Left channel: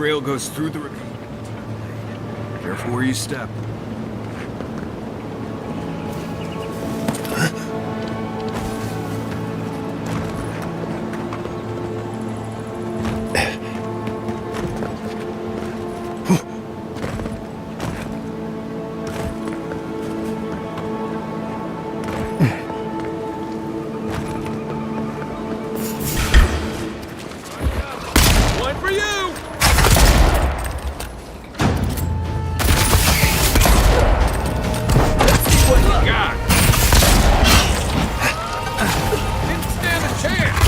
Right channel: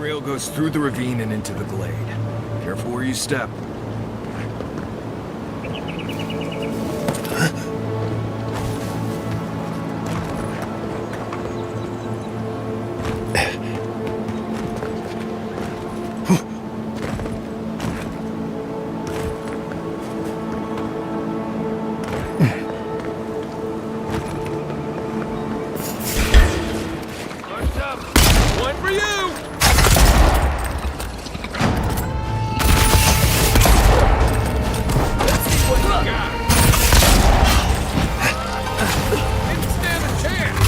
trail goes through the ravine and into the glade. Careful where you step. One for you! Let's see what you got. Didn't stand a chance.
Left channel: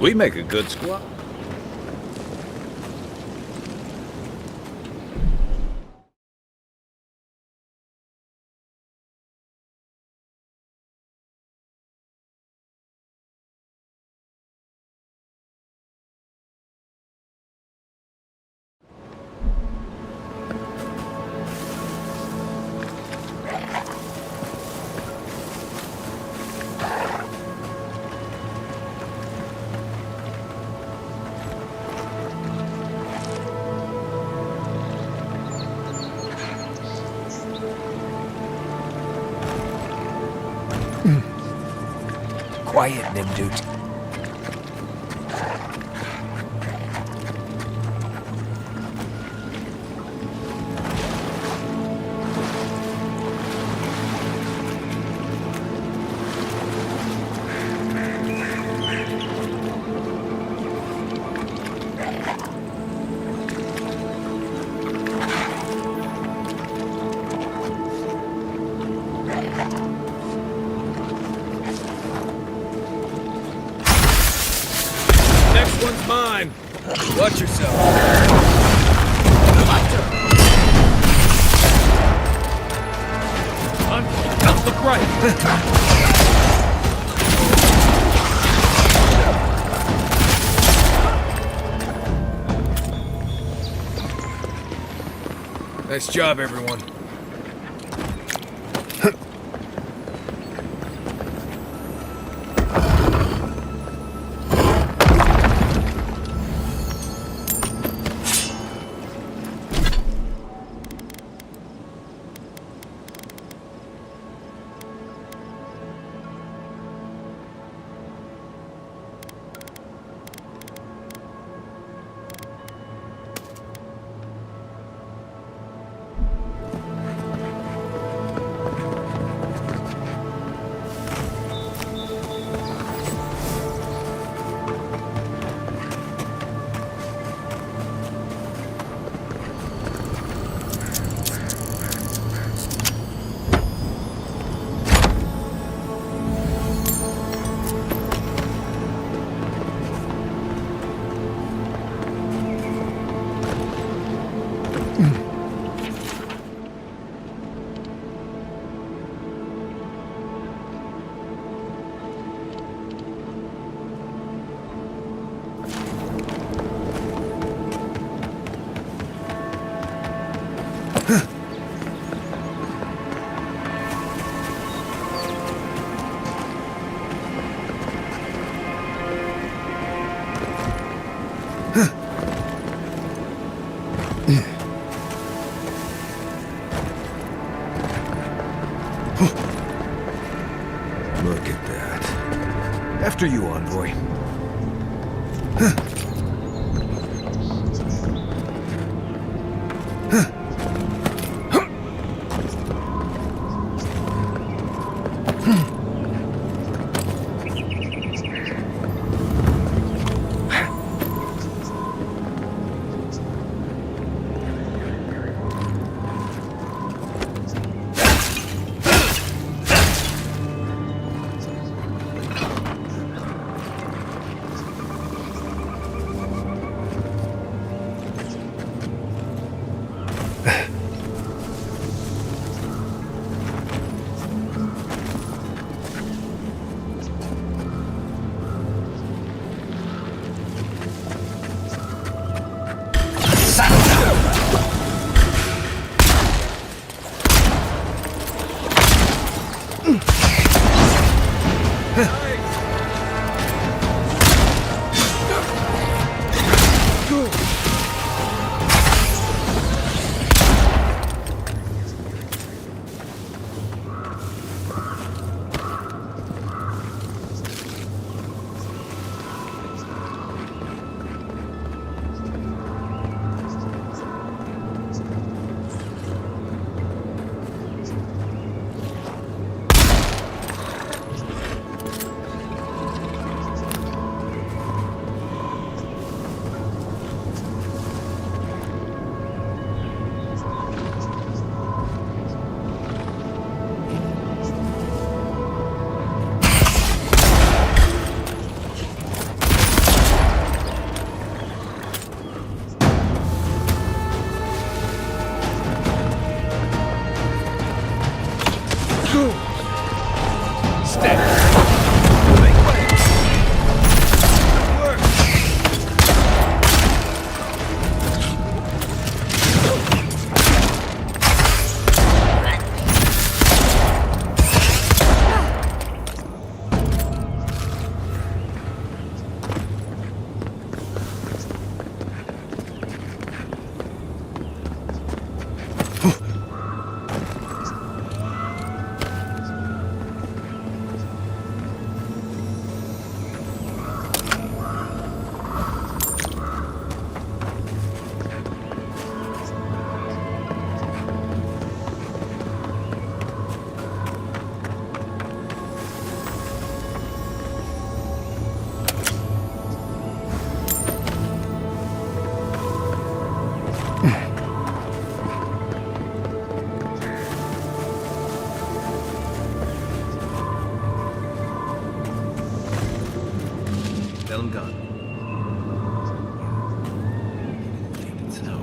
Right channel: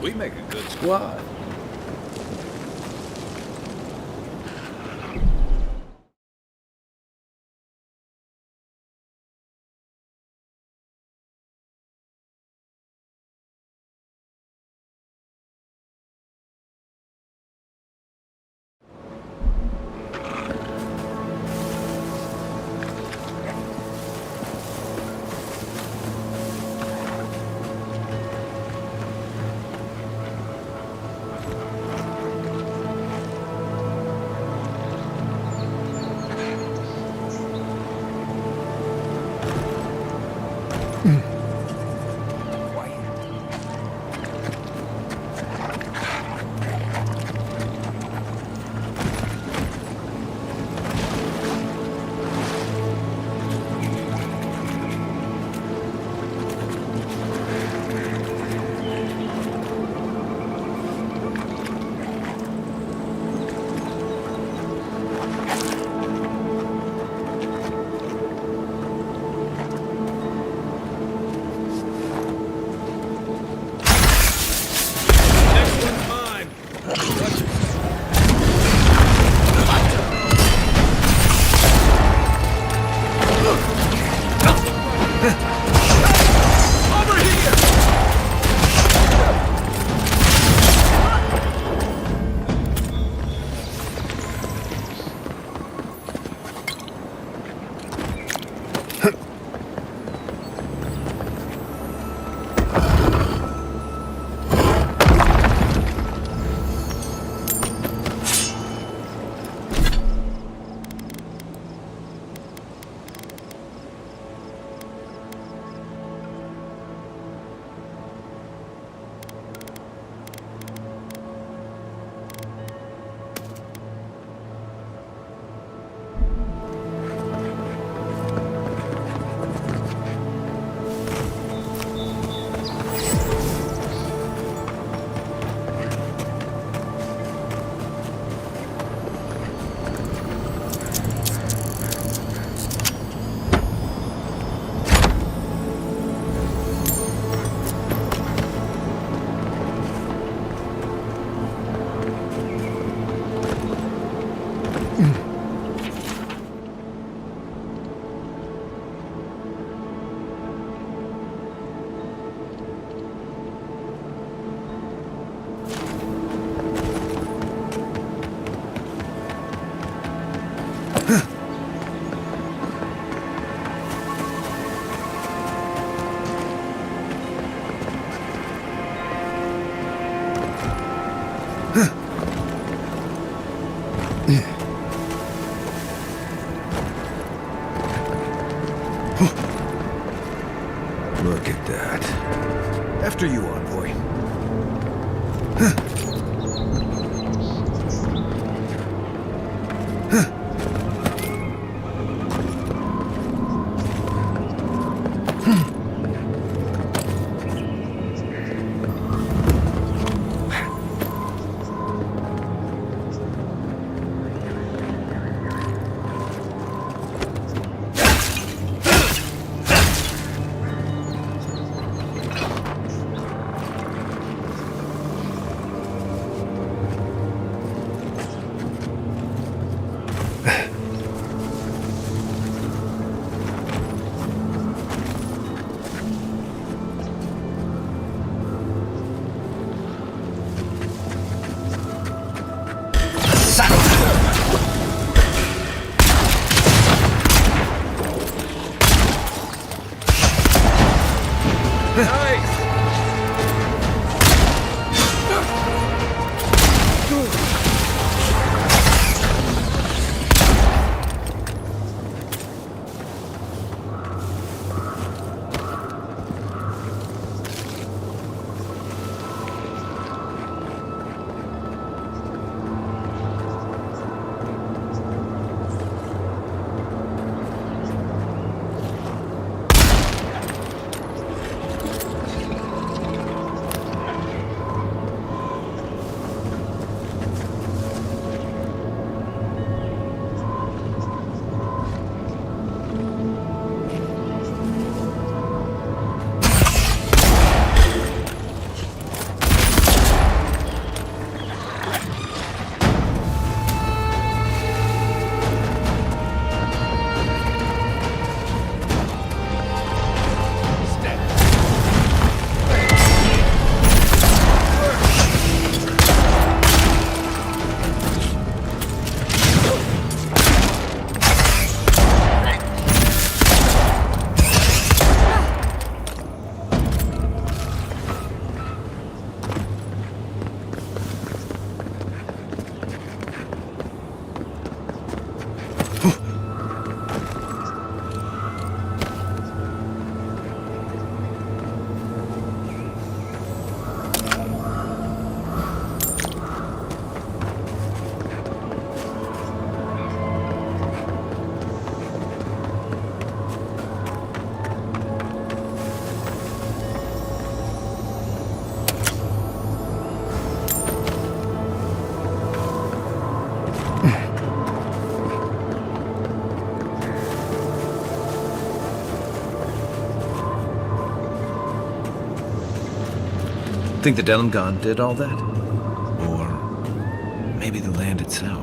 We make a good squad. Quiet, Nimdut. Next one's mine. Watch yourself. Look right. Over here. Nice job, everyone. Look at that. After you, envoy. Think the Delimgon did all that? Or maybe the land itself?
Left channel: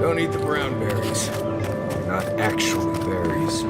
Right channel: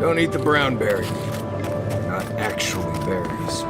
Don't eat the brown berries. They're not actually berries.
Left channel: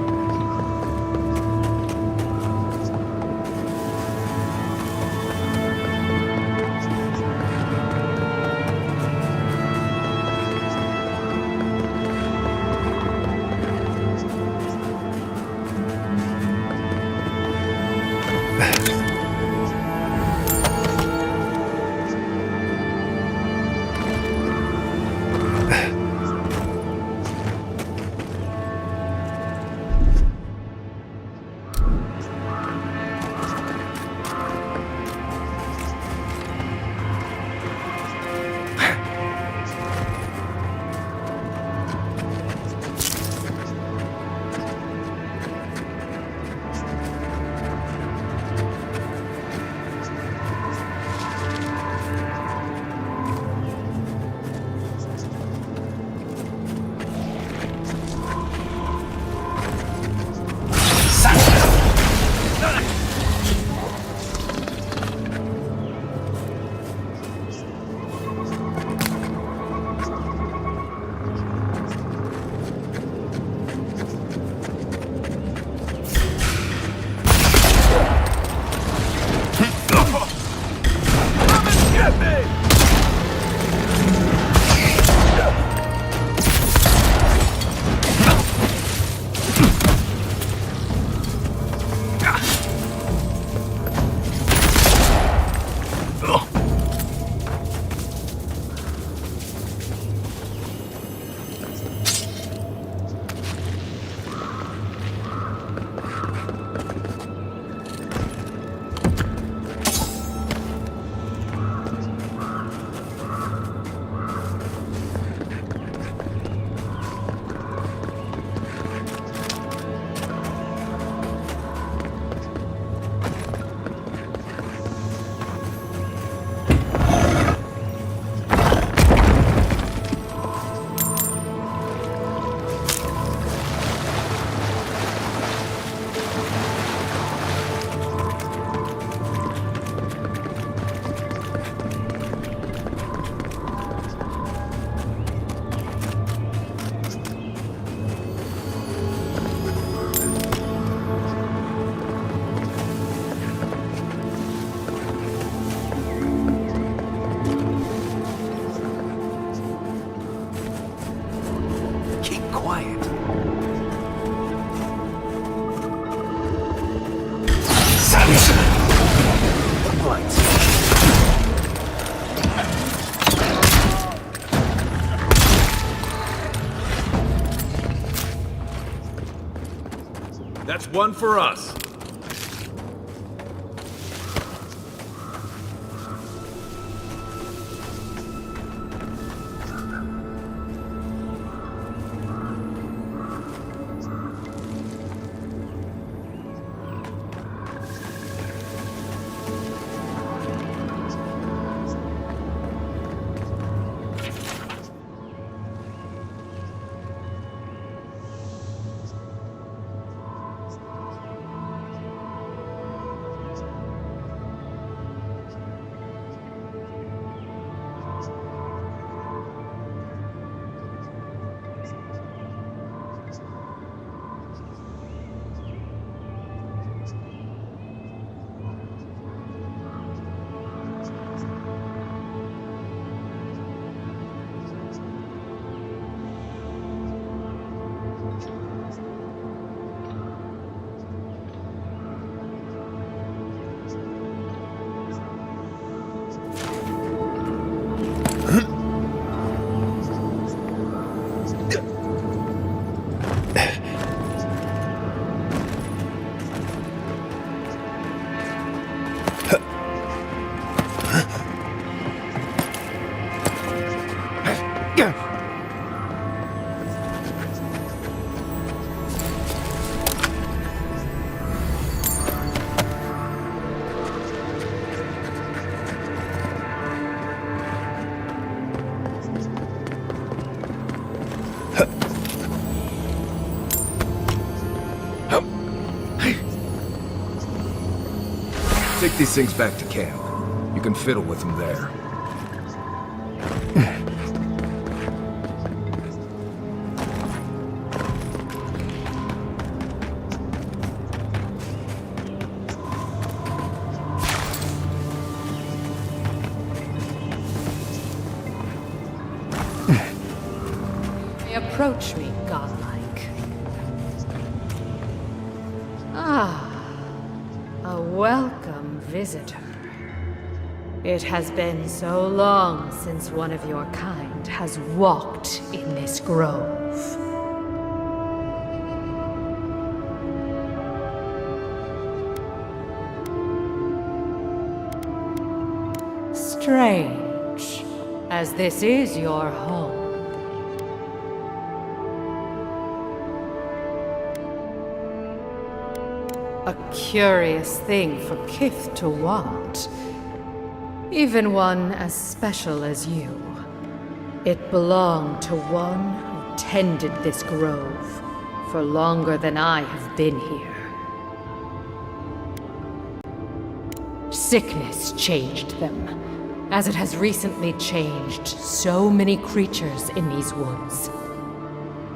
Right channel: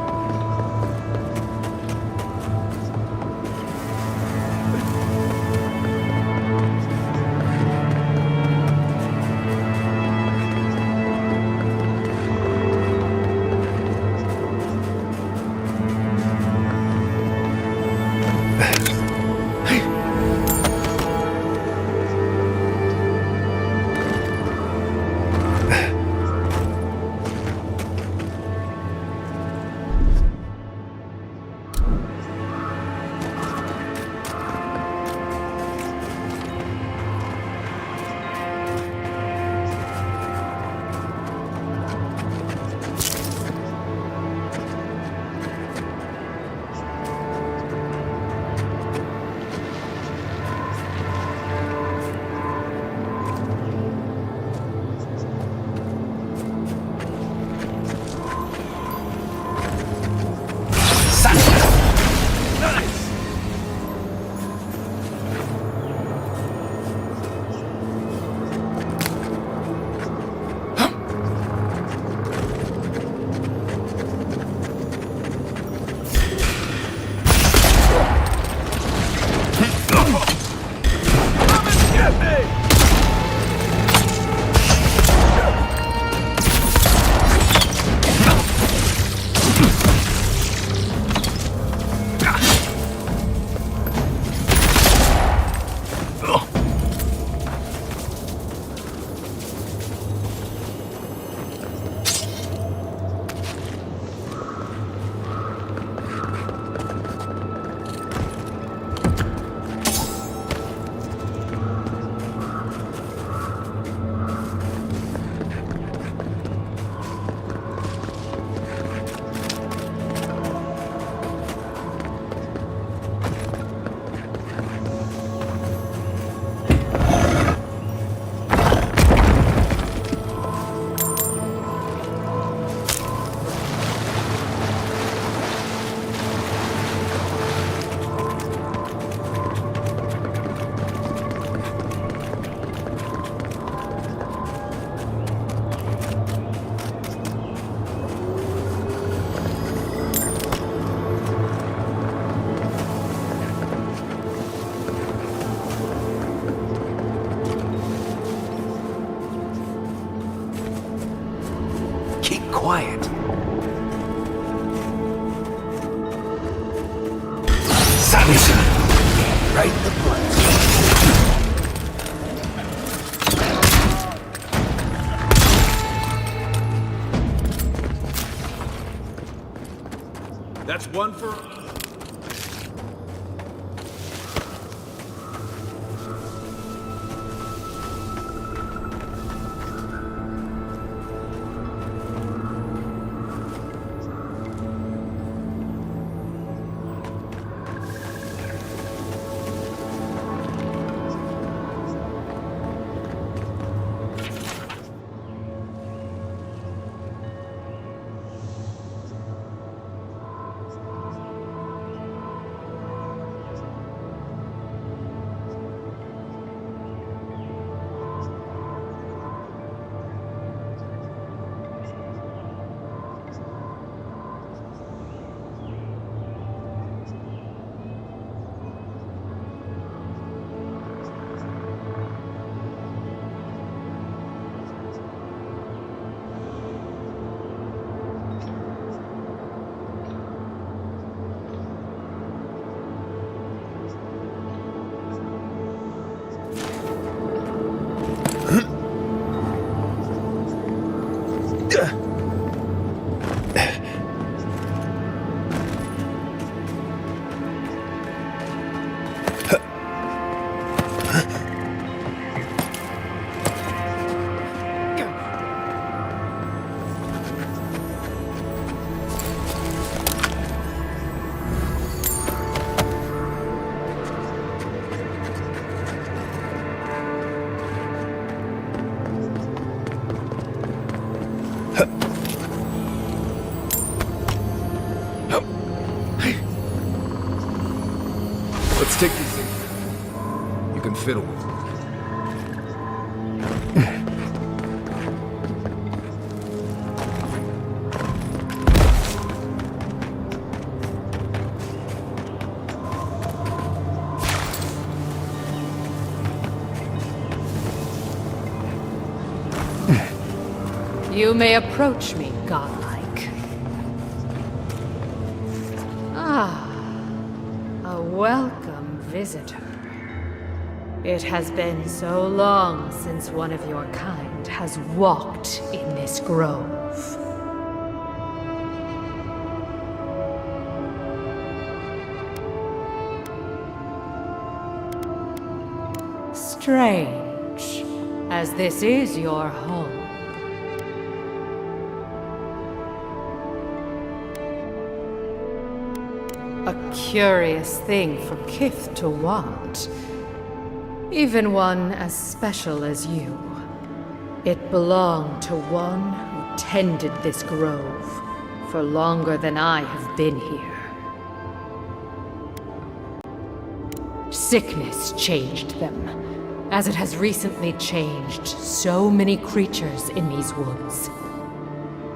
Quiet. Savage! Right in the butt. That's one for us. take these things back to camp. You can fiddle with them there. You may approach me, godlike. Ah, a welcome visitor. It has been so long since one of your kind has walked in this grove. Strange, as this is your home. A curious thing for Kith to want. Even one as special as you. It belonged to one who tended this grove for longer than I have been here. Sickness changed them, as it has recently changed so many creatures in these woods.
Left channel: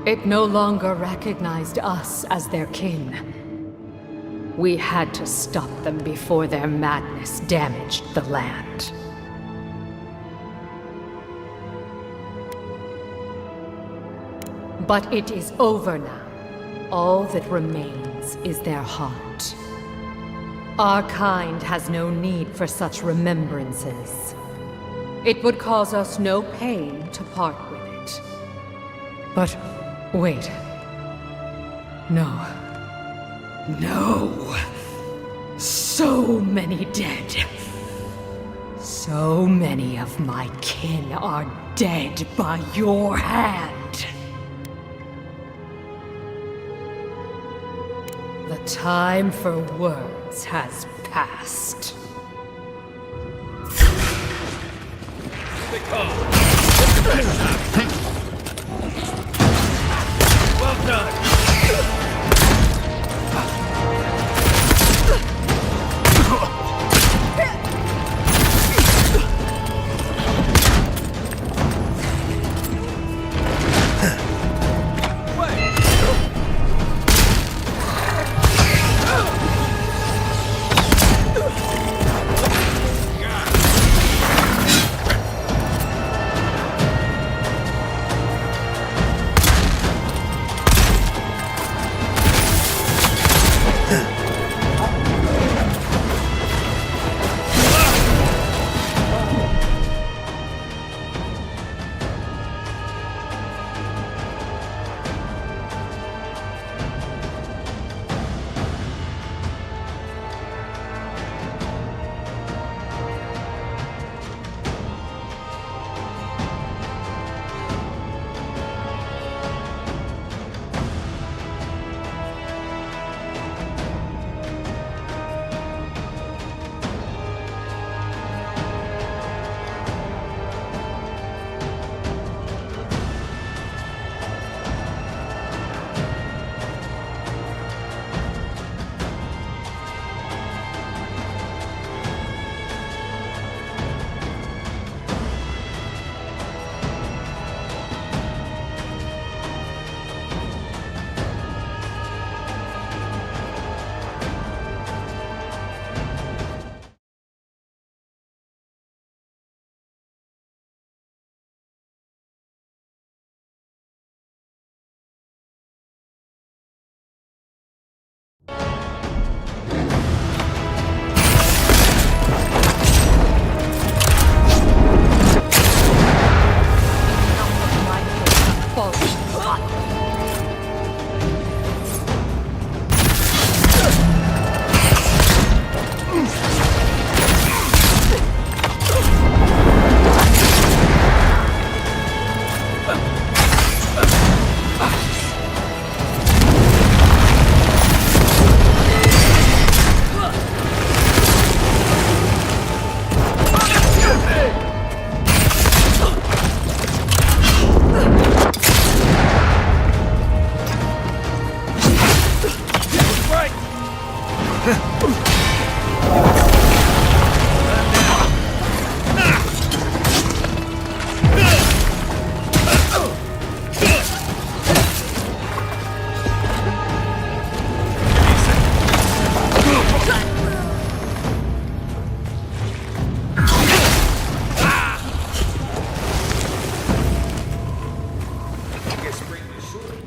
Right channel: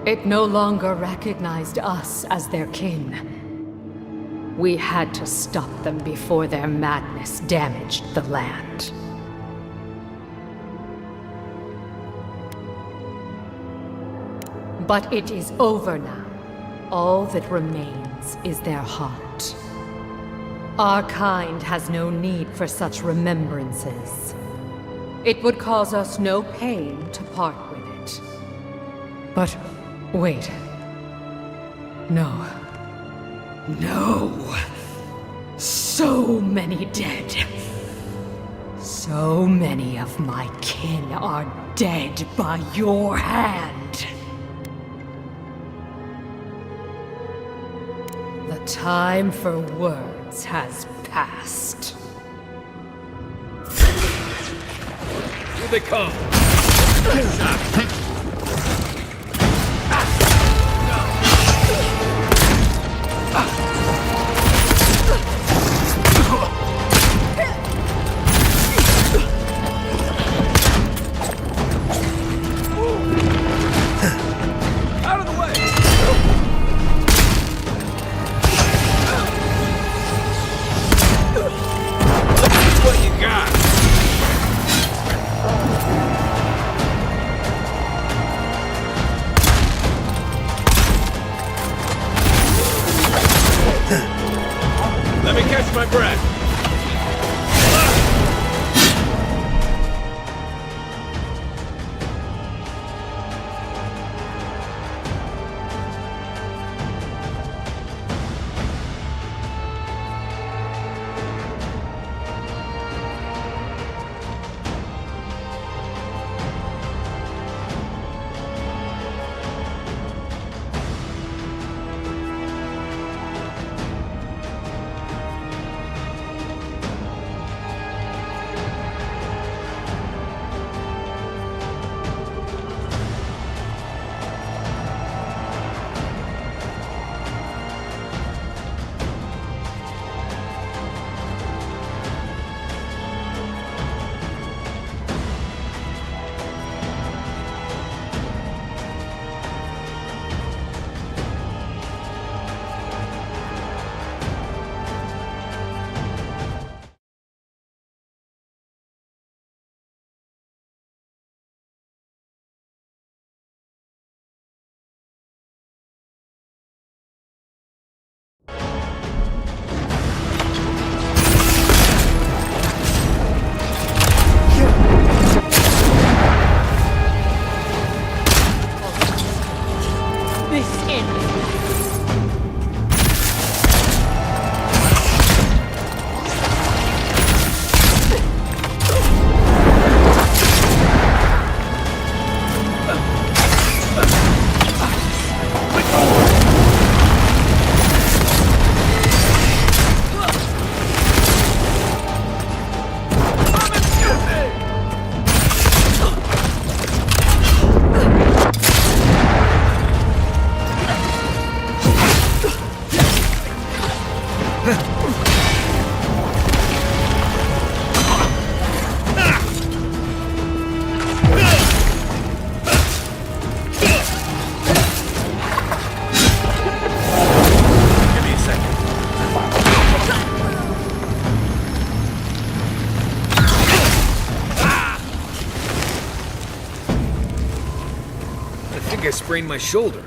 It no longer recognized us as their kin. We had to stop them before their madness damaged the land. But it is over now. All that remains is their heart. Our kind has no need for such remembrances. It would cause us no pain to part with it. But wait. No. No! So many dead. So many of my kin are dead by your hand. The time for words has passed. Here they come. Well done. I sprained my shoulder.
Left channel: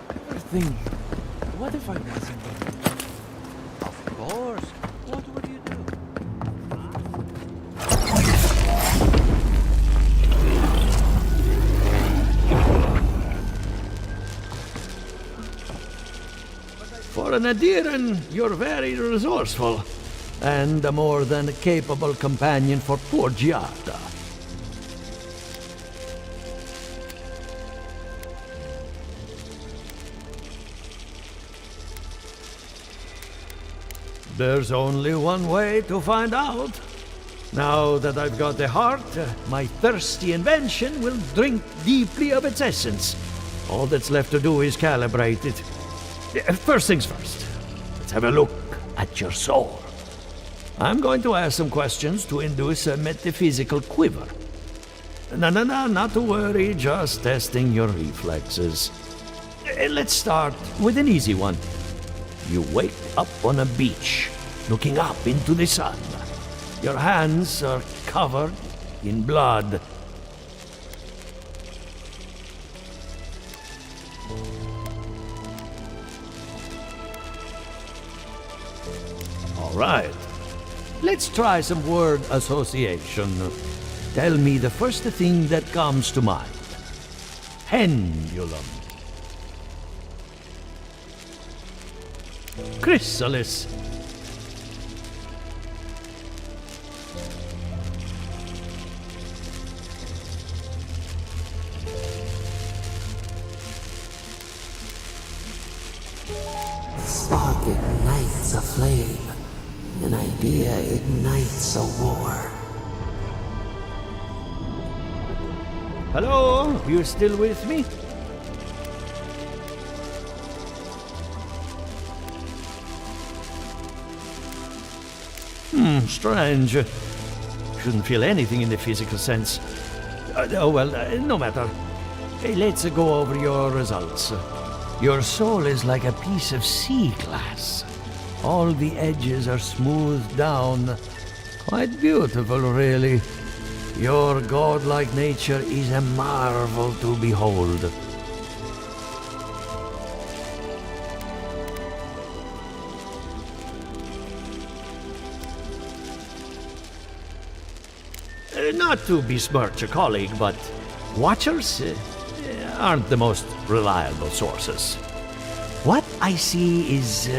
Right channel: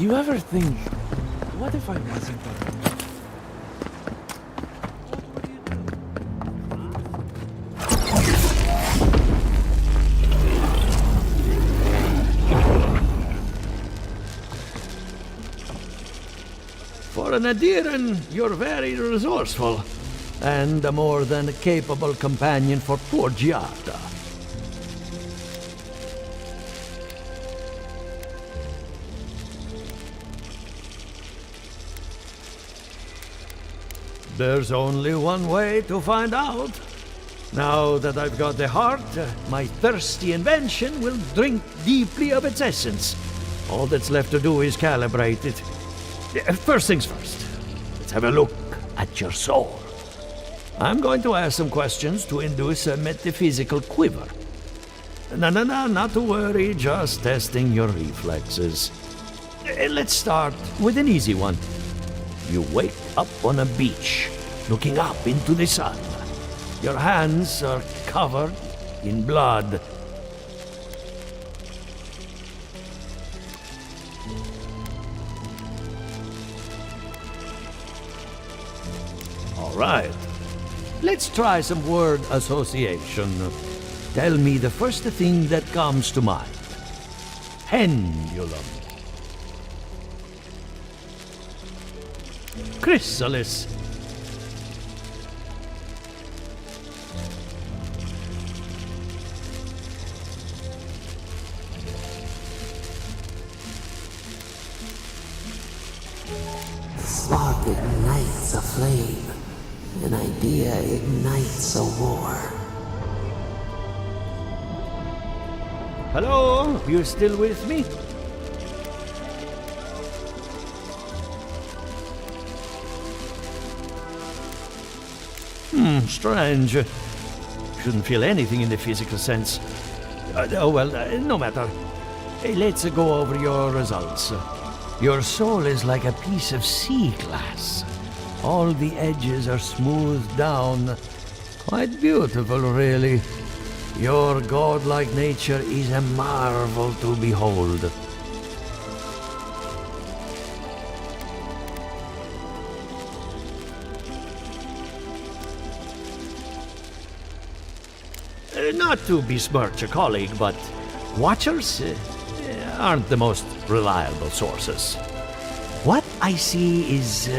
You ever think, what if I wasn't there? Of course. What would you do? For an Adiran, you're very resourceful, and a more than capable companion for poor Giada. There's only one way to find out. Now that I've got the heart, my thirsty invention will drink deeply of its essence. All that's left to do is calibrate it. First things first, let's have a look at your soul. I'm going to ask some questions to induce a metaphysical quiver. No, not to worry, just testing your reflexes. Let's start with an easy one. You wake up on a beach, looking up into the sun. Your hands are covered in blood. All right. Let's try some word association. Tell me the first thing that comes to mind. Pendulum. Chrysalis. A spark ignites a flame. An idea ignites a war. Hello? You still with me? Strange. Shouldn't feel anything in the physical sense. No matter. Hey, let's go over your results. Your soul is like a piece of sea glass. All the edges are smoothed down. Quite beautiful, really. Your godlike nature is a marvel to behold. Not to besmirch a colleague, but watchers aren't the most reliable sources. What I see is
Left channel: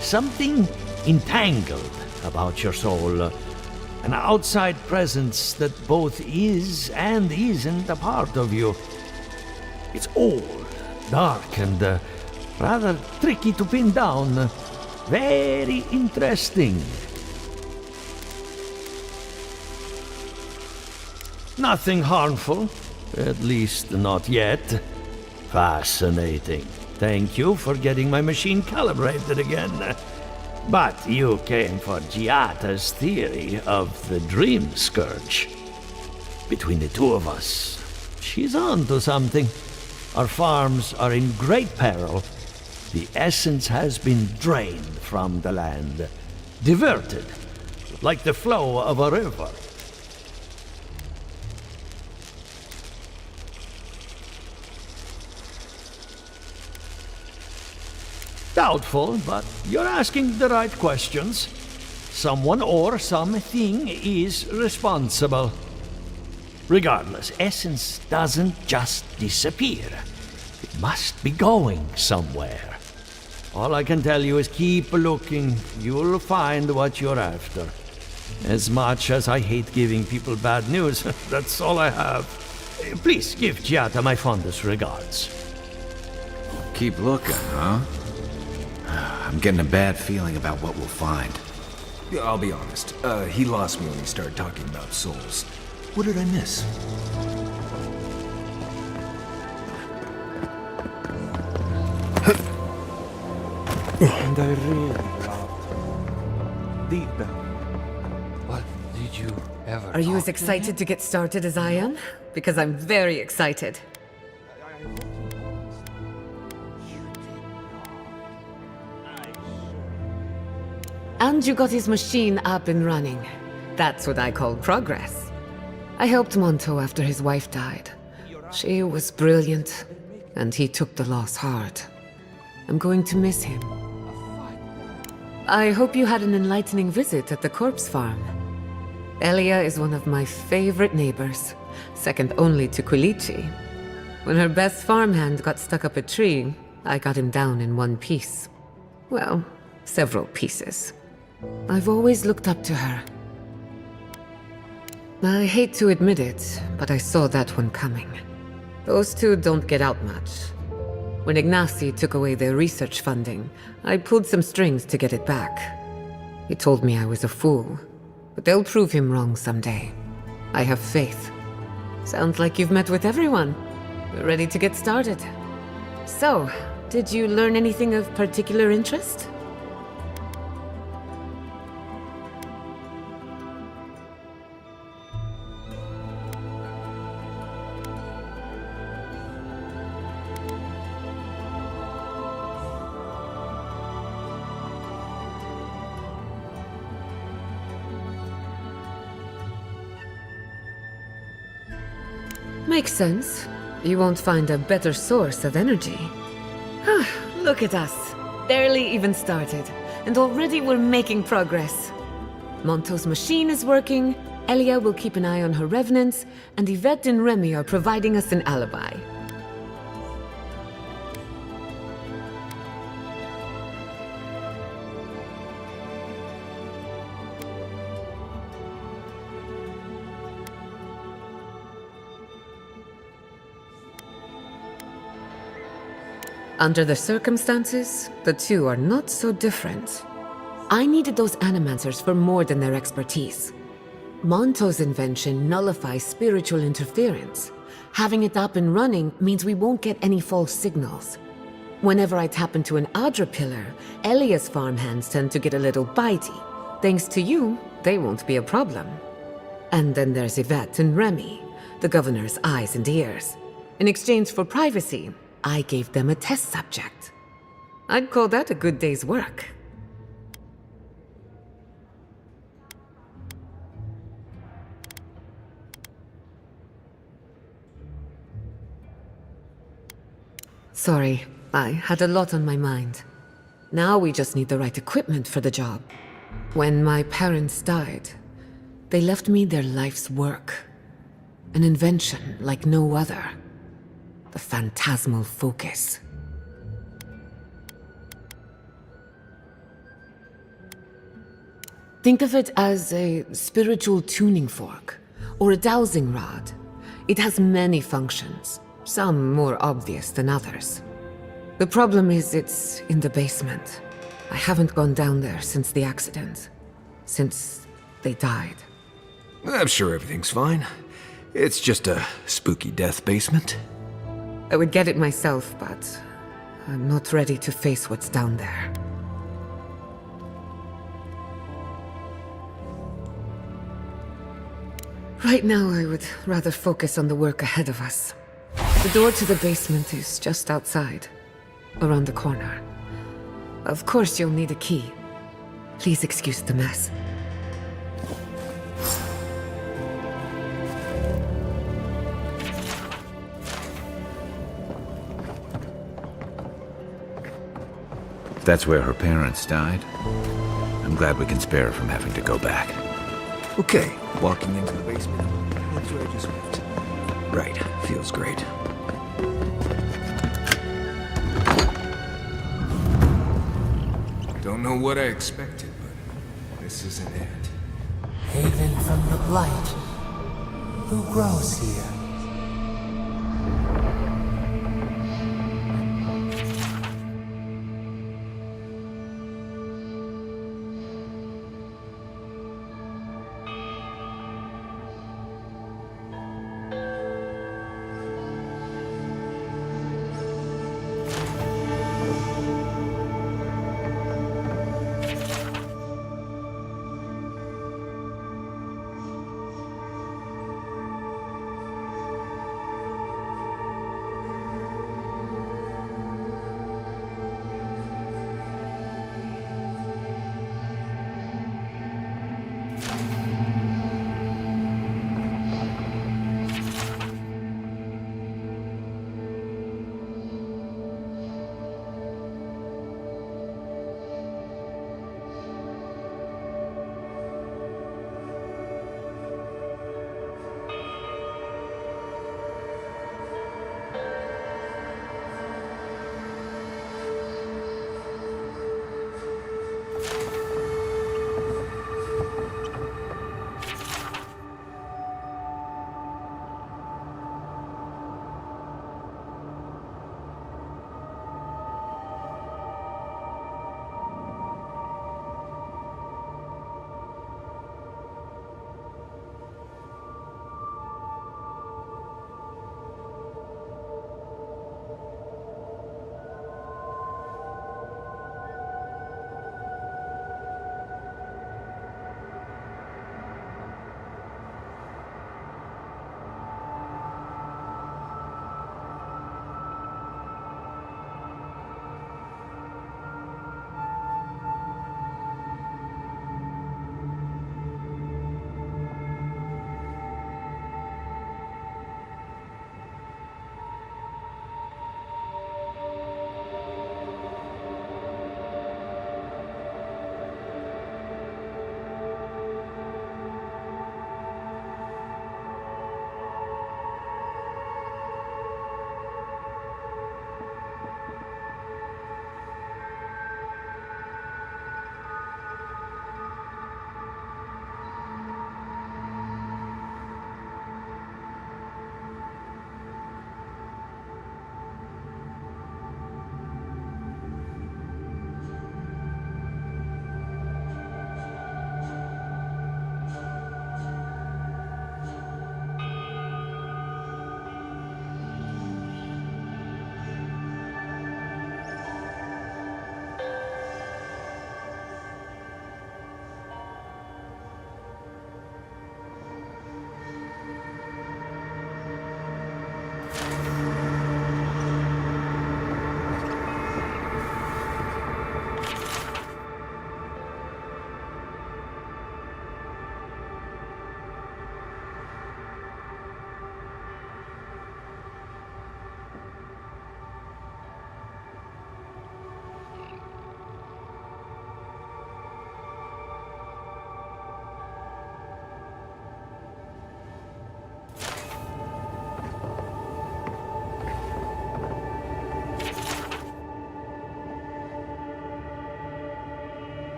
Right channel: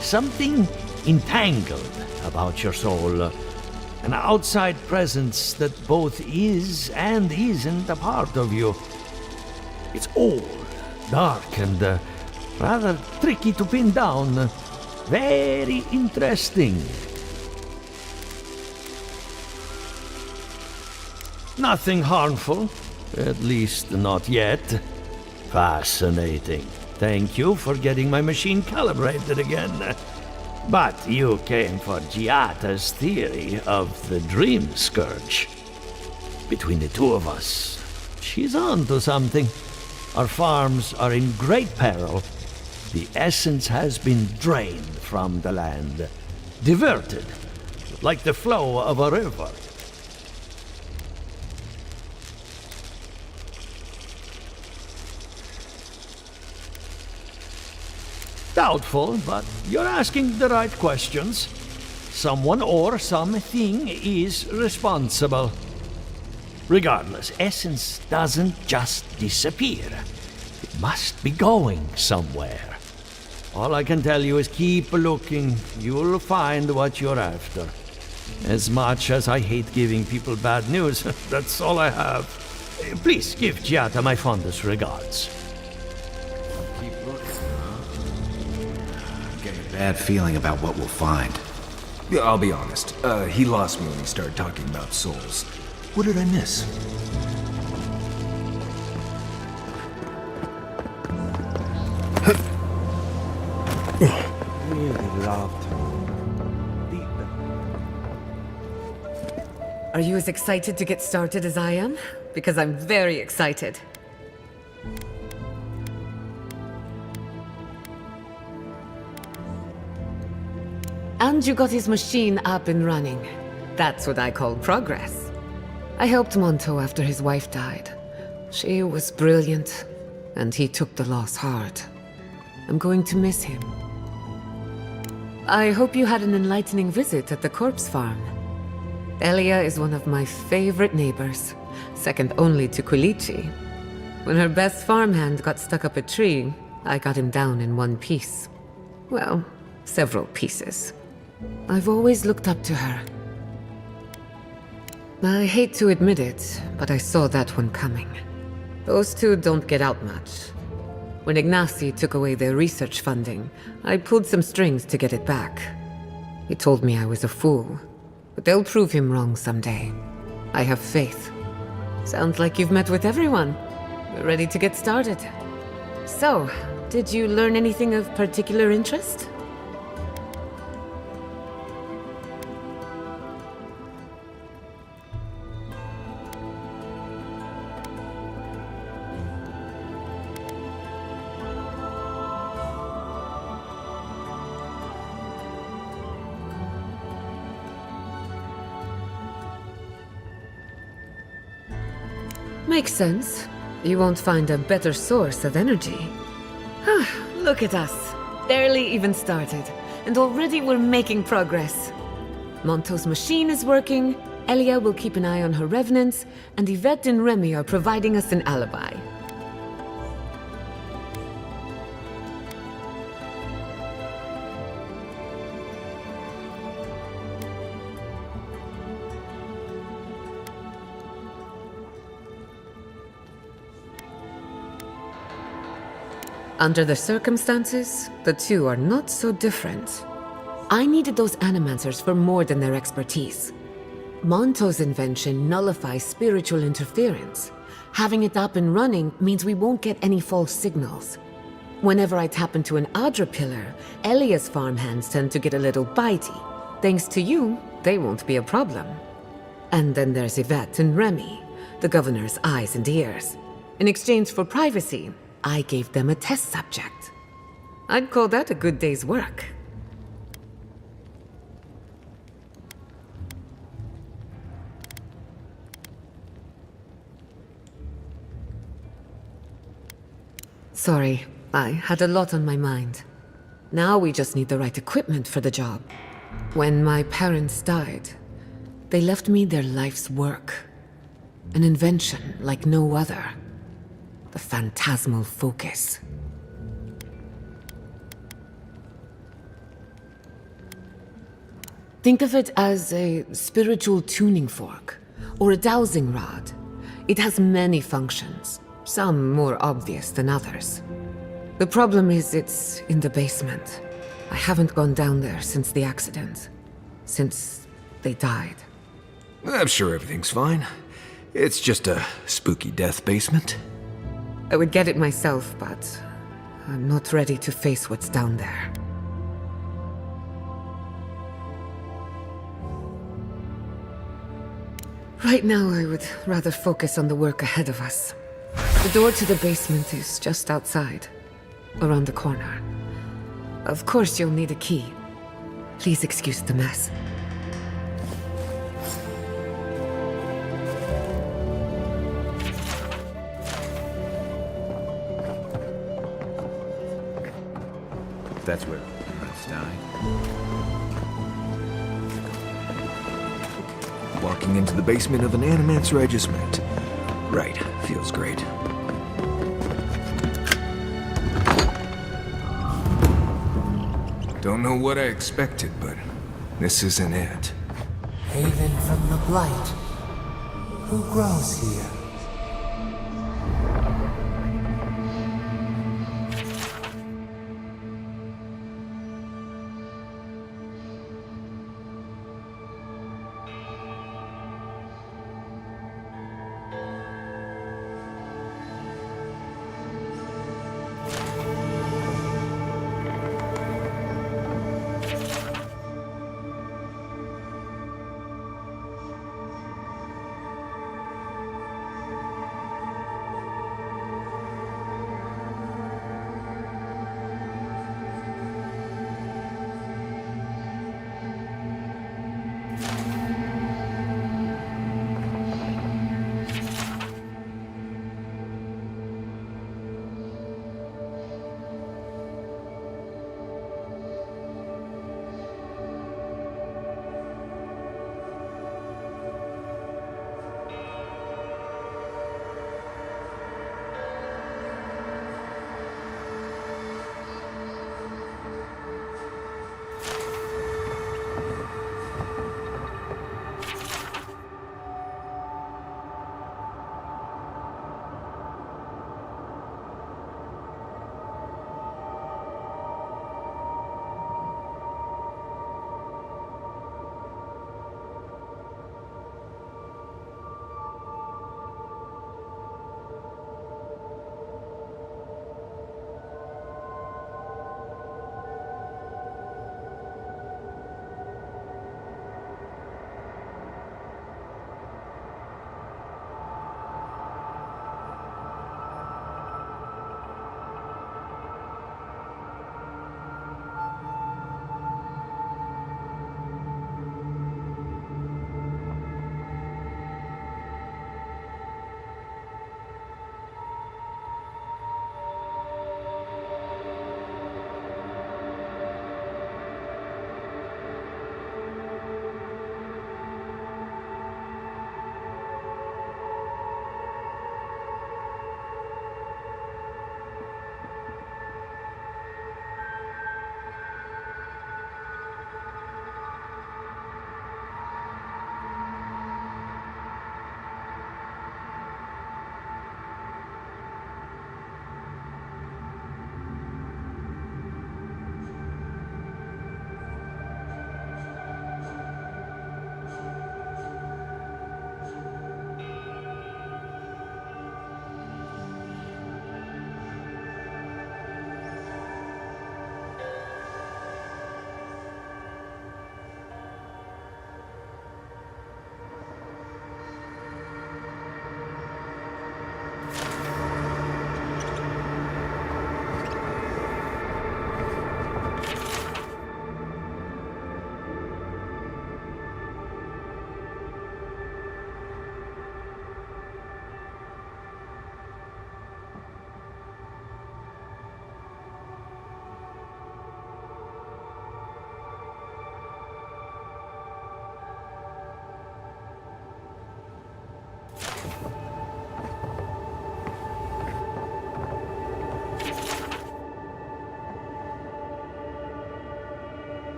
something entangled about your soul. An outside presence that both is and isn't a part of you. It's old, dark, and rather tricky to pin down. Very interesting. Nothing harmful, at least not yet. Fascinating. Thank you for getting my machine calibrated again. But you came for Giata's theory of the Dream Scourge. Between the two of us, she's on to something. Our farms are in great peril. The essence has been drained from the land, diverted, like the flow of a river. Doubtful, but you're asking the right questions. Someone or something is responsible. Regardless, essence doesn't just disappear. It must be going somewhere. All I can tell you is keep looking. You'll find what you're after. As much as I hate giving people bad news, that's all I have. Please give Giata my fondest regards. Keep looking, huh? I'm getting a bad feeling about what we'll find. Yeah, I'll be honest. He lost me when he started talking about souls. What did I miss? And I really loved her. Deep down. What did you ever... Are you as excited to get started as I am? Because I'm very excited. And you got his machine up and running. That's what I call progress. I helped Monto after his wife died. She was brilliant, and he took the loss hard. I'm going to miss him. I hope you had an enlightening visit at the corpse farm. Elia is one of my favorite neighbors, second only to Quilici. When her best farmhand got stuck up a tree, I got him down in one piece. Well, several pieces. I've always looked up to her. I hate to admit it, but I saw that one coming. Those two don't get out much. When Ignacy took away their research funding, I pulled some strings to get it back. He told me I was a fool, but they'll prove him wrong someday. I have faith. Sounds like you've met with everyone. We're ready to get started. So, did you learn anything of particular interest? Makes sense. You won't find a better source of energy. Look at us. Barely even started, and already we're making progress. Monto's machine is working, Elia will keep an eye on her revenants, and Yvette and Remy are providing us an alibi. Under the circumstances, the two are not so different. I needed those animancers for more than their expertise. Monto's invention nullifies spiritual interference. Having it up and running means we won't get any false signals. Whenever I tap into an Adra pillar, Elia's farmhands tend to get a little bitey. Thanks to you, they won't be a problem. And then there's Yvette and Remy, the governor's eyes and ears. In exchange for privacy, I gave them a test subject. I'd call that a good day's work. Sorry, I had a lot on my mind. Now we just need the right equipment for the job. When my parents died, they left me their life's work. An invention like no other. The phantasmal focus. Think of it as a spiritual tuning fork, or a dowsing rod. It has many functions, some more obvious than others. The problem is it's in the basement. I haven't gone down there since the accident. Since they died. I'm sure everything's fine. It's just a spooky death basement. I would get it myself, but I'm not ready to face what's down there. Right now, I would rather focus on the work ahead of us. The door to the basement is just outside, around the corner. Of course, you'll need a key. Please excuse the mess. If that's where her parents died, I'm glad we can spare her from having to go back. Okay, walking into the basement of an animancer I just met. Right, feels great. Don't know what I expected, but this isn't it. Haven from the blight. Who grows here?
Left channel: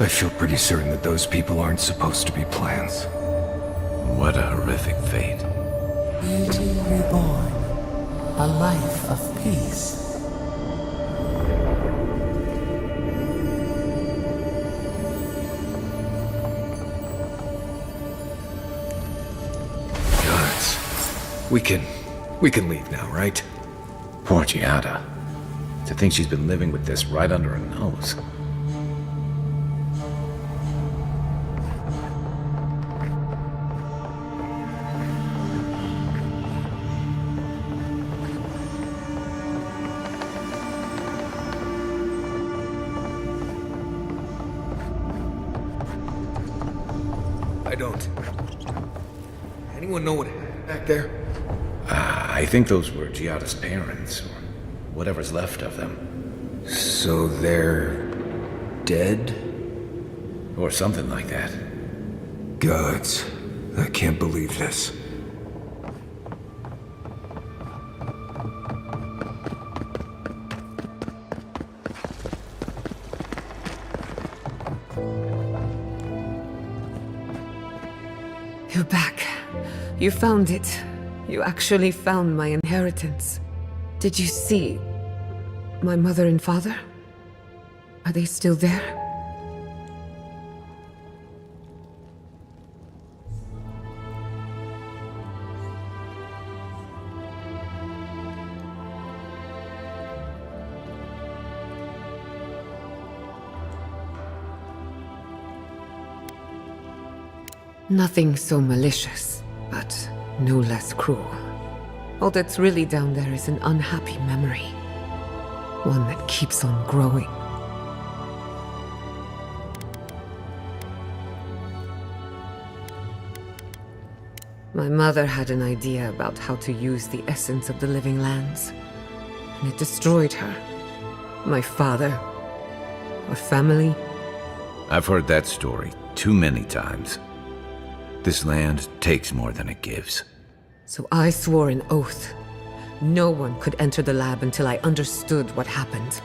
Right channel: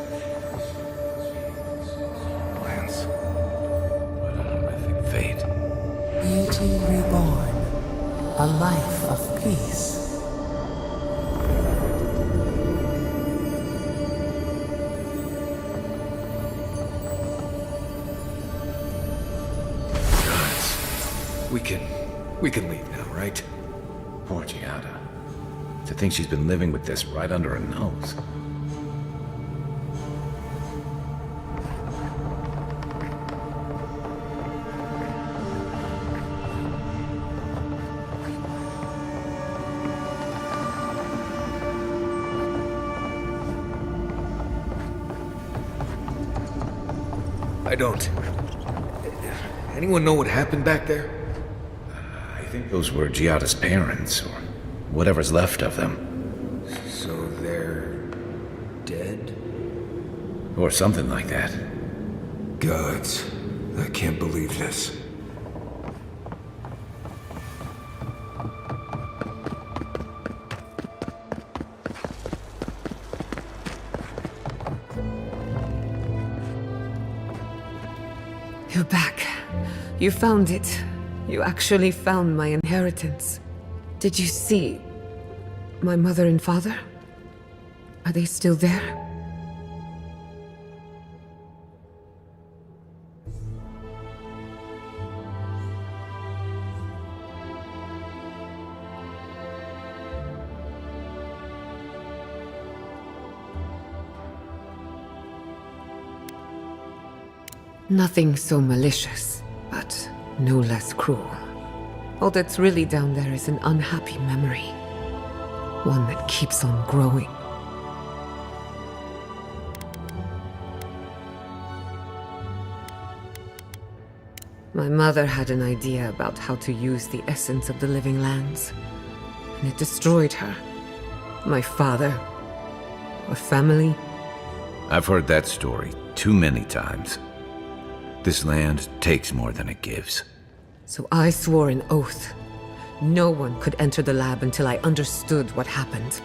I feel pretty certain that those people aren't supposed to be plants. What a horrific fate. Beauty reborn. A life of peace. Gods. We can leave now, right? Poor Giada. To think she's been living with this right under her nose. I don't. Anyone know what happened back there? I think those were Giada's parents, or whatever's left of them. So they're dead? Or something like that. Gods. I can't believe this. You're back. You found it. You actually found my inheritance. Did you see my mother and father? Are they still there? Nothing so malicious, but no less cruel. All that's really down there is an unhappy memory. One that keeps on growing. My mother had an idea about how to use the essence of the living lands, and it destroyed her. My father. Our family. I've heard that story too many times. This land takes more than it gives. So I swore an oath. No one could enter the lab until I understood what happened.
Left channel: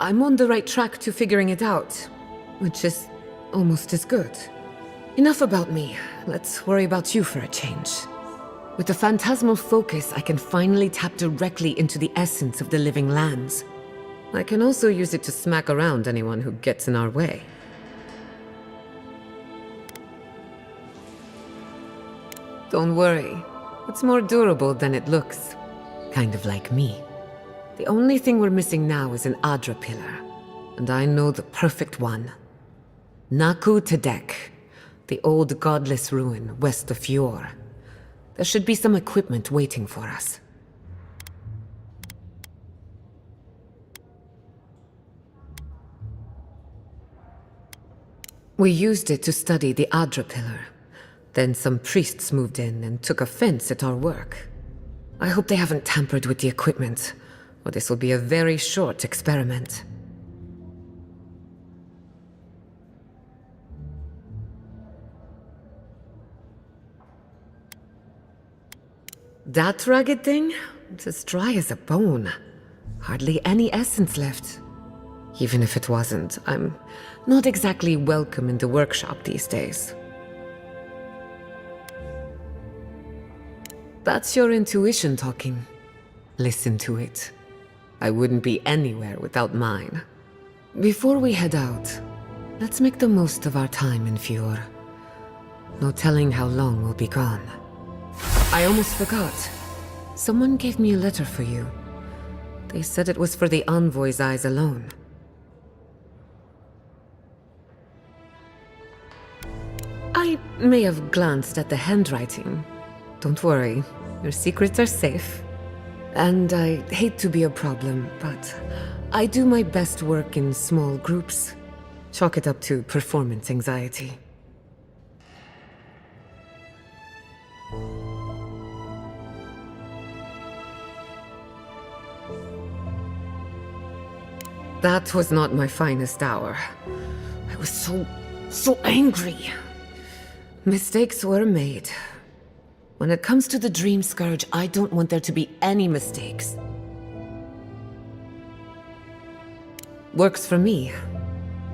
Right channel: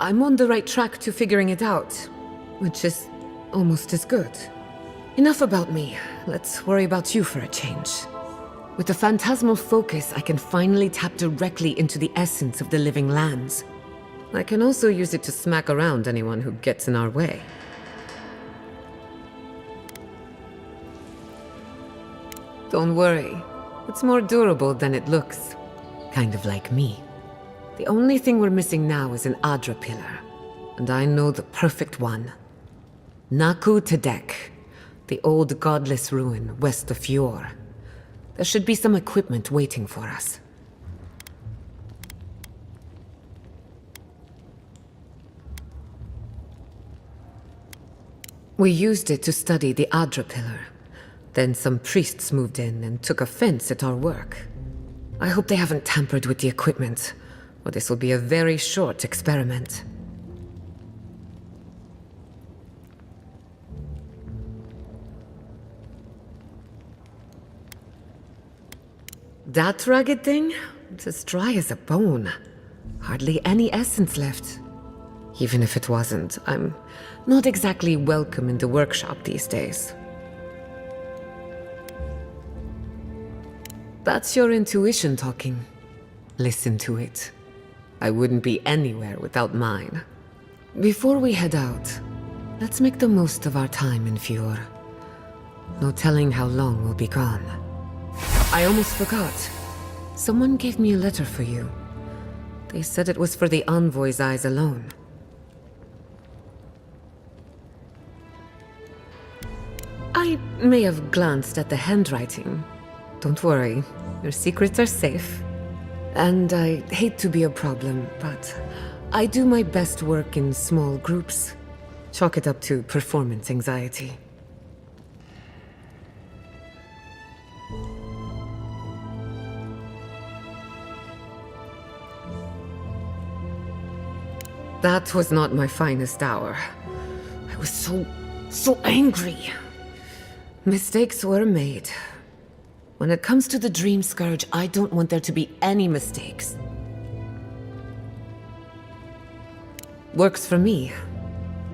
I'm on the right track to figuring it out, which is almost as good. Enough about me. Let's worry about you for a change. With the phantasmal focus, I can finally tap directly into the essence of the living lands. I can also use it to smack around anyone who gets in our way. Don't worry. It's more durable than it looks. Kind of like me. The only thing we're missing now is an Adra pillar. And I know the perfect one. Naku Tedek, the old godless ruin west of Fjord. There should be some equipment waiting for us. We used it to study the Adra pillar. Then some priests moved in and took offense at our work. I hope they haven't tampered with the equipment, or this will be a very short experiment. That rugged thing? It's as dry as a bone. Hardly any essence left. Even if it wasn't, I'm not exactly welcome in the workshop these days. That's your intuition talking. Listen to it. I wouldn't be anywhere without mine. Before we head out, let's make the most of our time in Fjord. No telling how long we'll be gone. I almost forgot. Someone gave me a letter for you. They said it was for the envoy's eyes alone. I may have glanced at the handwriting. Don't worry, your secrets are safe. And I hate to be a problem, but I do my best work in small groups. Chalk it up to performance anxiety. That was not my finest hour. I was so angry. Mistakes were made. When it comes to the Dream Scourge, I don't want there to be any mistakes. Works for me.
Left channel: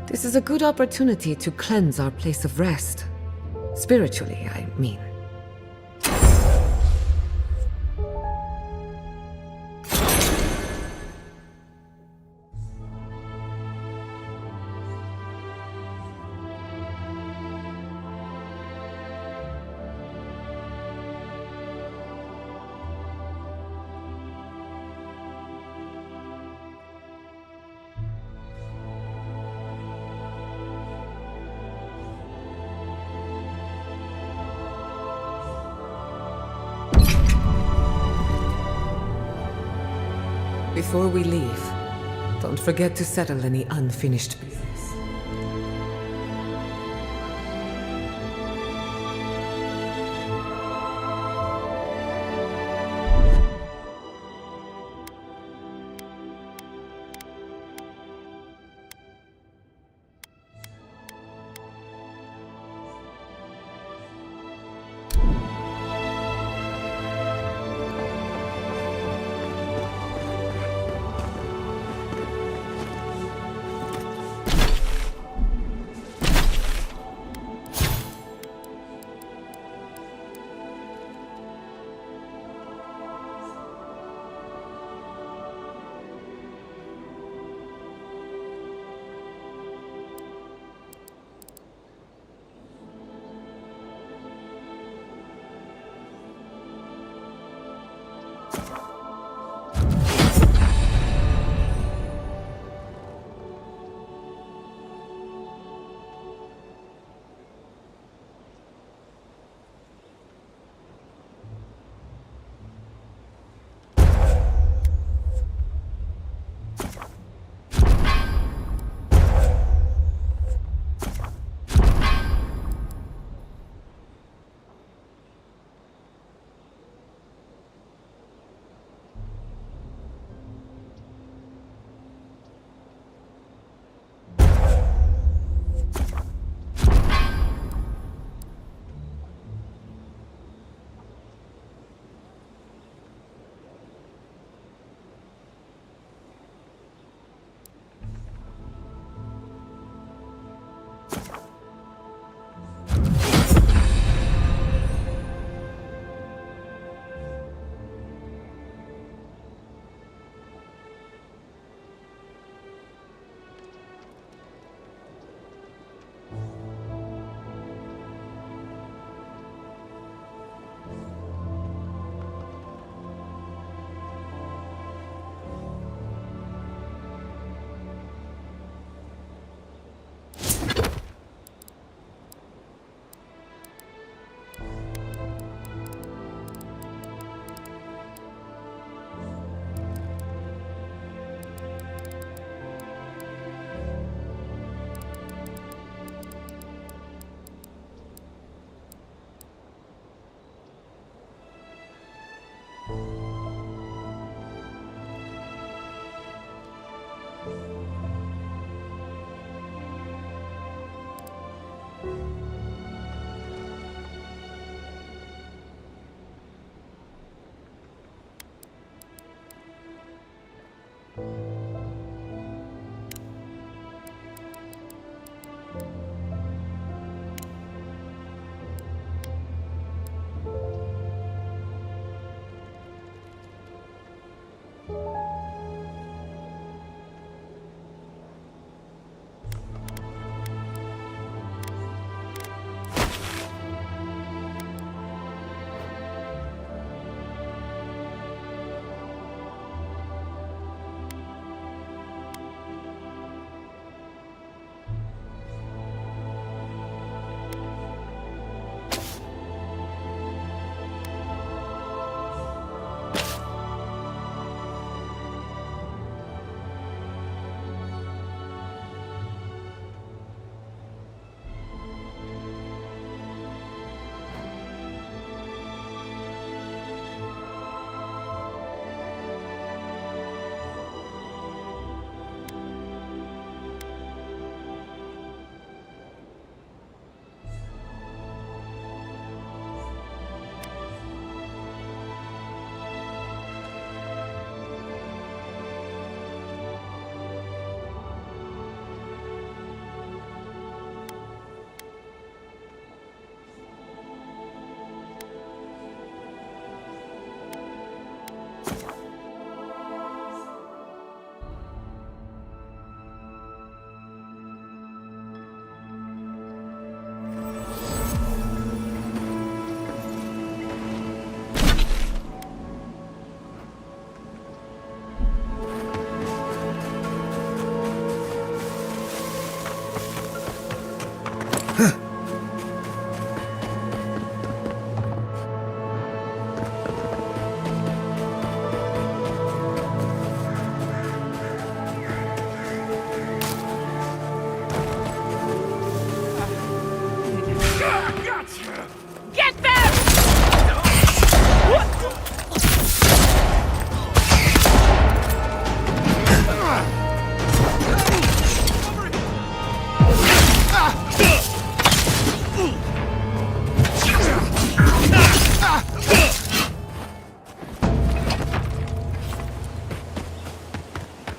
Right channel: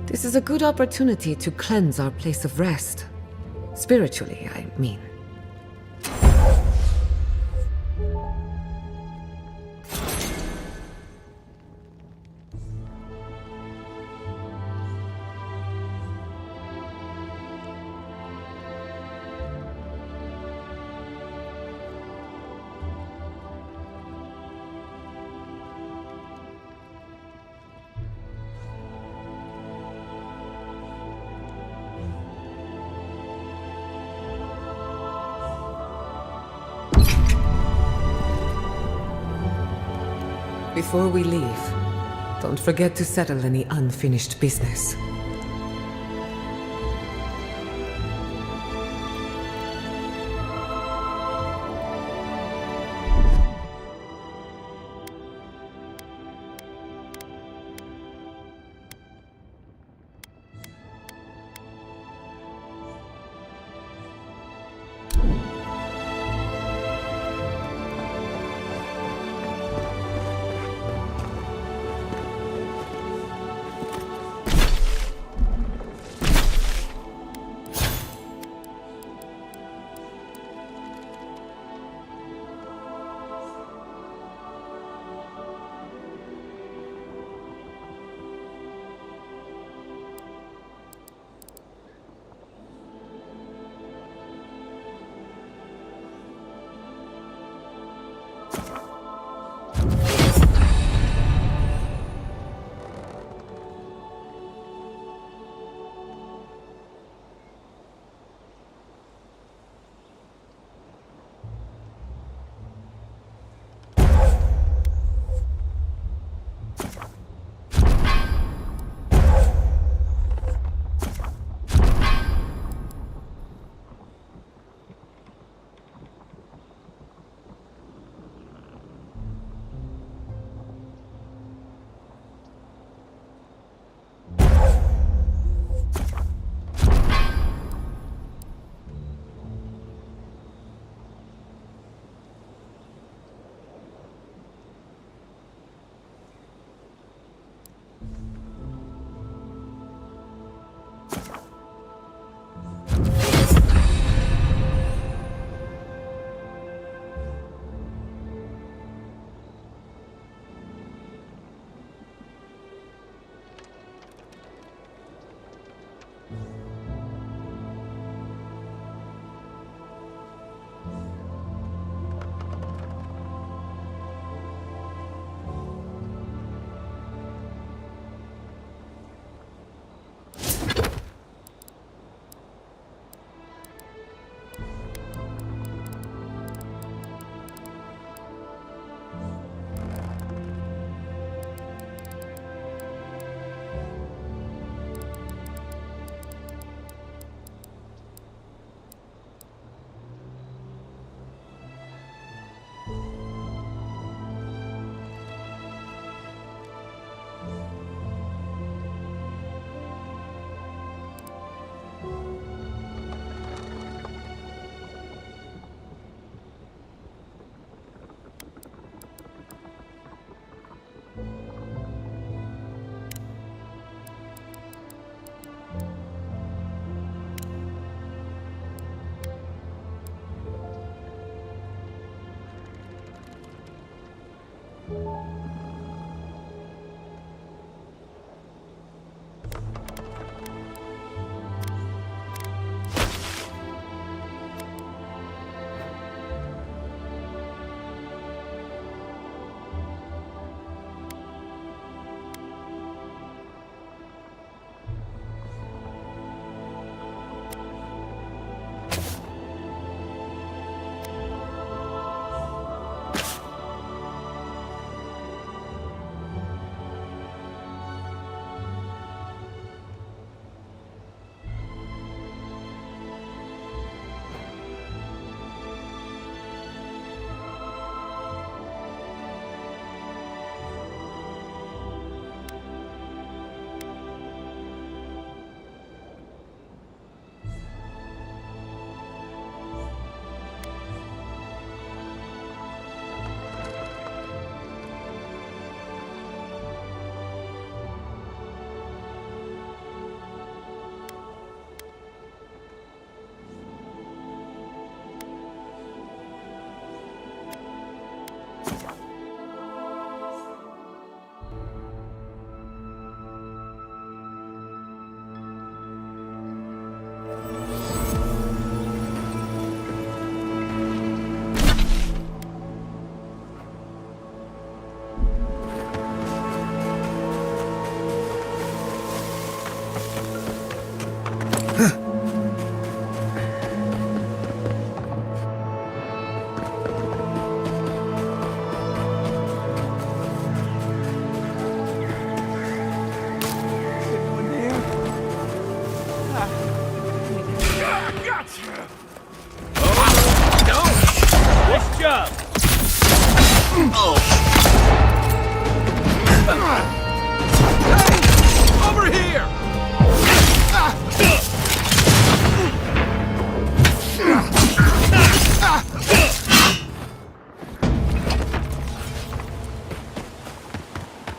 This is a good opportunity to cleanse our place of rest. Spiritually, I mean. Before we leave, don't forget to settle any unfinished business.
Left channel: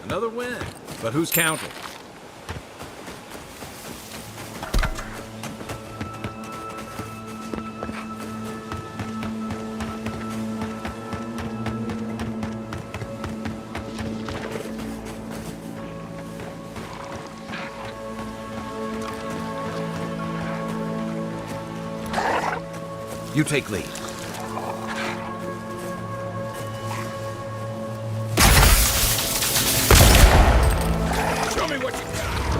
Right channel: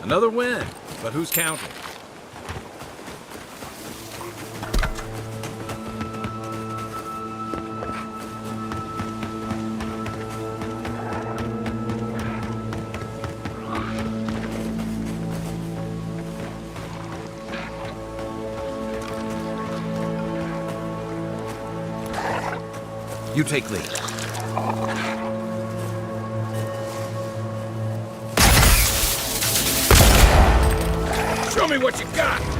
Another win, but who's counting? You take lead. Show me what you got!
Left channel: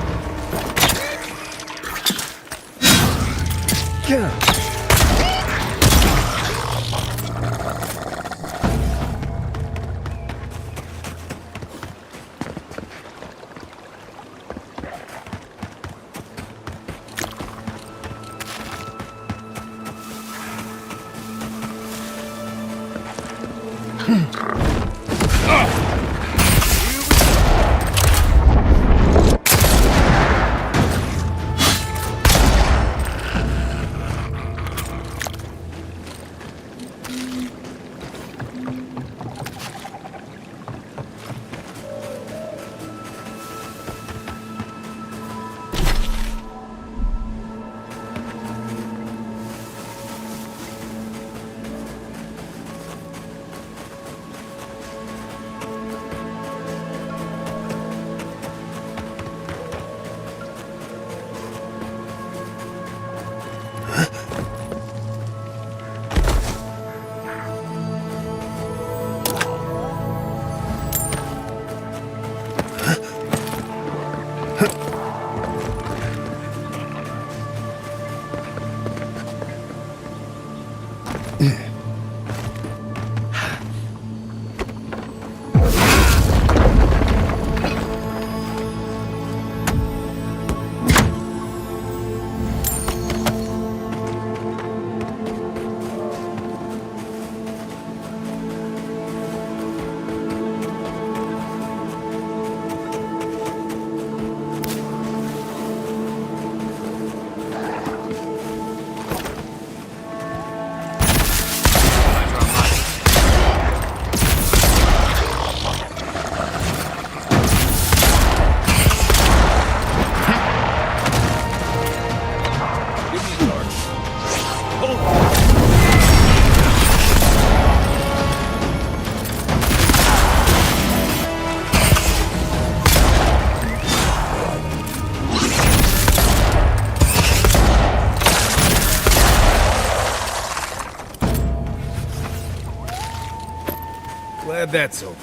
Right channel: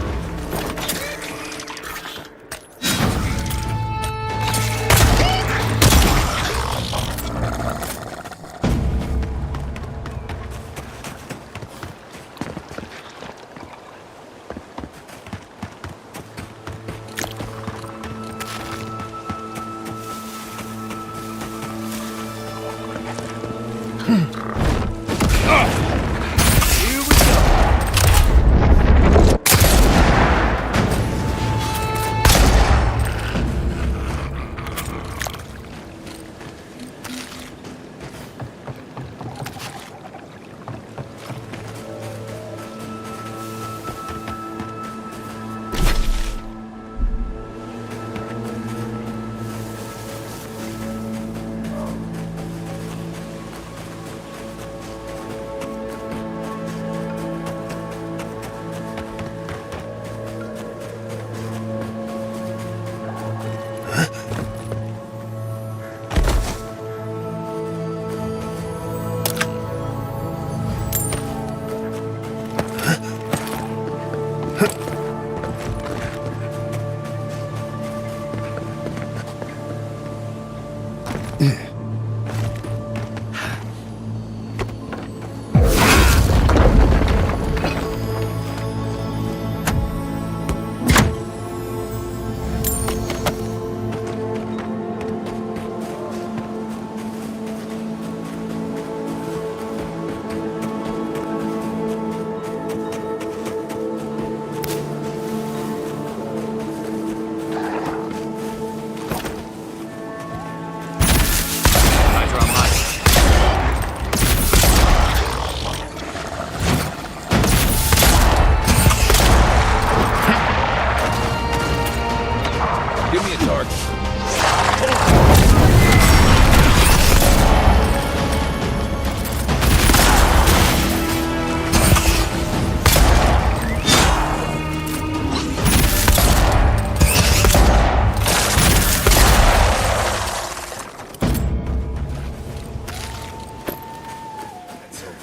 that's over.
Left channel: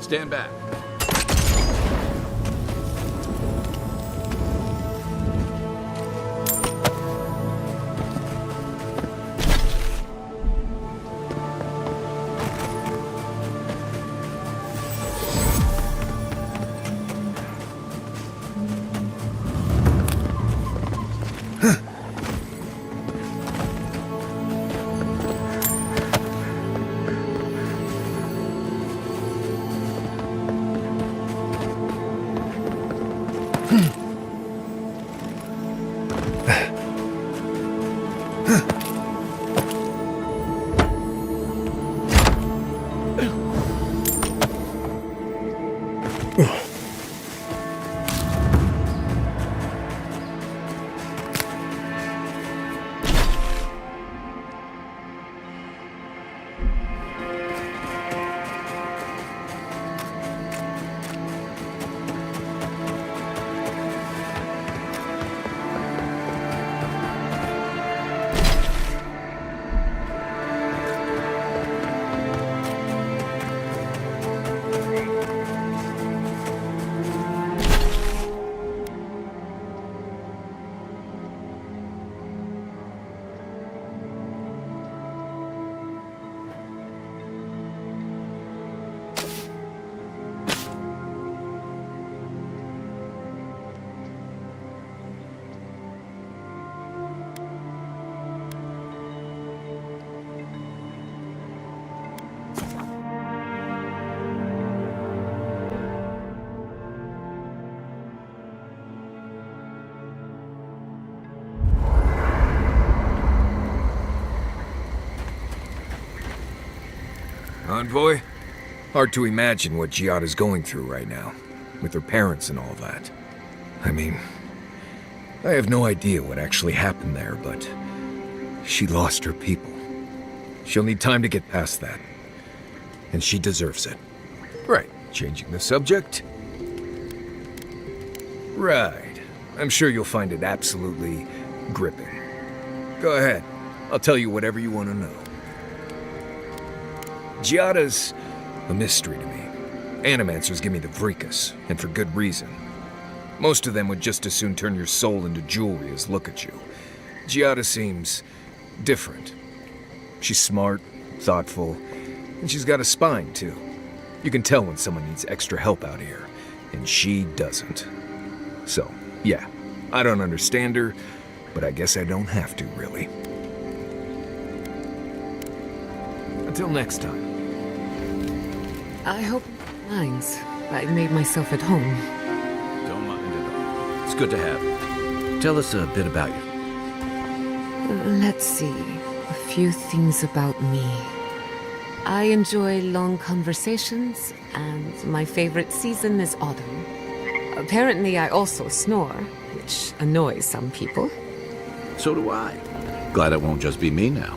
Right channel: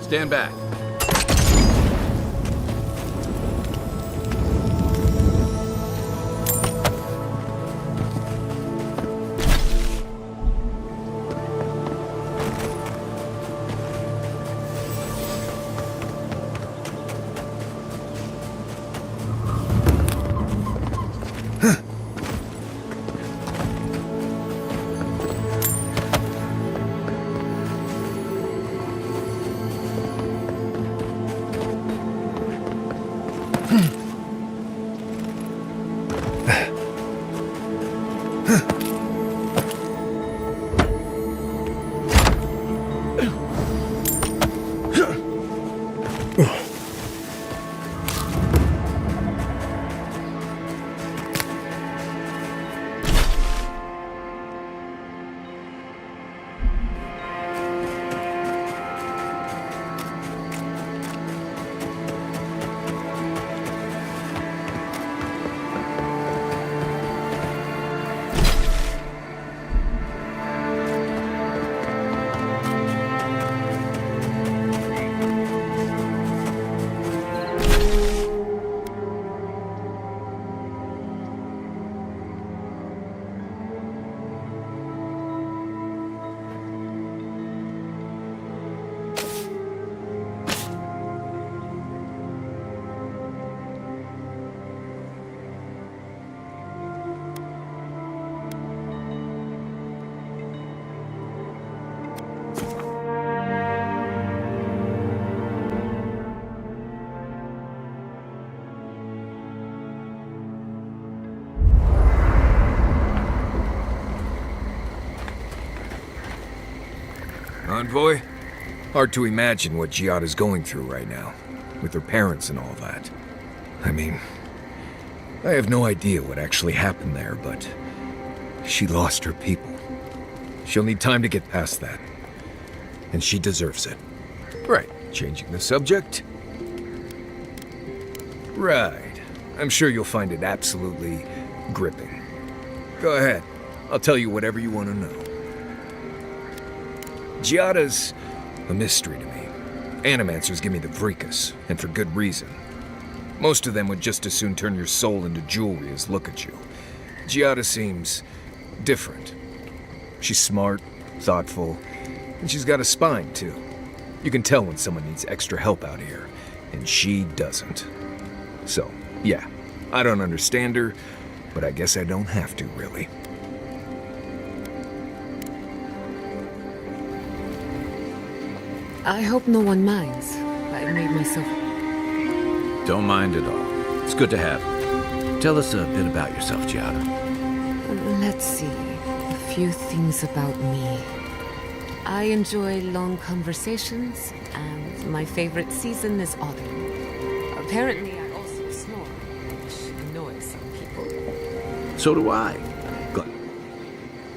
Stand back. Envoy? Hard to imagine what Giada's going through right now, with her parents and all that. I mean, I have no idea what actually happened there, but she lost her people. She'll need time to get past that. And she deserves it. Right, changing the subject? Right. I'm sure you'll find it absolutely gripping. Go ahead. I'll tell you whatever you want to know. Giada's a mystery to me. Animancers give me the vricus, and for good reason. Most of them would just as soon turn your soul into jewelry as look at you. Giada seems different. She's smart, thoughtful, and she's got a spine, too. You can tell when someone needs extra help out here, and she doesn't. So, yeah, I don't understand her, but I guess I don't have to, really. Until next time. I hope no one minds. I made myself at home. Don't mind at all. It's good to have you. Tell us a bit about yourself, Giada. Let's see. A few things about me. I enjoy long conversations, and my favorite season is autumn. Apparently, I also snore, which annoys some people. So do I. Glad it won't just be me now.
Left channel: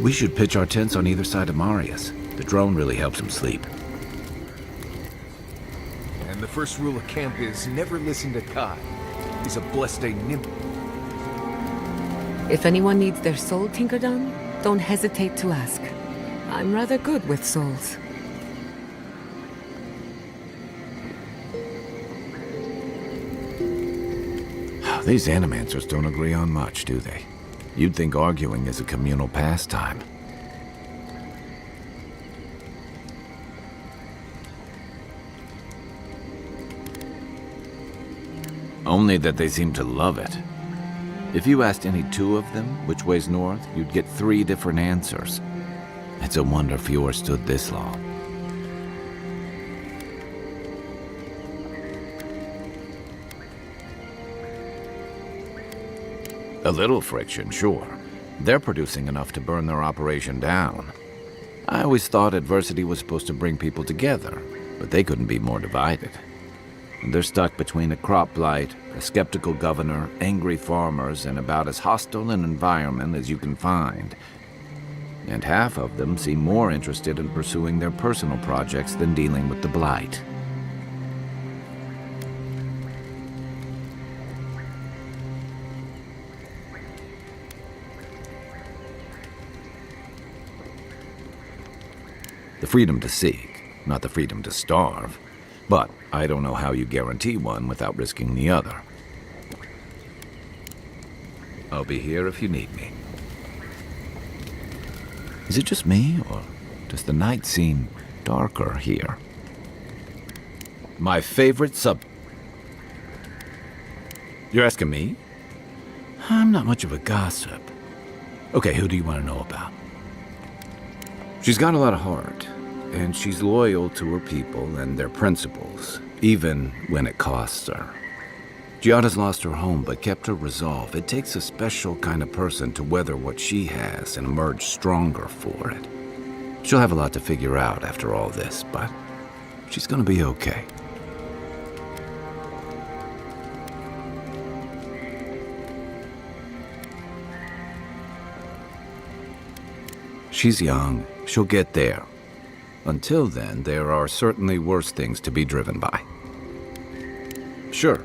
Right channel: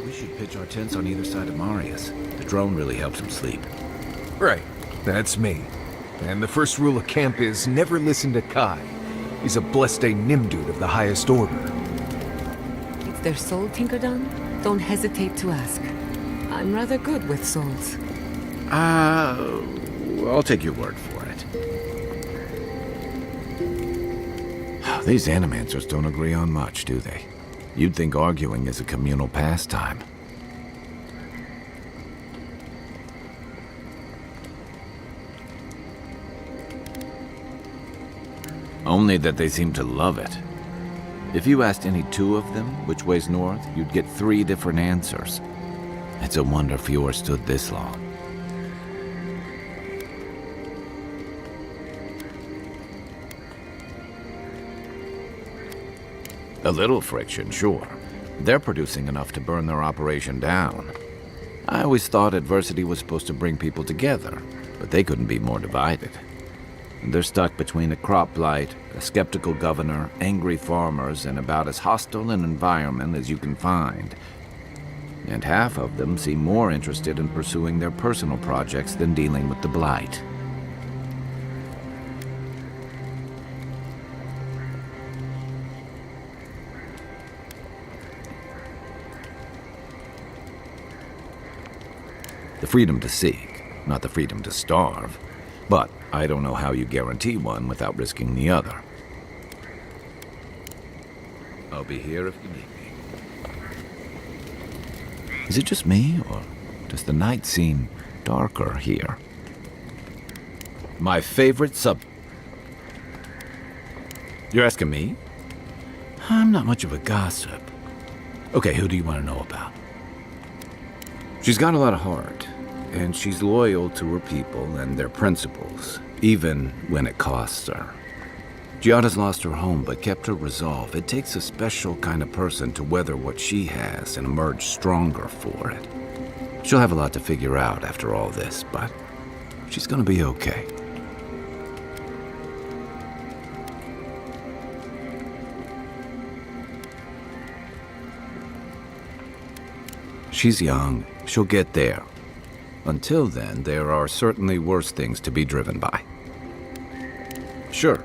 We should pitch our tents on either side of Marius. The drone really helps him sleep. Right, that's me. And the first rule of camp is never listen to Kai. He's a blessed Nimdu of the highest order. If anyone needs their soul tinkered on, don't hesitate to ask. I'm rather good with souls. I'll take your word for it. These animancers don't agree on much, do they? You'd think arguing is a communal pastime. Only that they seem to love it. If you asked any two of them which way's north, you'd get 3 different answers. It's a wonder Fjord stood this long. A little friction, sure. They're producing enough to burn their operation down. I always thought adversity was supposed to bring people together, but they couldn't be more divided. They're stuck between a crop blight, a skeptical governor, angry farmers, and about as hostile an environment as you can find. And half of them seem more interested in pursuing their personal projects than dealing with the blight. The freedom to seek, not the freedom to starve. But I don't know how you guarantee one without risking the other. I'll be here if you need me. Is it just me, or does the night seem darker here? My favorite sub... You're asking me? I'm not much of a gossip. Okay, who do you want to know about? She's got a lot of heart, and she's loyal to her people and their principles, even when it costs her. Giada's lost her home, but kept her resolve. It takes a special kind of person to weather what she has and emerge stronger for it. She'll have a lot to figure out after all this, but she's gonna be okay. She's young. She'll get there. Until then, there are certainly worse things to be driven by. Sure.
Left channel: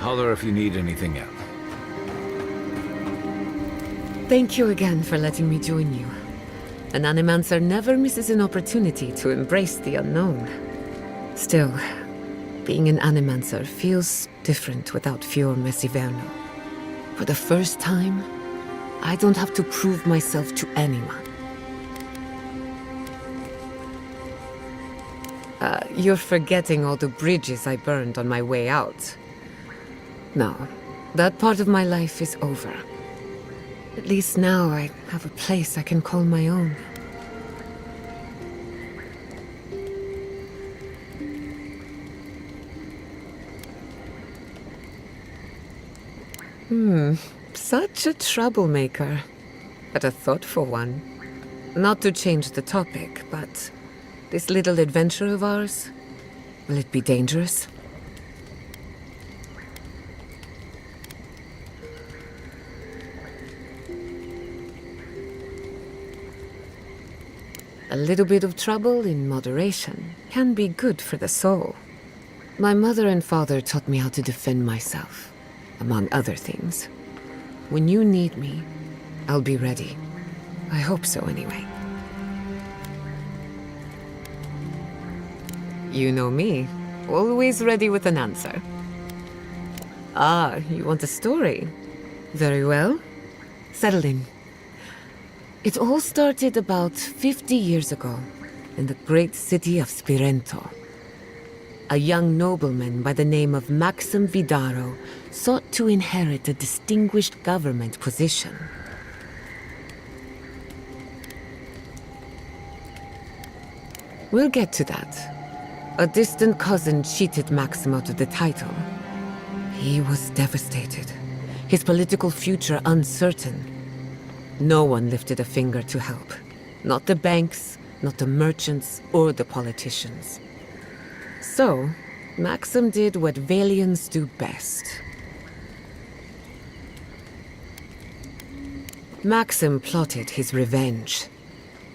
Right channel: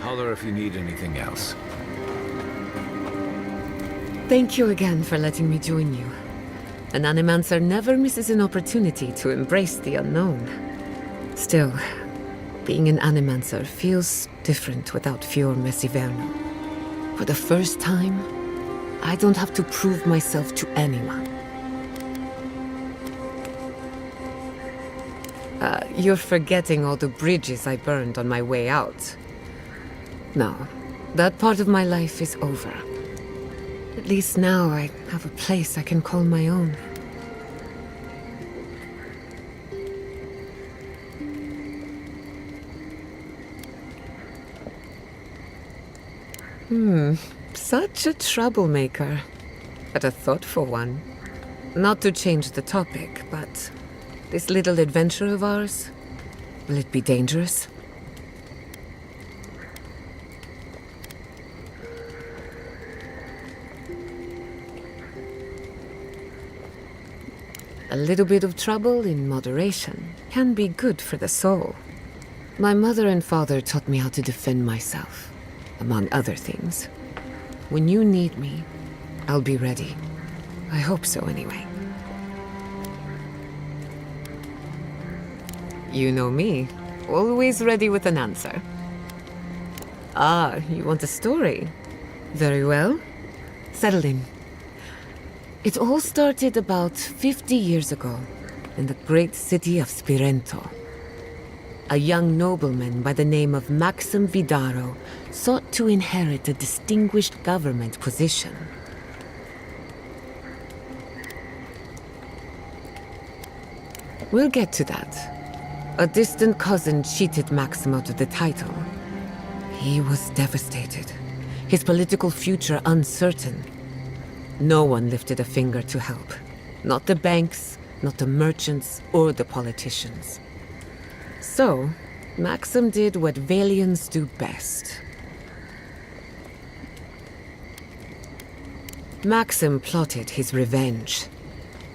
Holler if you need anything else. Thank you again for letting me join you. An Animancer never misses an opportunity to embrace the unknown. Still, being an Animancer feels different without Fior Messiverno. For the first time, I don't have to prove myself to anyone. You're forgetting all the bridges I burned on my way out. No, that part of my life is over. At least now I have a place I can call my own. Such a troublemaker. But a thoughtful one. Not to change the topic, but this little adventure of ours, will it be dangerous? A little bit of trouble in moderation can be good for the soul. My mother and father taught me how to defend myself, among other things. When you need me, I'll be ready. I hope so, anyway. You know me, always ready with an answer. Ah, you want a story? Very well. Settle in. It all started about 50 years ago, in the great city of Spirento. A young nobleman by the name of Maxim Vidaro sought to inherit a distinguished government position. We'll get to that. A distant cousin cheated Maxim out of the title. He was devastated, his political future uncertain. No one lifted a finger to help. Not the banks, not the merchants, or the politicians. So, Maxim did what Valians do best. Maxim plotted his revenge.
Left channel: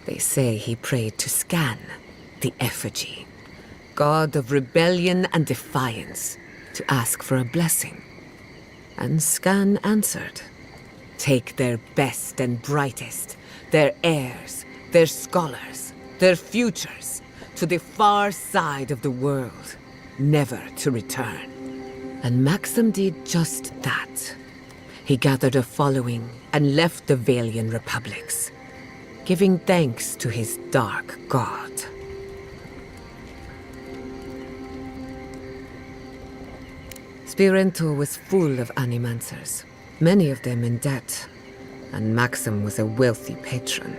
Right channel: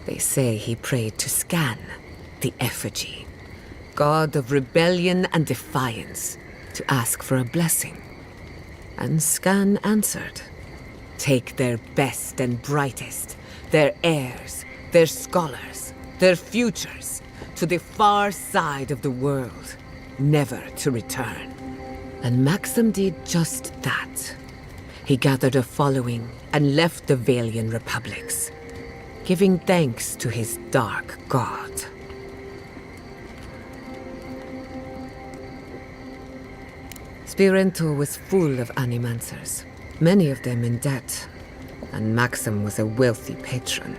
They say he prayed to Scan, the effigy, god of rebellion and defiance, to ask for a blessing. And Scan answered. Take their best and brightest, their heirs, their scholars, their futures, to the far side of the world, never to return. And Maxim did just that. He gathered a following and left the Valian republics, giving thanks to his dark god. Spirento was full of Animancers, many of them in debt, and Maxim was a wealthy patron.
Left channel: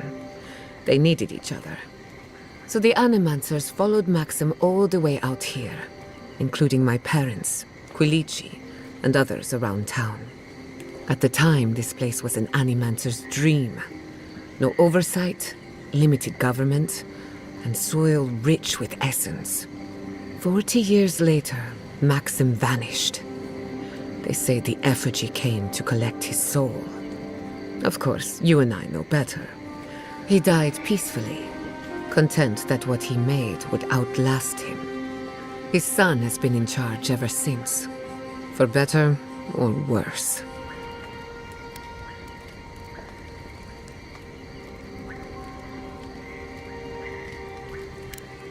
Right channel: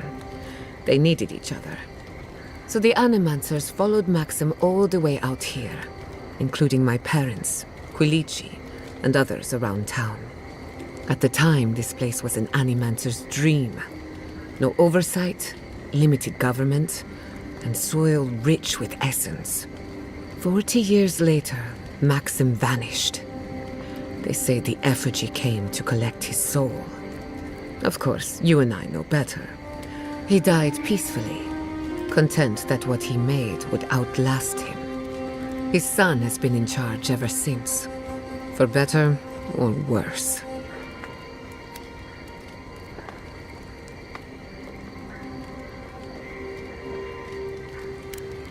They needed each other. So the Animancers followed Maxim all the way out here, including my parents, Quilici, and others around town. At the time, this place was an Animancer's dream. No oversight, limited government, and soil rich with essence. 40 years later, Maxim vanished. They say the effigy came to collect his soul. Of course, you and I know better. He died peacefully, content that what he made would outlast him. His son has been in charge ever since, for better or worse.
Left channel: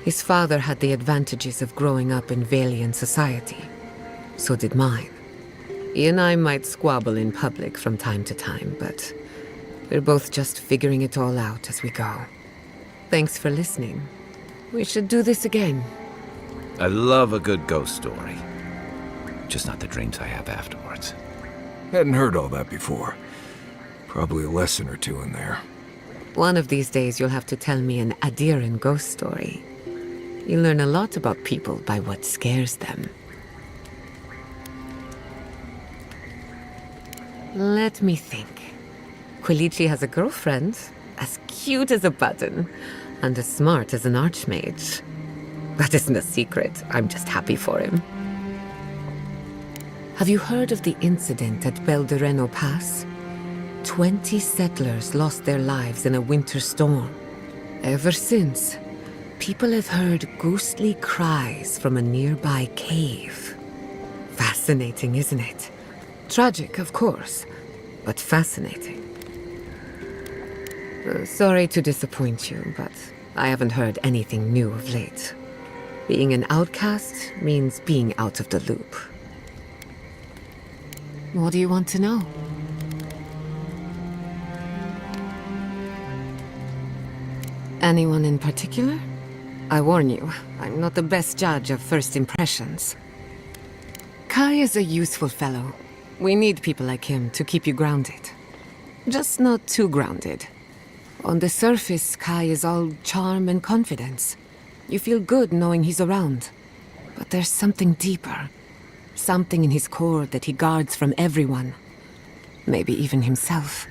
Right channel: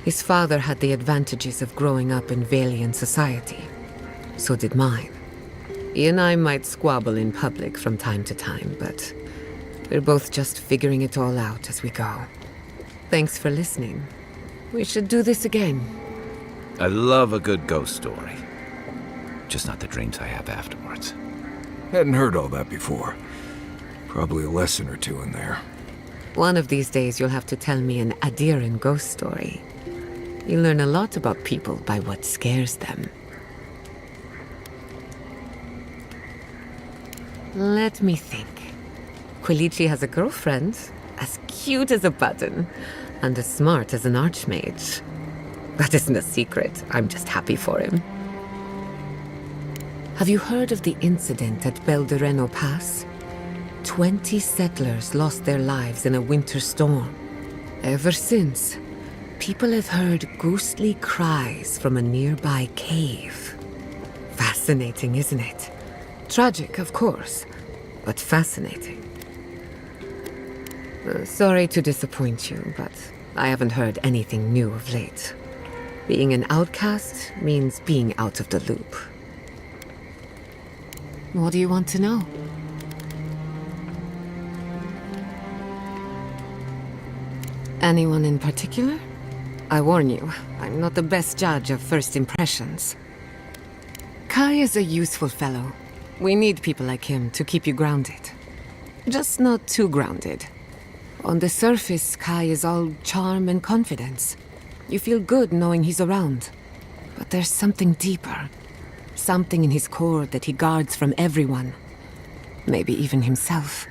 His father had the advantages of growing up in Valian society. So did mine. He and I might squabble in public from time to time, but we're both just figuring it all out as we go. Thanks for listening. We should do this again. I love a good ghost story. Just not the dreams I have afterwards. Hadn't heard all that before. Probably a lesson or two in there. One of these days you'll have to tell me an Adiran ghost story. You learn a lot about people by what scares them. Let me think. Quilici has a girlfriend, as cute as a button, and as smart as an archmage. That isn't a secret. I'm just happy for him. Have you heard of the incident at Beldereno Pass? 20 settlers lost their lives in a winter storm. Ever since, people have heard ghostly cries from a nearby cave. Fascinating, isn't it? Tragic, of course, but fascinating. Sorry to disappoint you, but I haven't heard anything new of late. Being an outcast means being out of the loop. What do you want to know? Anyone in particular? I warn you, I'm not the best judge of first impressions. Kai is a useful fellow. We need people like him to keep you grounded. Just not too grounded. On the surface, Kai is all charm and confidence. You feel good knowing he's around. But there's something deeper. Something in his core that he guards from everyone. Maybe even himself.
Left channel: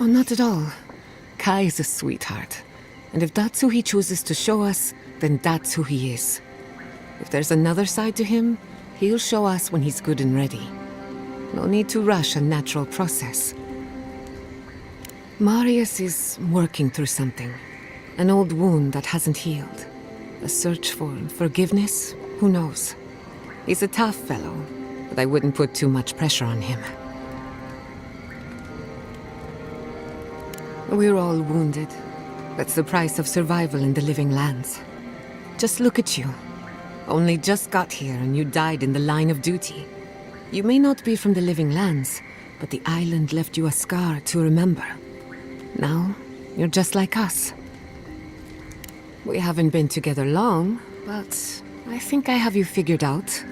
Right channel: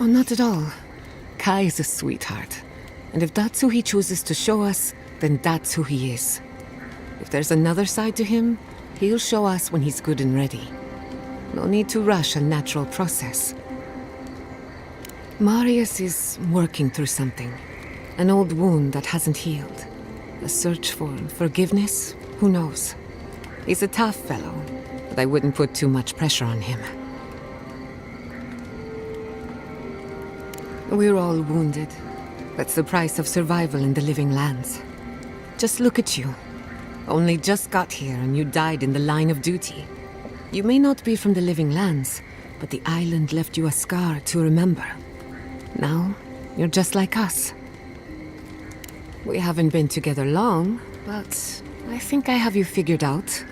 Oh, not at all. Kai is a sweetheart. And if that's who he chooses to show us, then that's who he is. If there's another side to him, he'll show us when he's good and ready. No need to rush a natural process. Marius is working through something. An old wound that hasn't healed. A search for forgiveness? Who knows? He's a tough fellow, but I wouldn't put too much pressure on him. We're all wounded. That's the price of survival in the living lands. Just look at you. Only just got here and you died in the line of duty. You may not be from the living lands, but the island left you a scar to remember. Now, you're just like us. We haven't been together long, but I think I have you figured out.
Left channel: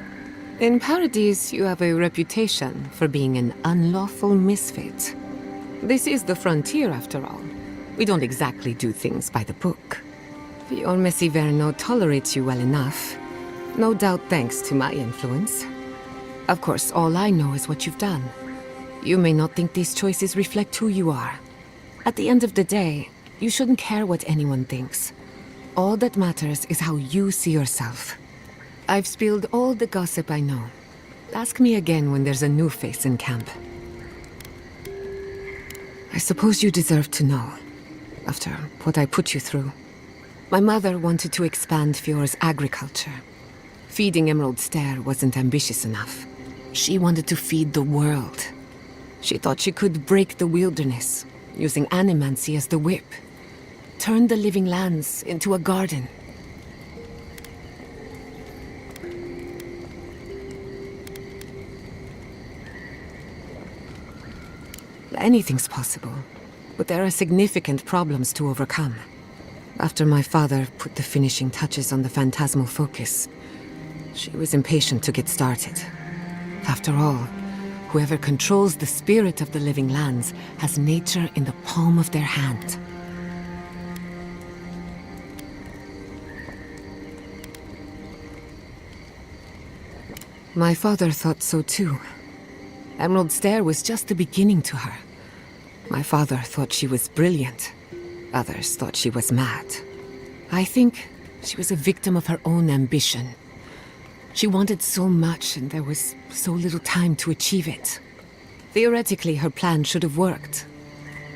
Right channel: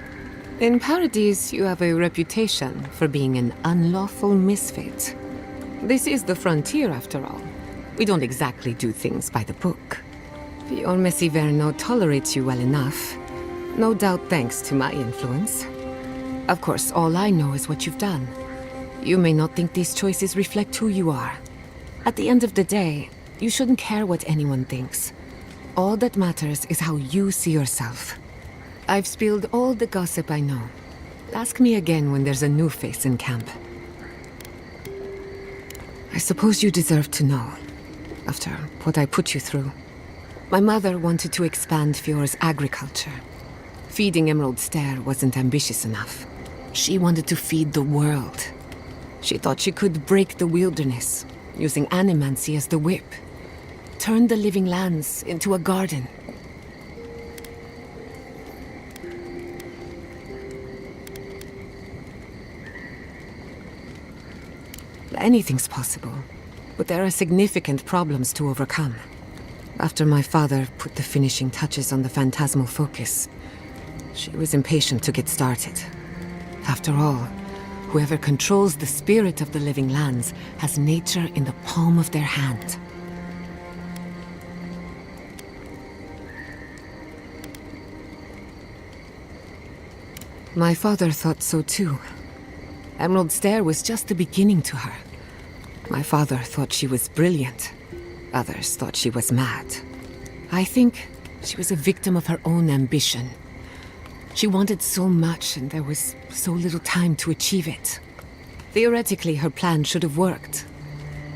In Paradise, you have a reputation for being an unlawful misfit. This is the frontier, after all. We don't exactly do things by the book. Fior Messiverno tolerates you well enough. No doubt thanks to my influence. Of course, all I know is what you've done. You may not think these choices reflect who you are. At the end of the day, you shouldn't care what anyone thinks. All that matters is how you see yourself. I've spilled all the gossip I know. Ask me again when there's a new face in camp. I suppose you deserve to know, after what I put you through. My mother wanted to expand Fior's agriculture. Feeding Emerald Stair wasn't ambitious enough. She wanted to feed the world. She thought she could break the wilderness, using animancy as the whip. Turn the living lands into a garden. Anything's possible, but there are significant problems to overcome. After my father put the finishing touches on the phantasmal focus, she was impatient to get started. After all, whoever controls the spirit of the living lands has nature in the palm of their hand. My father thought so too. Emerald Stair was just the beginning to her. My father thought she was brilliant. Others thought she was mad. I think she was a victim of her own ambition. She wanted so much, and there was so little time to achieve it. Theoretically, her plan should have worked.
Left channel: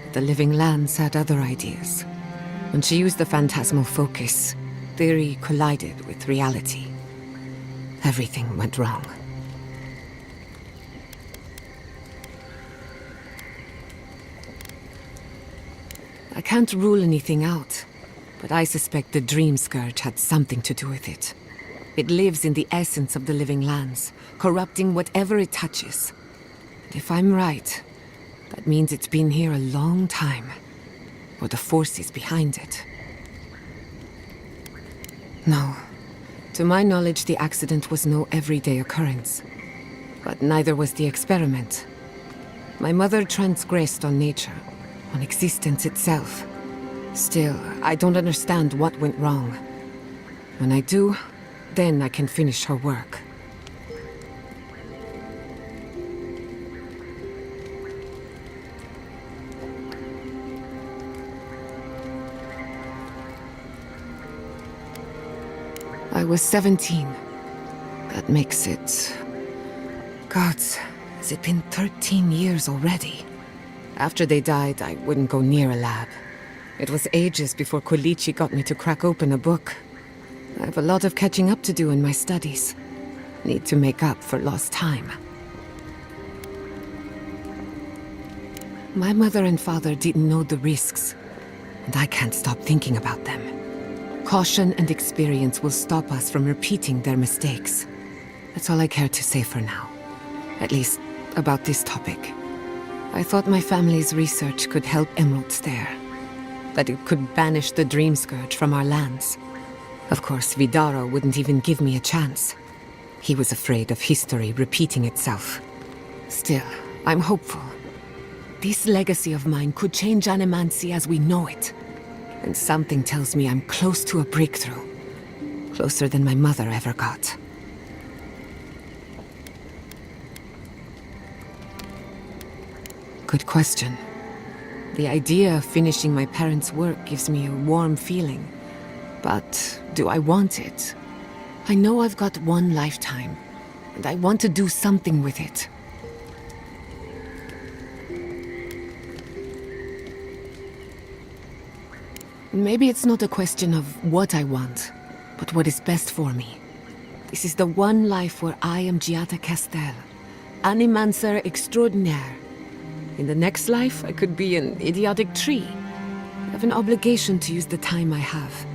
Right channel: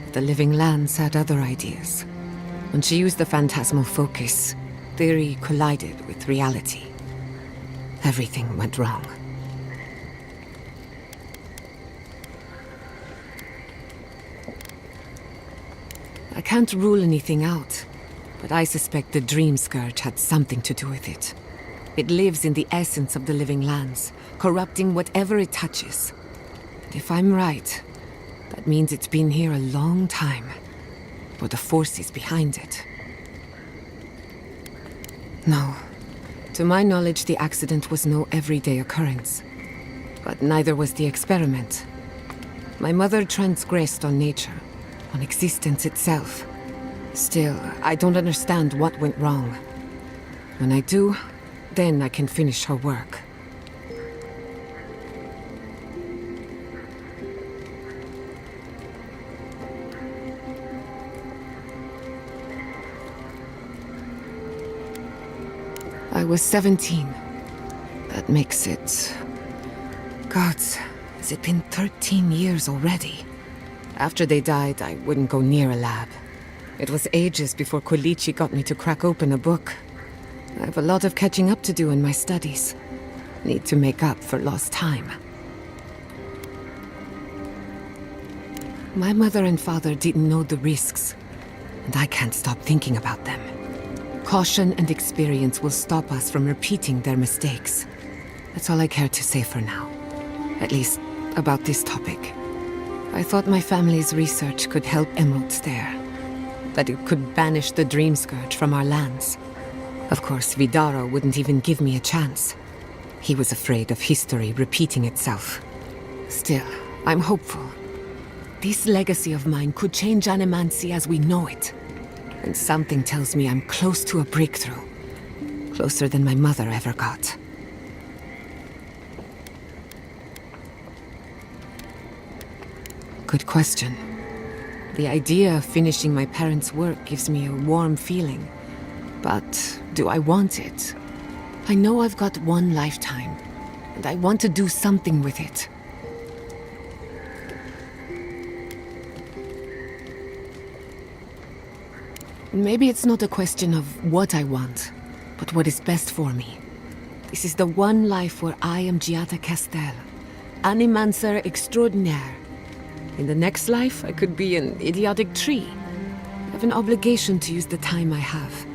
But the living lands had other ideas. When she used the phantasmal focus, theory collided with reality. Everything went wrong. I can't rule anything out, but I suspect the Dream Scourge had something to do with it. It lives in the essence of the living lands, corrupting whatever it touches. And if I'm right, that means it's been here a long time. Or the forces behind it. No. To my knowledge, the accident was no everyday occurrence. But neither was the experiment. My mother transgressed on nature, on existence itself. Still, I don't understand what went wrong. When I do, then I can finish her work. I was 17. That makes it... Gods, has it been 13 years already? After they died, I wouldn't go near a lab. It was ages before Kolichi got me to crack open a book. I have a lot of catching up to do in my studies. Need to make up for lost time. My mother and father didn't know the risks, and I can't stop thinking about them. Caution and experience will stop us from repeating their mistakes. That's all I care to say for now. At least, about this topic. I thought my family's research could help Emeralds there. That it could banish the Dream Scourge from our lands. Of course, Vidaro wouldn't even give me a chance. He was afraid of history repeating itself. Still, I'm hopeful. This legacy of mine could change Animancy as we know it. And something tells me I'm close to a breakthrough. Closer than my mother ever got. Good question. The idea of finishing my parents' work gives me a warm feeling. But do I want it? I know I've got one lifetime, and I want to do something with it. Maybe it's not a question of what I want, but what is best for me. This is the one life where I am Giada Castel, Animancer extraordinaire. In the next life, I could be an idiotic tree. I have an obligation to use the time I have.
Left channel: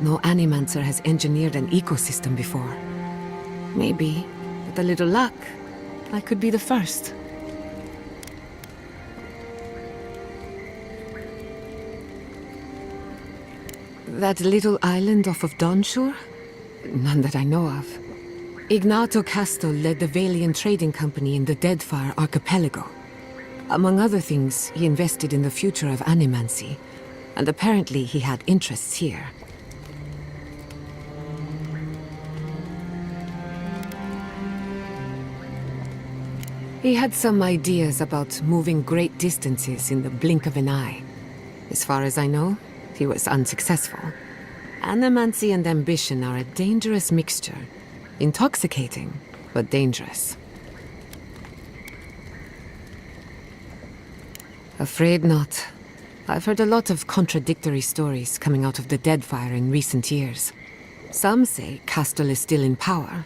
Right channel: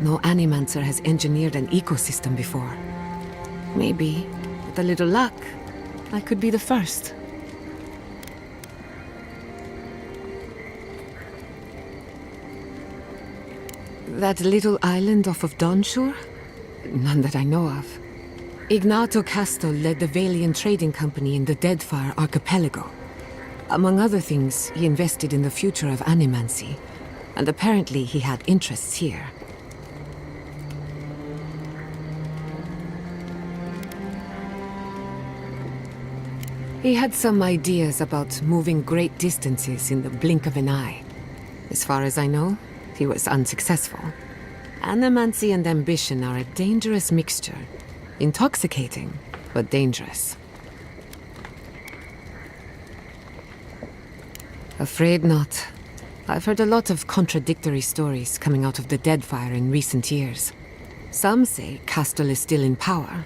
No Animancer has engineered an ecosystem before. Maybe, with a little luck, I could be the first. That little island off of Dawnshore? None that I know of. Ignato Casto led the Valian trading company in the Deadfire archipelago. Among other things, he invested in the future of Animancy, and apparently he had interests here. He had some ideas about moving great distances in the blink of an eye. As far as I know, he was unsuccessful. Animancy and ambition are a dangerous mixture. Intoxicating, but dangerous. Afraid not. I've heard a lot of contradictory stories coming out of the Deadfire in recent years. Some say Castle is still in power,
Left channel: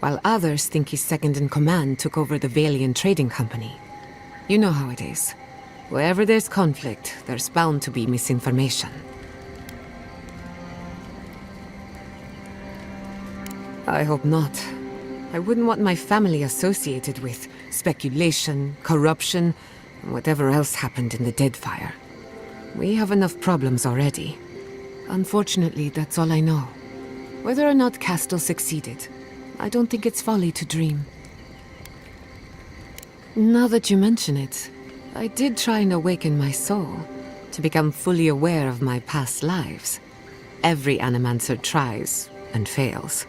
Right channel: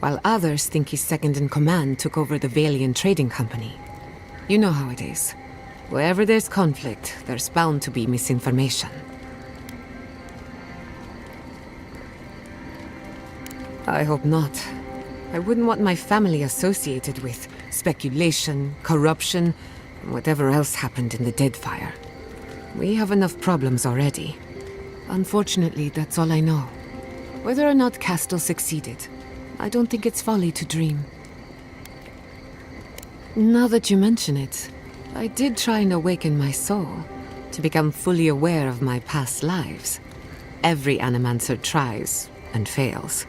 while others think his second-in-command took over the Valian trading company. You know how it is. Wherever there's conflict, there's bound to be misinformation. I hope not. I wouldn't want my family associated with speculation, corruption, and whatever else happened in the Deadfire. We have enough problems already. Unfortunately, that's all I know. Whether or not Castle succeeded, I don't think it's folly to dream. Now that you mention it, I did try and awaken my soul, to become fully aware of my past lives. Every Animancer tries, and fails.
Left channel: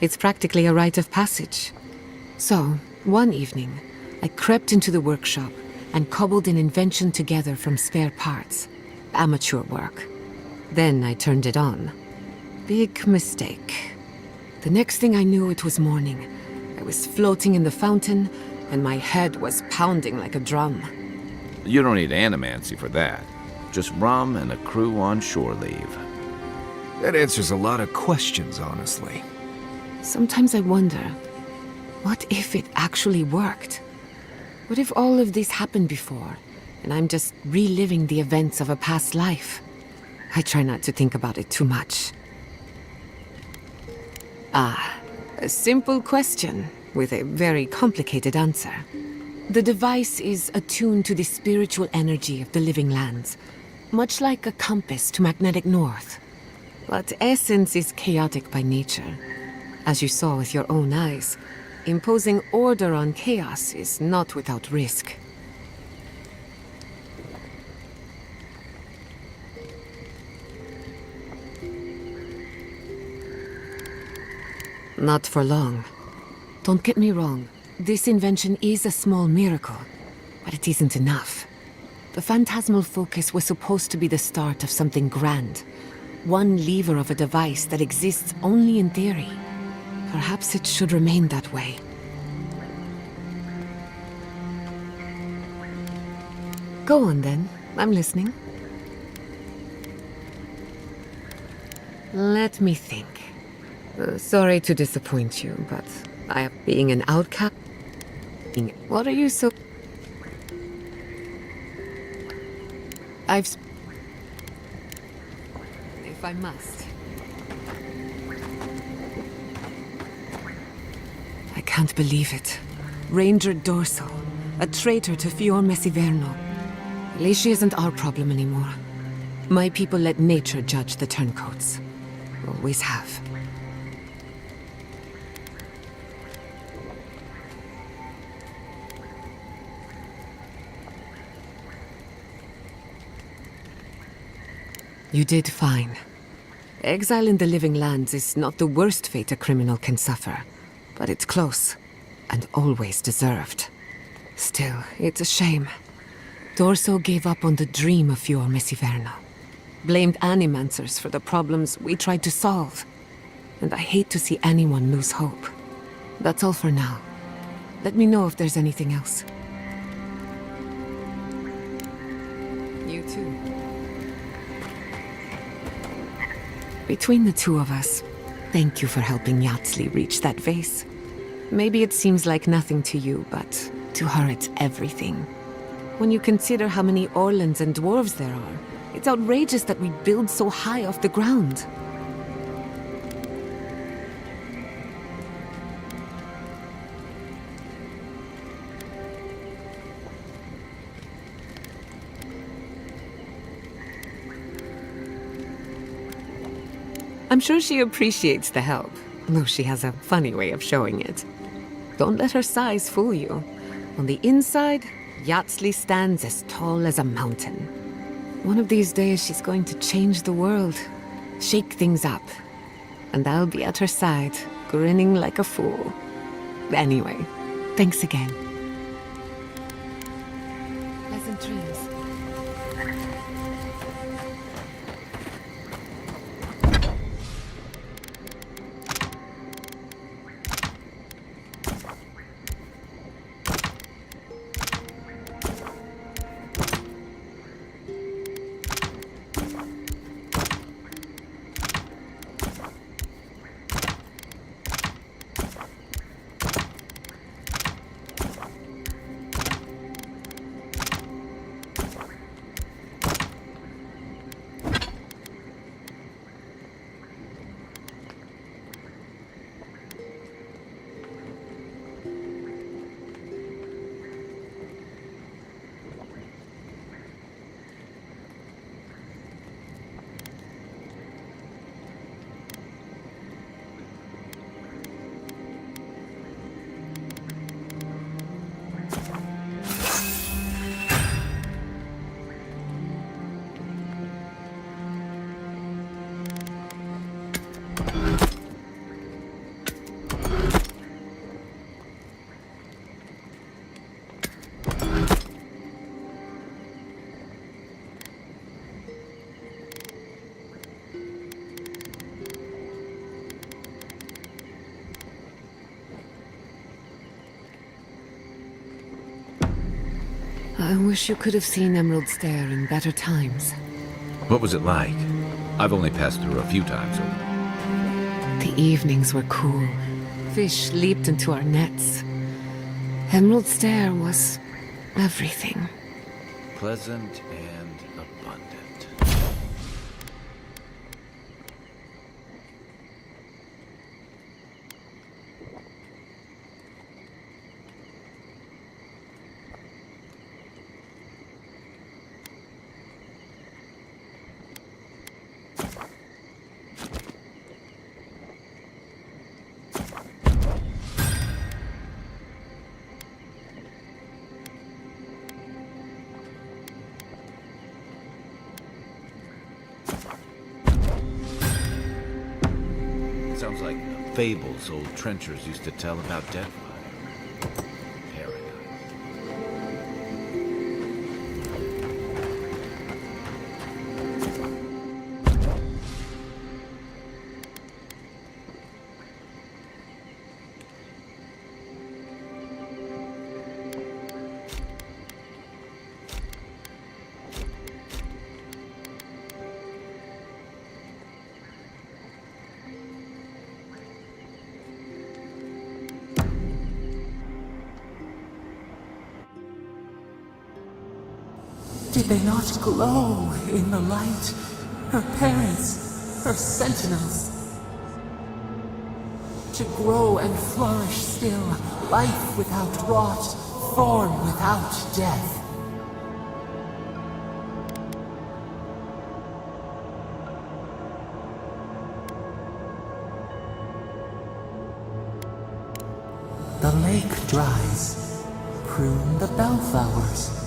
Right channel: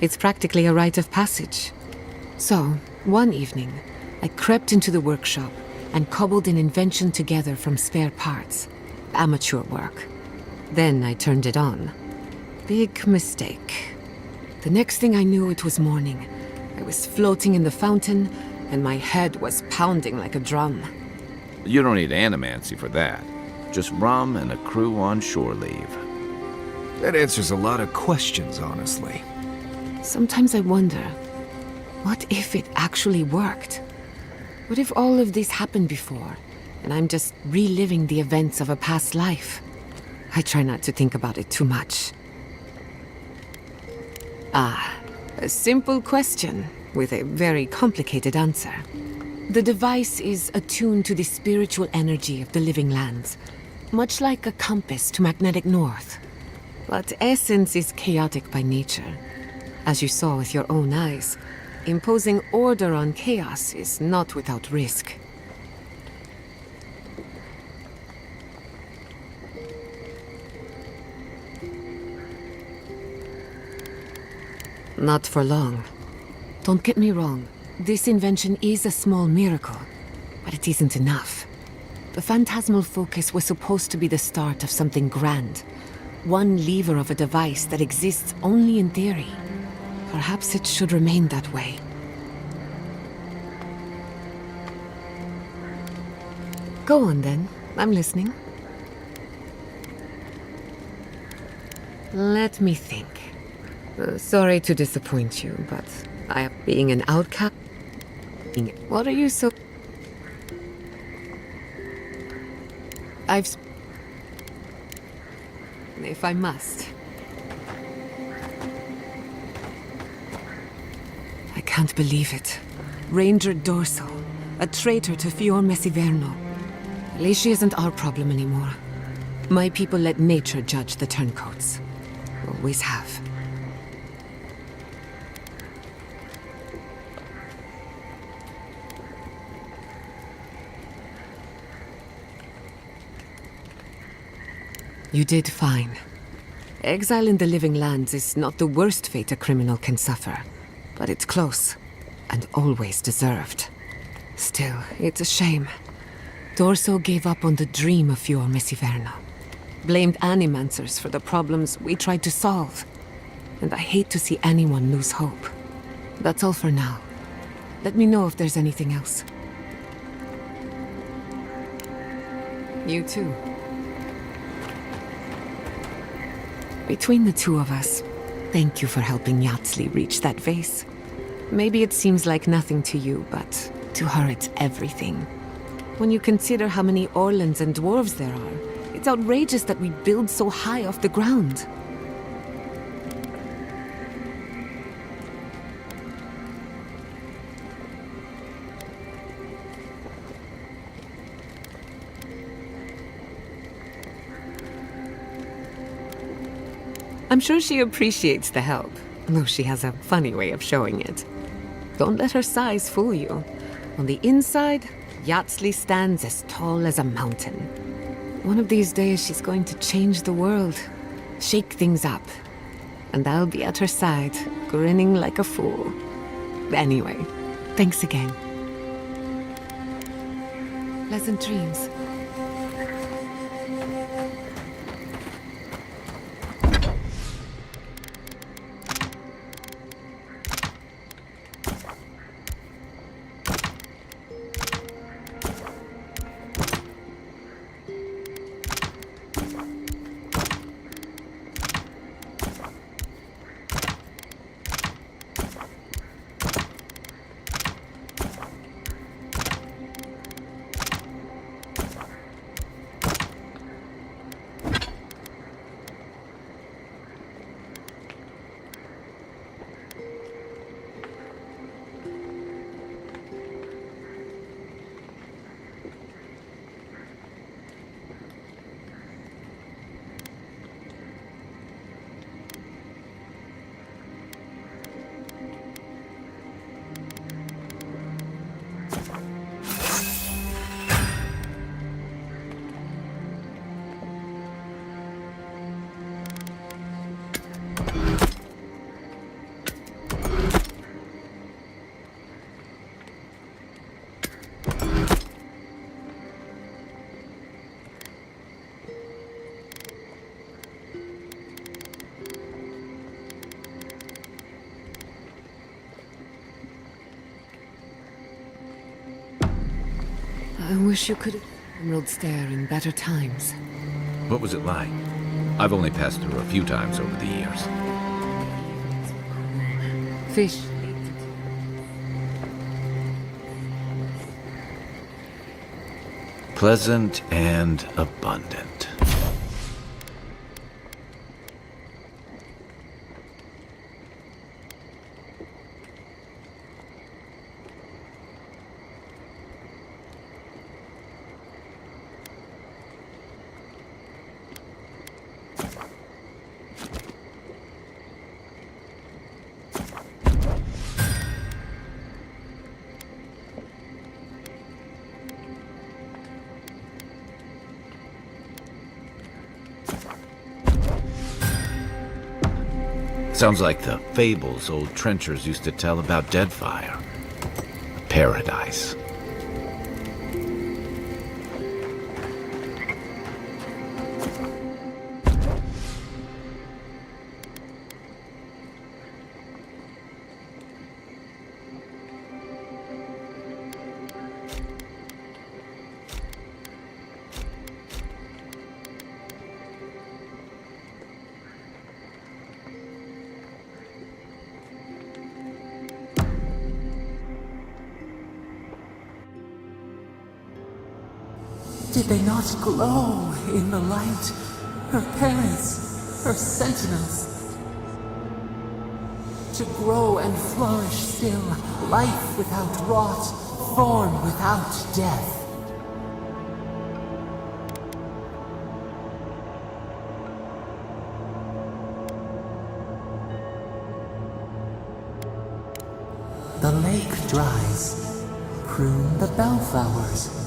It's practically a rite of passage. So, one evening, I crept into the workshop and cobbled an invention together from spare parts. Amateur work. Then I turned it on, Big mistake. The next thing I knew, it was morning. I was floating in the fountain, and my head was pounding like a drum. You don't need animancy for that. Just rum and a crew on shore leave. That answers a lot of questions, honestly. Sometimes I wonder, what if it actually worked? What if all of this happened before, and I'm just reliving the events of a past life? I try not to think about it too much. A simple question with a very complicated answer. The device is attuned to the spiritual energy of the living lands, much like a compass to magnetic north. But essence is chaotic by nature. As you saw with your own eyes, imposing order on chaos is not without risk. Not for long. Don't get me wrong. This invention is a small miracle, but it isn't enough. The phantasmal focus was supposed to be the start of something grand. One lever of a device that exists only in theory. Perhaps it should remain that way. Go on then. I'm listening. Let me think. Sorry to disappoint you, but being an outcast. What are you so... If I must. I can't believe it. Ranger Dorso, a traitor to Fior Messiverno. At least she isn't our problem anymore. My people let nature judge the turncoats. Always have. You did fine. Exile in the living lands is not the worst fate a criminal can suffer, but it's close, and always deserved. Still, it's a shame. Dorso gave up on the dream of Fior Messiverno. Blamed animancers for the problems we tried to solve. And I hate to see anyone lose hope. That's all for now. Let me know if there's anything else. You too. Between the two of us, thank you for helping Yatsli reach that vase. Maybe it seems like nothing to you, but to her it's everything. When you consider how many Orlans and dwarves there are, it's outrageous that we build so high off the ground. I'm sure she appreciates the help, though she has a funny way of showing it. Don't let her size fool you. On the inside, Yatsli stands as tall as a mountain. One of these days she's going to change the world, shake things up. And I'll be at her side, grinning like a fool. Anyway, thanks again. Pleasant dreams. I wish you could have seen Emerald Stair in better times. What was it like? I've only passed through a few times over the years. The evenings were cool. Fish leaped into our nets. Emerald Stair was everything. Pleasant and abundant. Sounds like the fables old trenchers used to tell about Deadfire. Paradise. Did they not glow in the light? Her parents, her sentinels. To grow and flourish still, life without rot, form without death. The lake dries. Prune the bellflowers.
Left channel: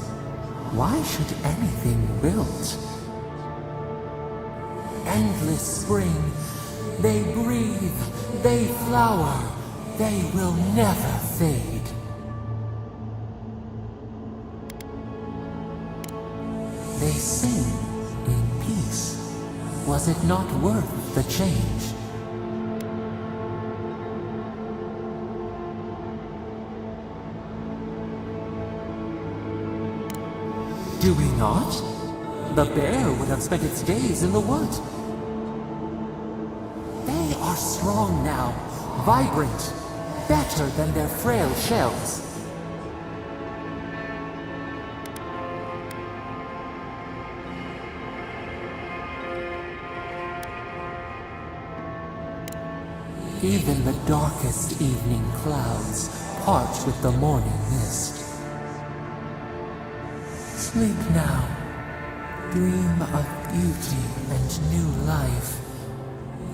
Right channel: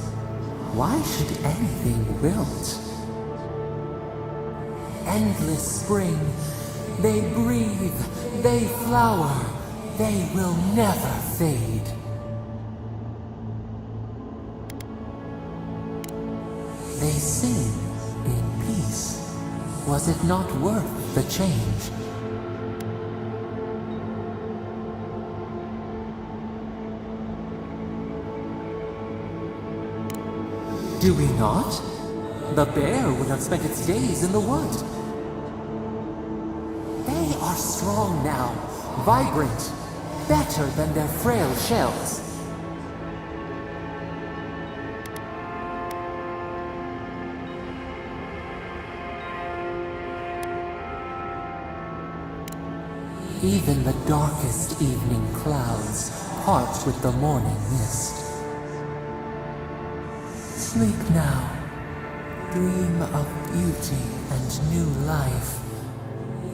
Why should anything wilt? Endless spring. They breathe, they flower, they will never fade. They sing in peace. Was it not worth the change? Do we not? The bear would have spent its days in the wood. They are strong now, vibrant, better than their frail shells. Even the darkest evening clouds part with the morning mist. Sleep now. Dream of beauty and new life.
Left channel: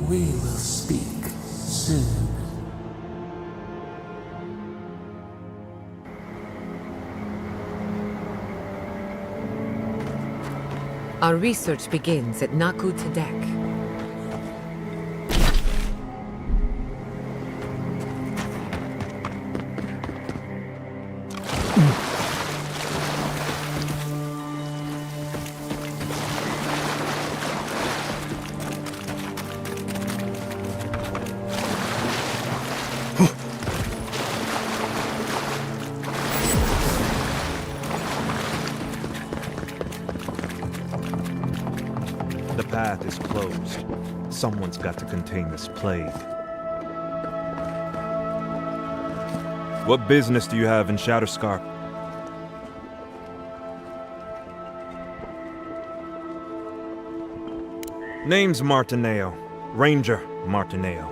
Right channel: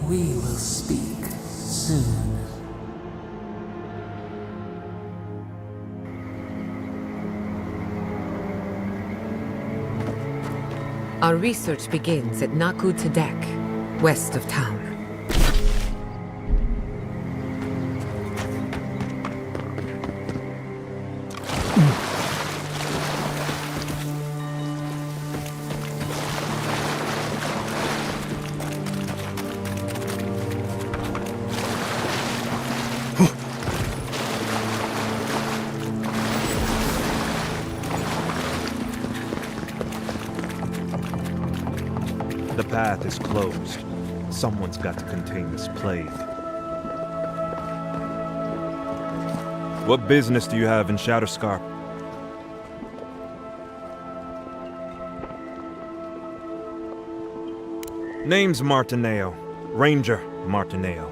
We will speak soon. Our research begins at Naku Tedek, west of town. The path is closed. Someone's got to contain this plague. What business do you have in Shatterscarp? Name's Martineo. Ranger Martineo.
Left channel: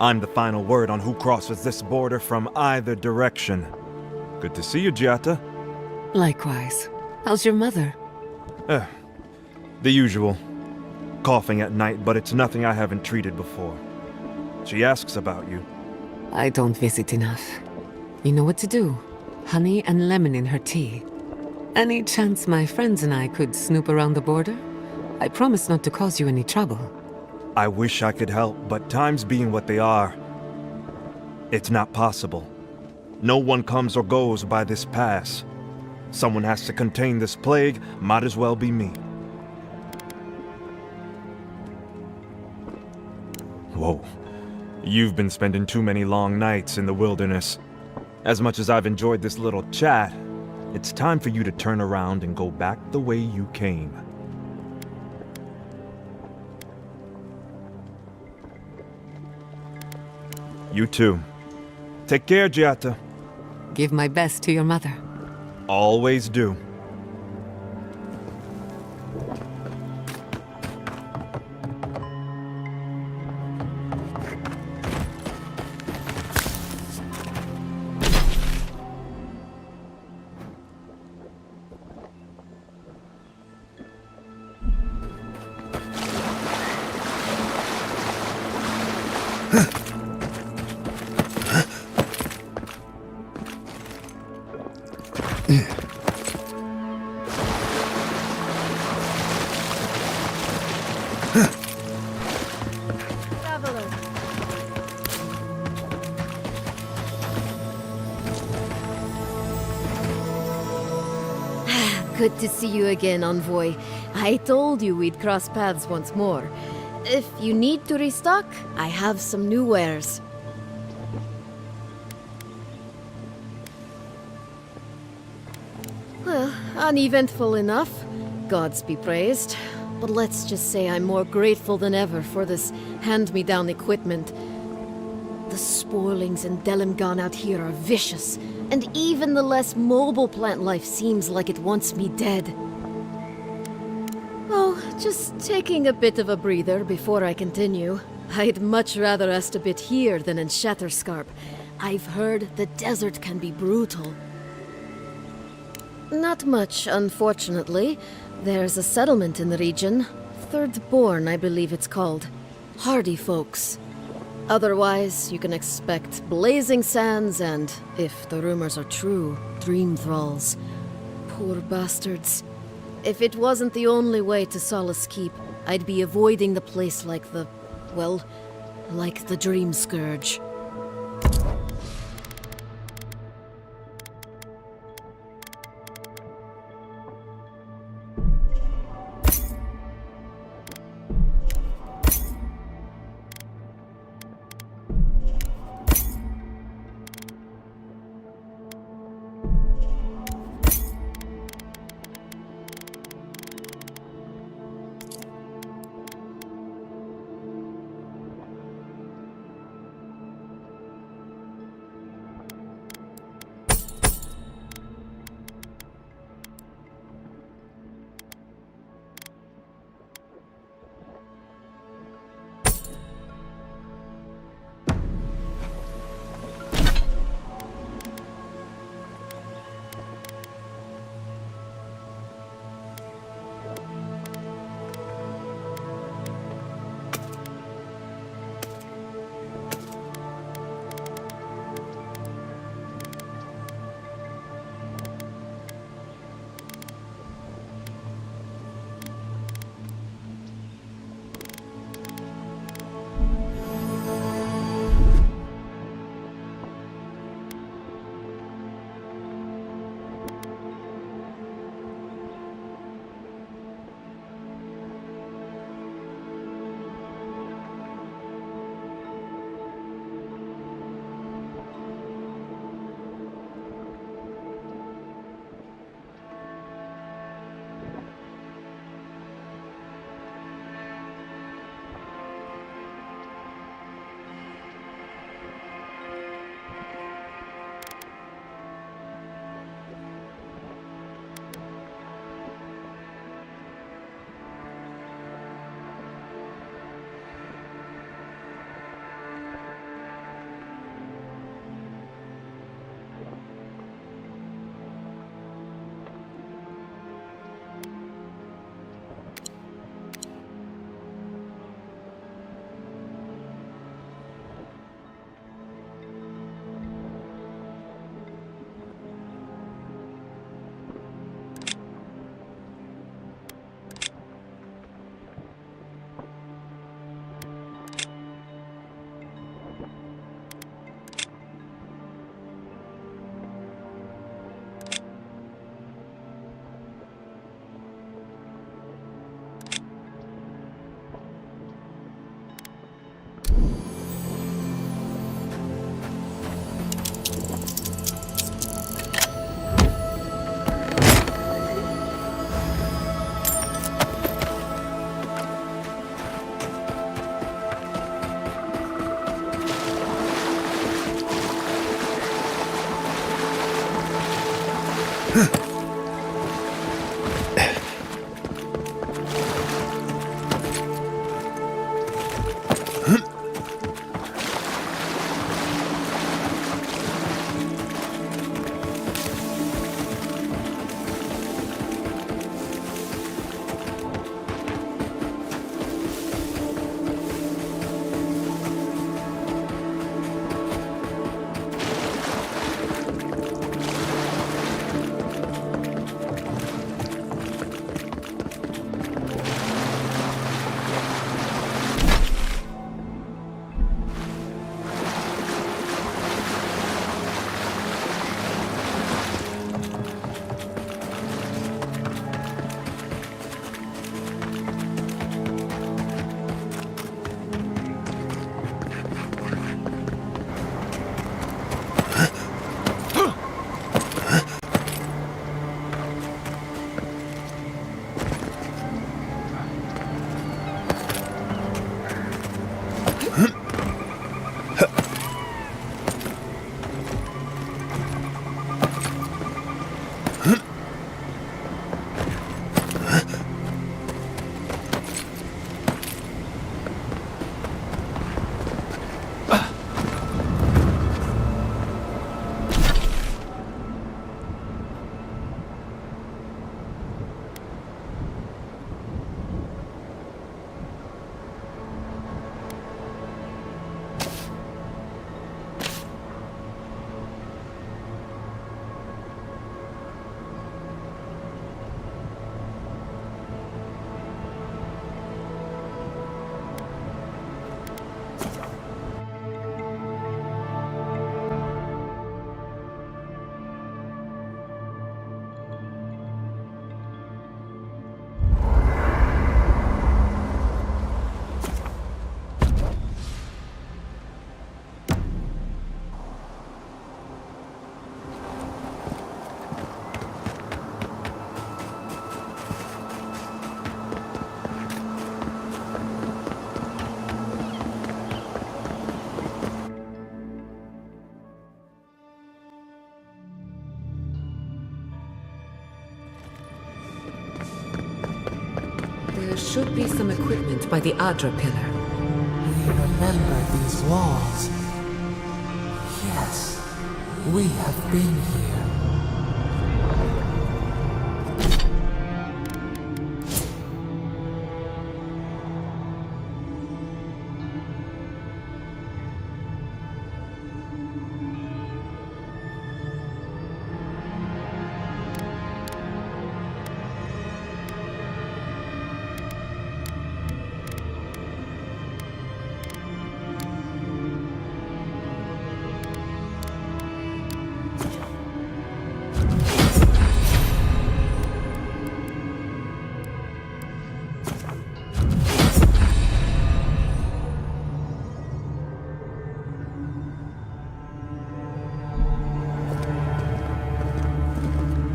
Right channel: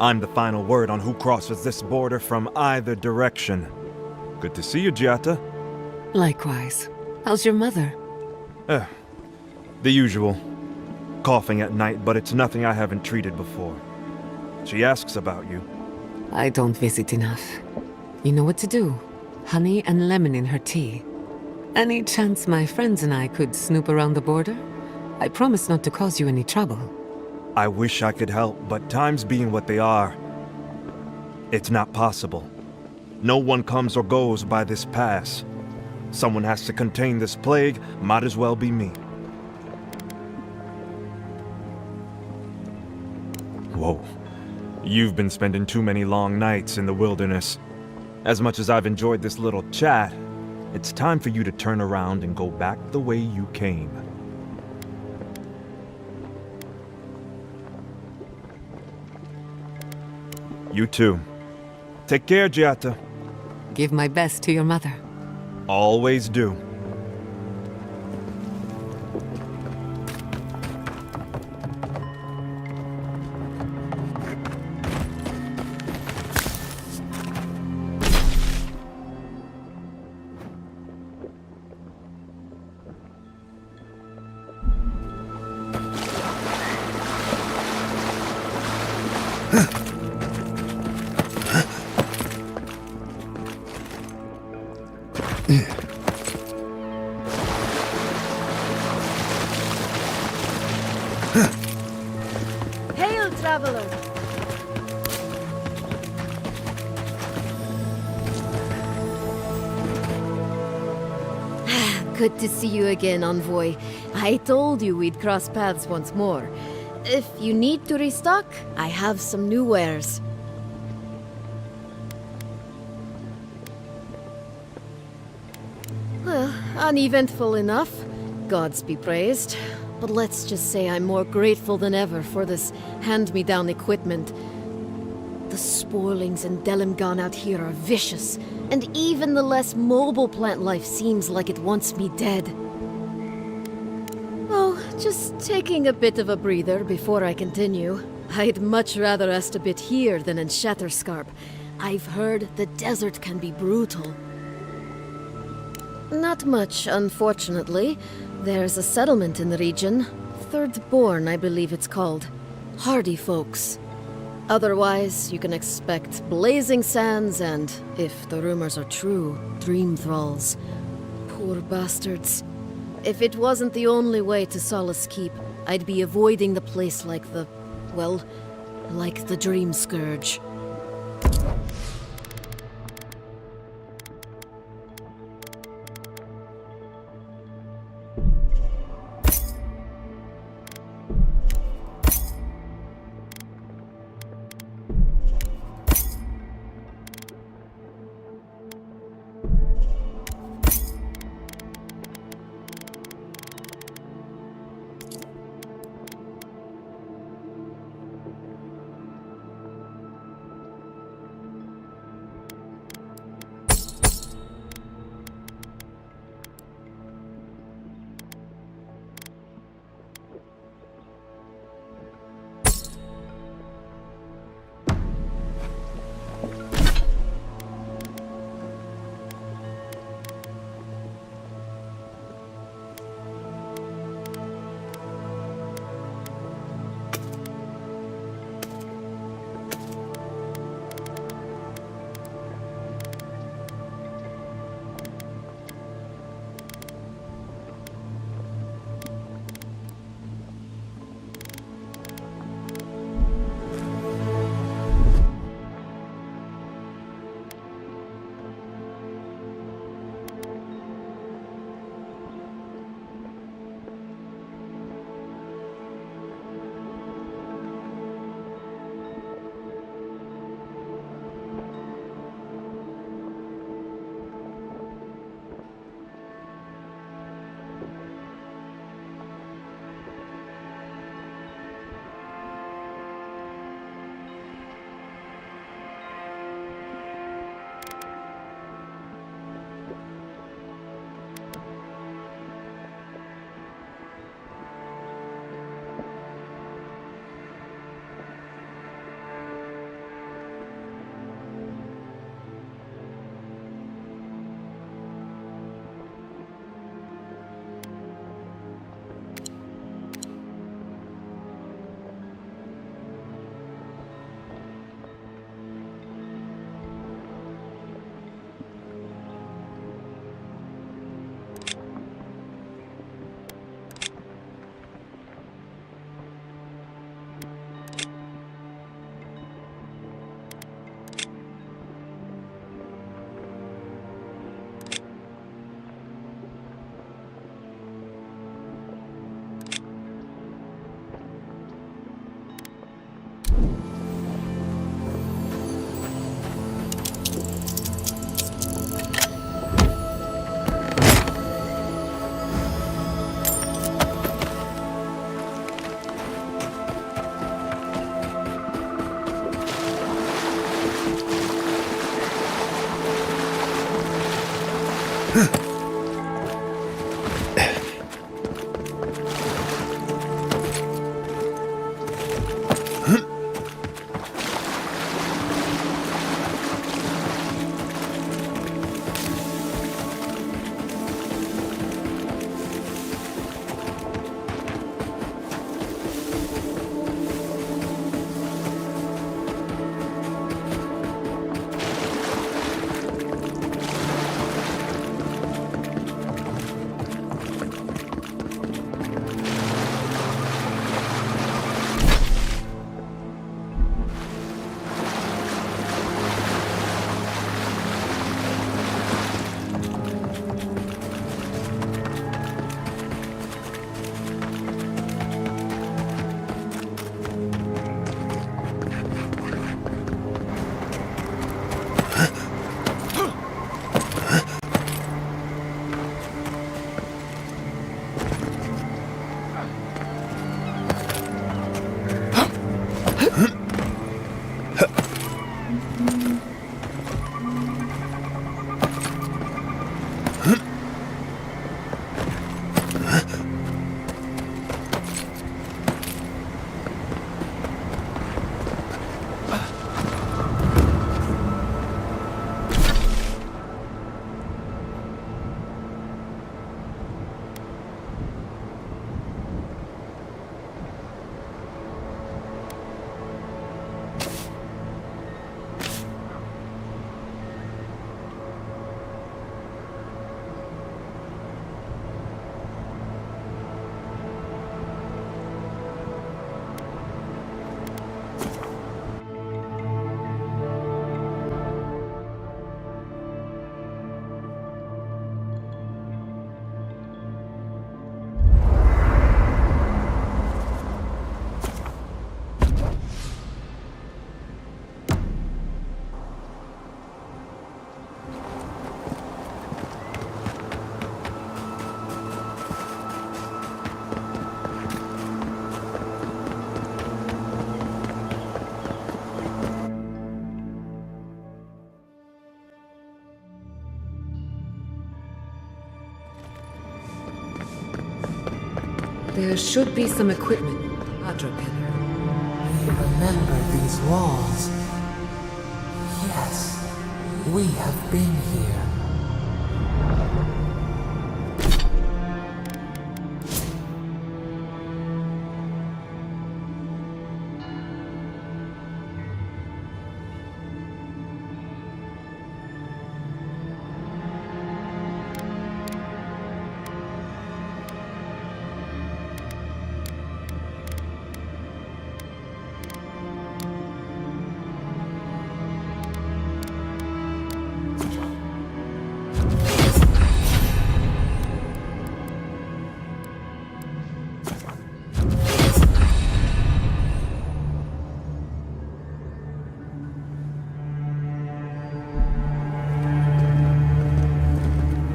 I'm the final word on who crosses this border from either direction. Good to see you, Giata. Likewise. How's your mother? The usual. Coughing at night, but it's nothing I haven't treated before. She asks about you. I don't visit enough. You know what to do. Honey and lemon in her tea. Any chance my friends and I could snoop around the border? I promise not to cause you any trouble. I wish I could help, but times being what they are, it's not possible. No one comes or goes by this pass. Someone has to contain this plague, might as well be me. Whoa. You've been spending too many long nights in the wilderness. As much as I've enjoyed this little chat, It's time for you to turn around and go back the way you came. You too. Take care, Giata. Give my best to your mother. Always do. Hail, traveler! Good to see you again, Envoy. I told you we'd cross paths once more. If you need to restock, I have some new wares. Well, uneventful enough. Gods be praised. But let's just say I'm more grateful than ever for this hand-me-down equipment. The spoilings in Delimgan out here are vicious, and even the less mobile plant life seems like it wants me dead. Oh, just taking a bit of a breather before I continue. I'd much rather rest a bit here than in Shatterscarp. I've heard the desert can be brutal. Not much, unfortunately. There's a settlement in the region. Third Born, I believe it's called. Hardy folks. Otherwise, you can expect blazing sands and, if the rumors are true, dream thralls. Poor bastards. If it wasn't the only way to Solace Keep, I'd be avoiding the place like the... well, like the Dream Scourge. There should be some equipment by the Adra pillar. We remember these walls. Yes, we have been here.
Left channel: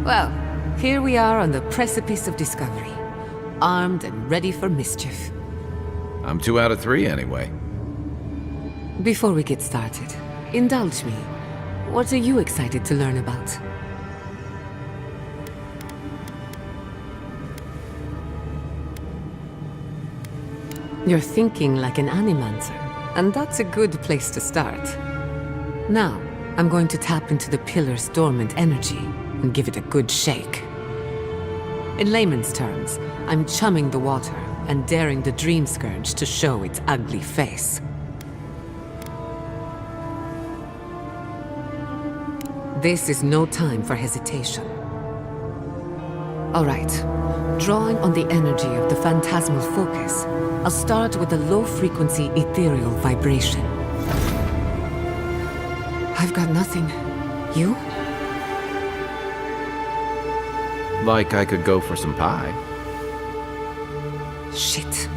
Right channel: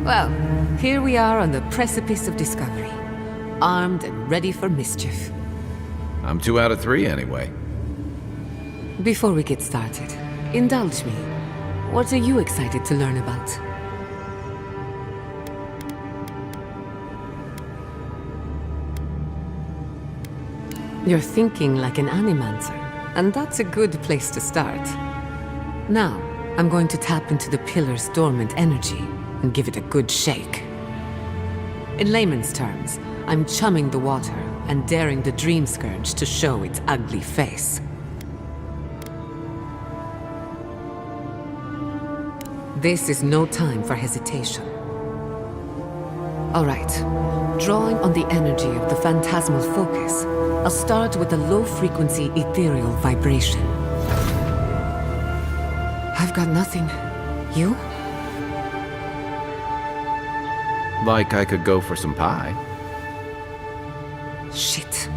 Well, here we are on the precipice of discovery, armed and ready for mischief. I'm 2 out of 3 anyway. Before we get started, indulge me. What are you excited to learn about? You're thinking like an animancer, and that's a good place to start. Now, I'm going to tap into the pillar's dormant energy and give it a good shake. In layman's terms, I'm chumming the water and daring the Dream Scourge to show its ugly face. This is no time for hesitation. All right, drawing on the energy of the phantasmal focus, I'll start with a low-frequency ethereal vibration. I've got nothing. You? Like I could go for some pie. Shit.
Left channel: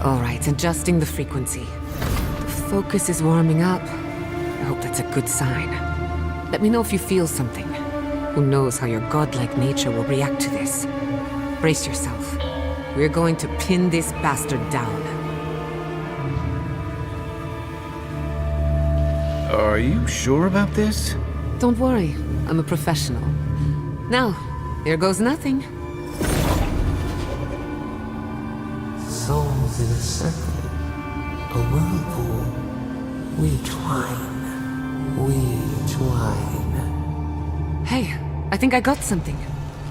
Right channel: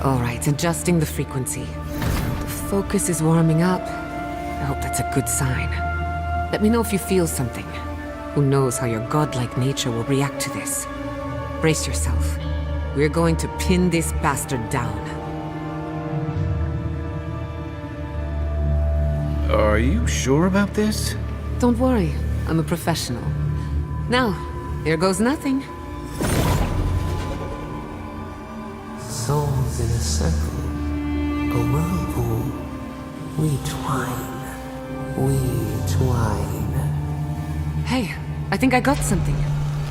All right, adjusting the frequency. The focus is warming up. I hope that's a good sign. Let me know if you feel something. Who knows how your godlike nature will react to this. Brace yourself. We're going to pin this bastard down. Are you sure about this? Don't worry, I'm a professional. Now, here goes nothing. Souls in a circle, a whirlpool. We twine, we twine. Hey, I think I got something.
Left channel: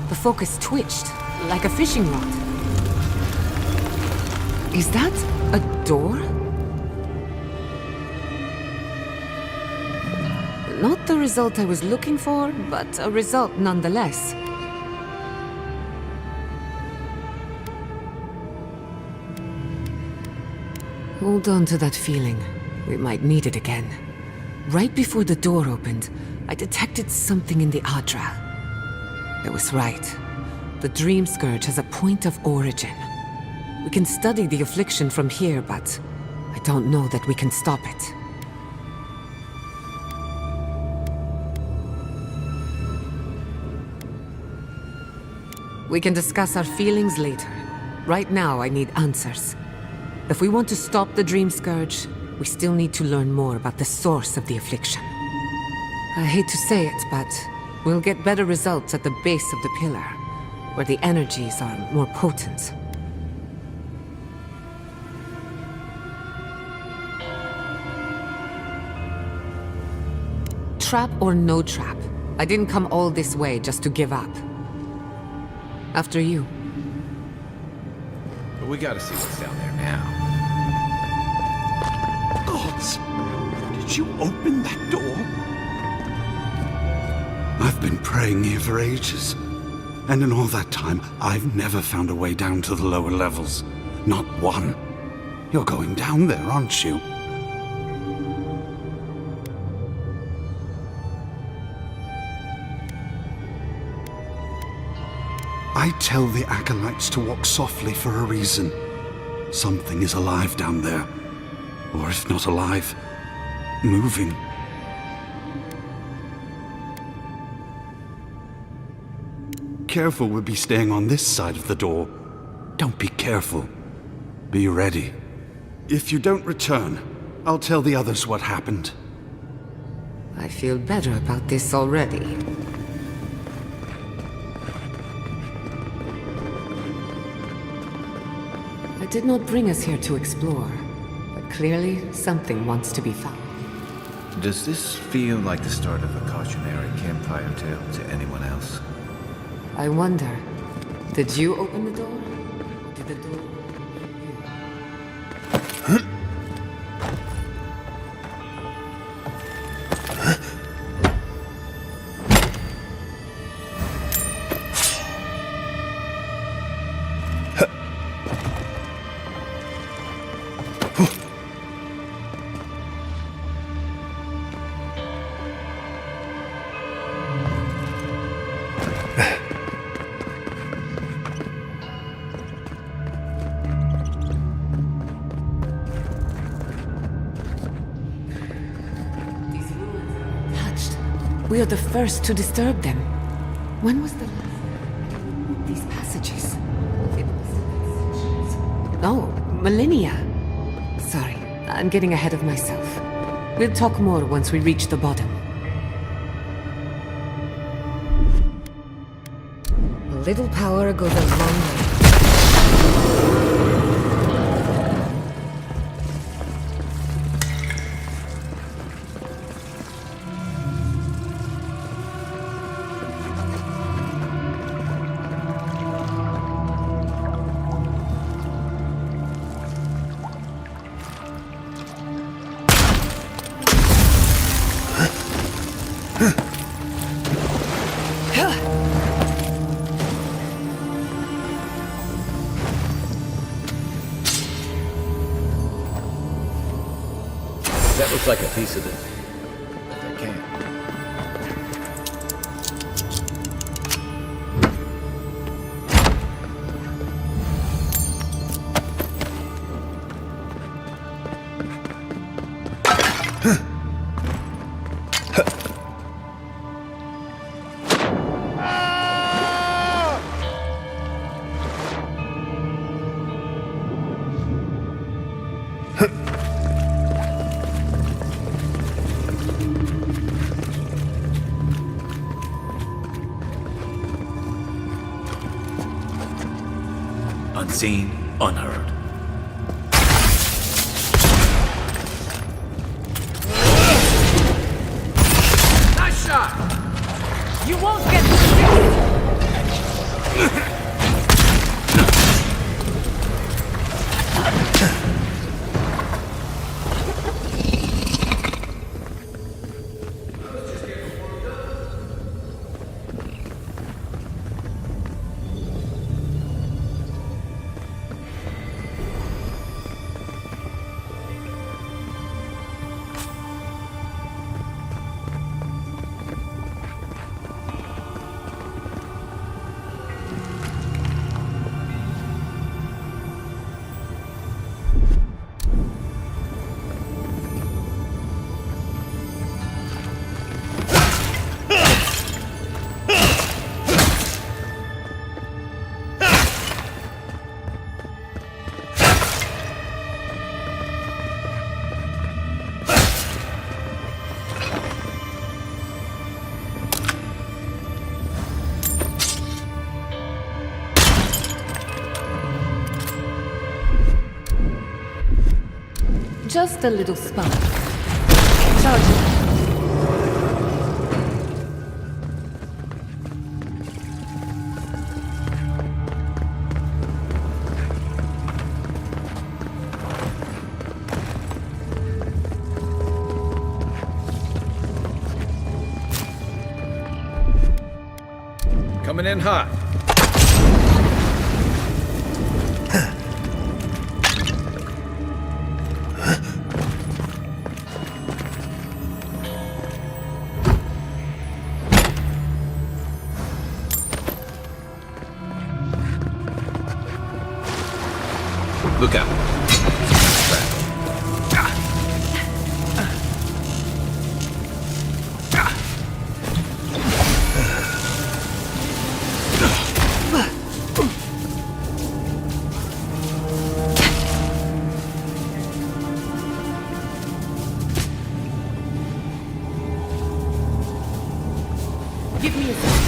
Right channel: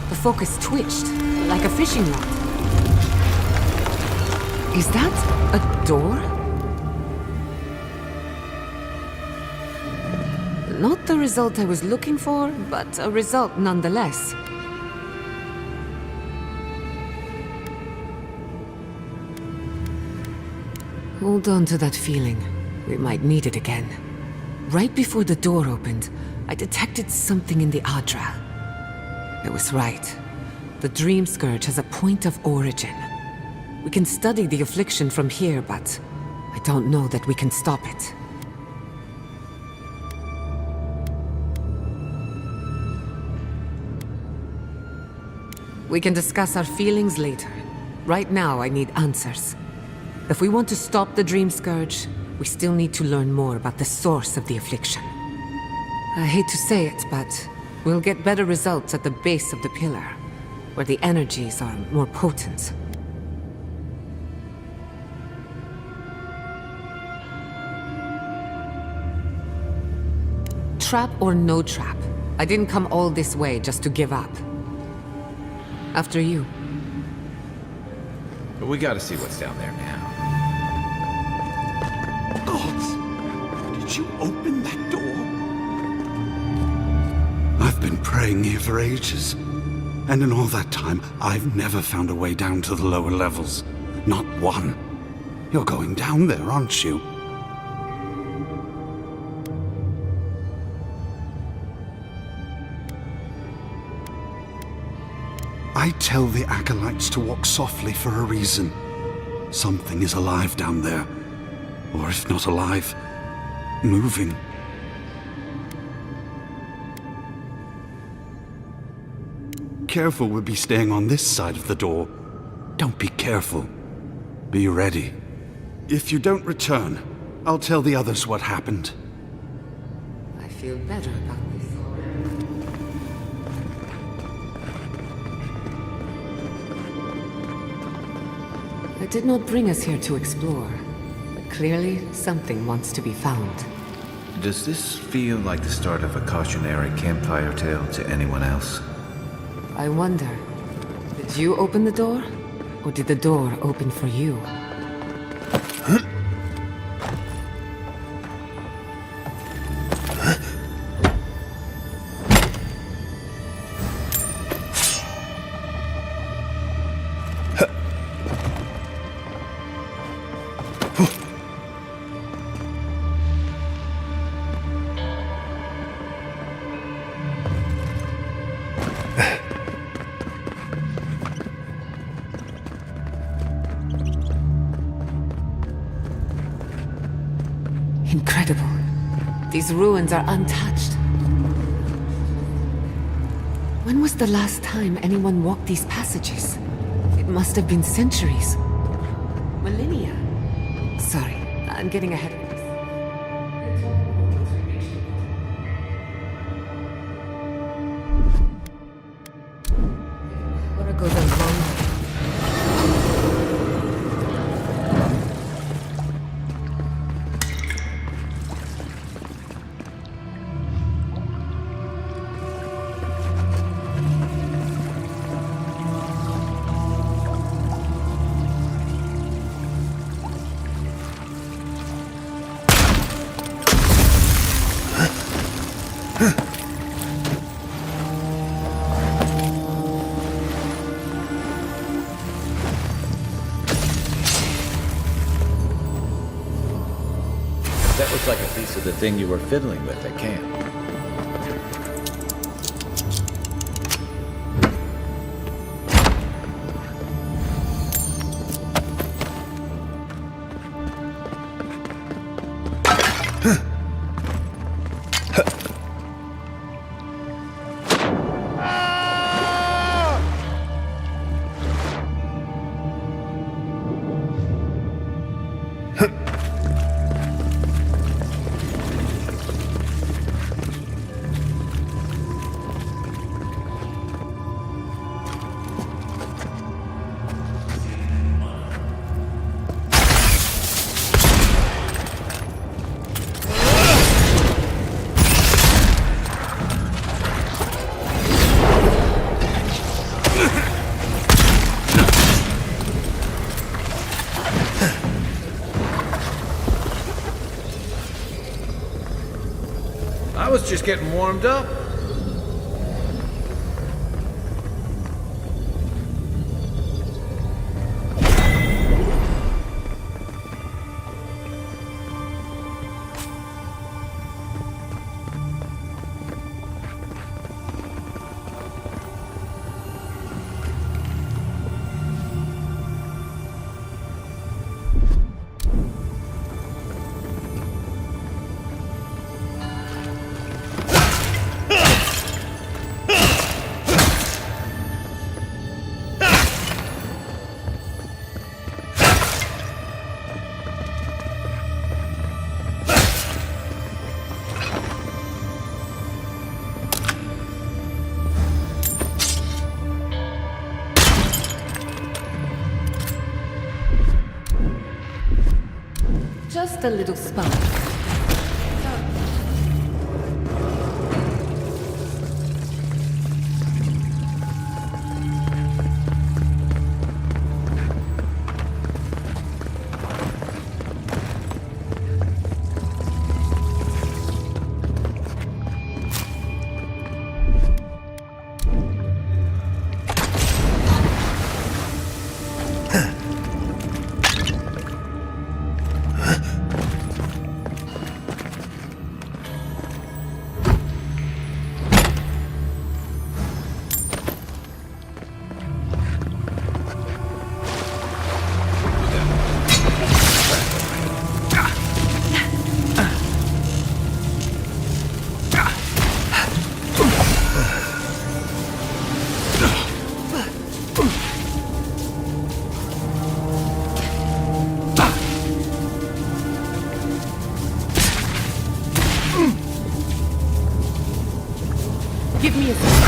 The focus twitched, like a fishing rod. Is that a door? Not the result I was looking for, but a result nonetheless. Hold on to that feeling. We might need it again. Right before the door opened, I detected something in the Adra. I was right. The Dream Scourge has a point of origin. We can study the affliction from here, but I don't know that we can stop it. We can discuss our feelings later. Right now, I need answers. If we want to stop the Dream Scourge, we still need to learn more about the source of the affliction. I hate to say it, but we'll get better results at the base of the pillar, where the energies are more potent. Trap or no trap, I didn't come all this way just to give up. After you. But we gotta see what's down there now. Gods! Did you open that door? I've been praying here for ages. And in all that time, I've never found a way down to the lower levels. Not one. You're going down there, aren't you? I tell the acolytes to walk softly for a reason. Something is alive down there. Or if not alive, moving. Careful, we'll be staying on this side of the door. Don't be careful. Be ready. If you don't return, I'll tell the others what happened. I feel better about this already. I did not bring us here to explore, but clearly something wants to be found. Does this feel like the start of a cautionary campfire tale to anyone else? I wonder, did you open the door? Or did the door open for you? Incredible. These ruins are untouched. We are the first to disturb them. When was the last time anyone walked these passages? It must have been centuries. No, millennia. Sorry, I'm getting ahead of myself. We'll talk more once we reach the bottom. A little power goes a long way. That looks like a piece of the thing you were fiddling with at camp. Unseen, unheard. Nice shot! You won't get I was just getting warmed up. Just a little spark. Charge it. Coming in hot. Look out. Give me a second.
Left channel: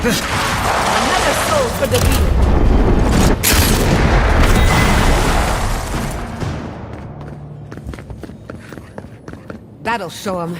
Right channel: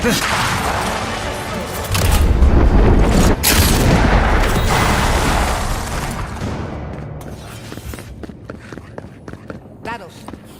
Another soul for the That'll show him.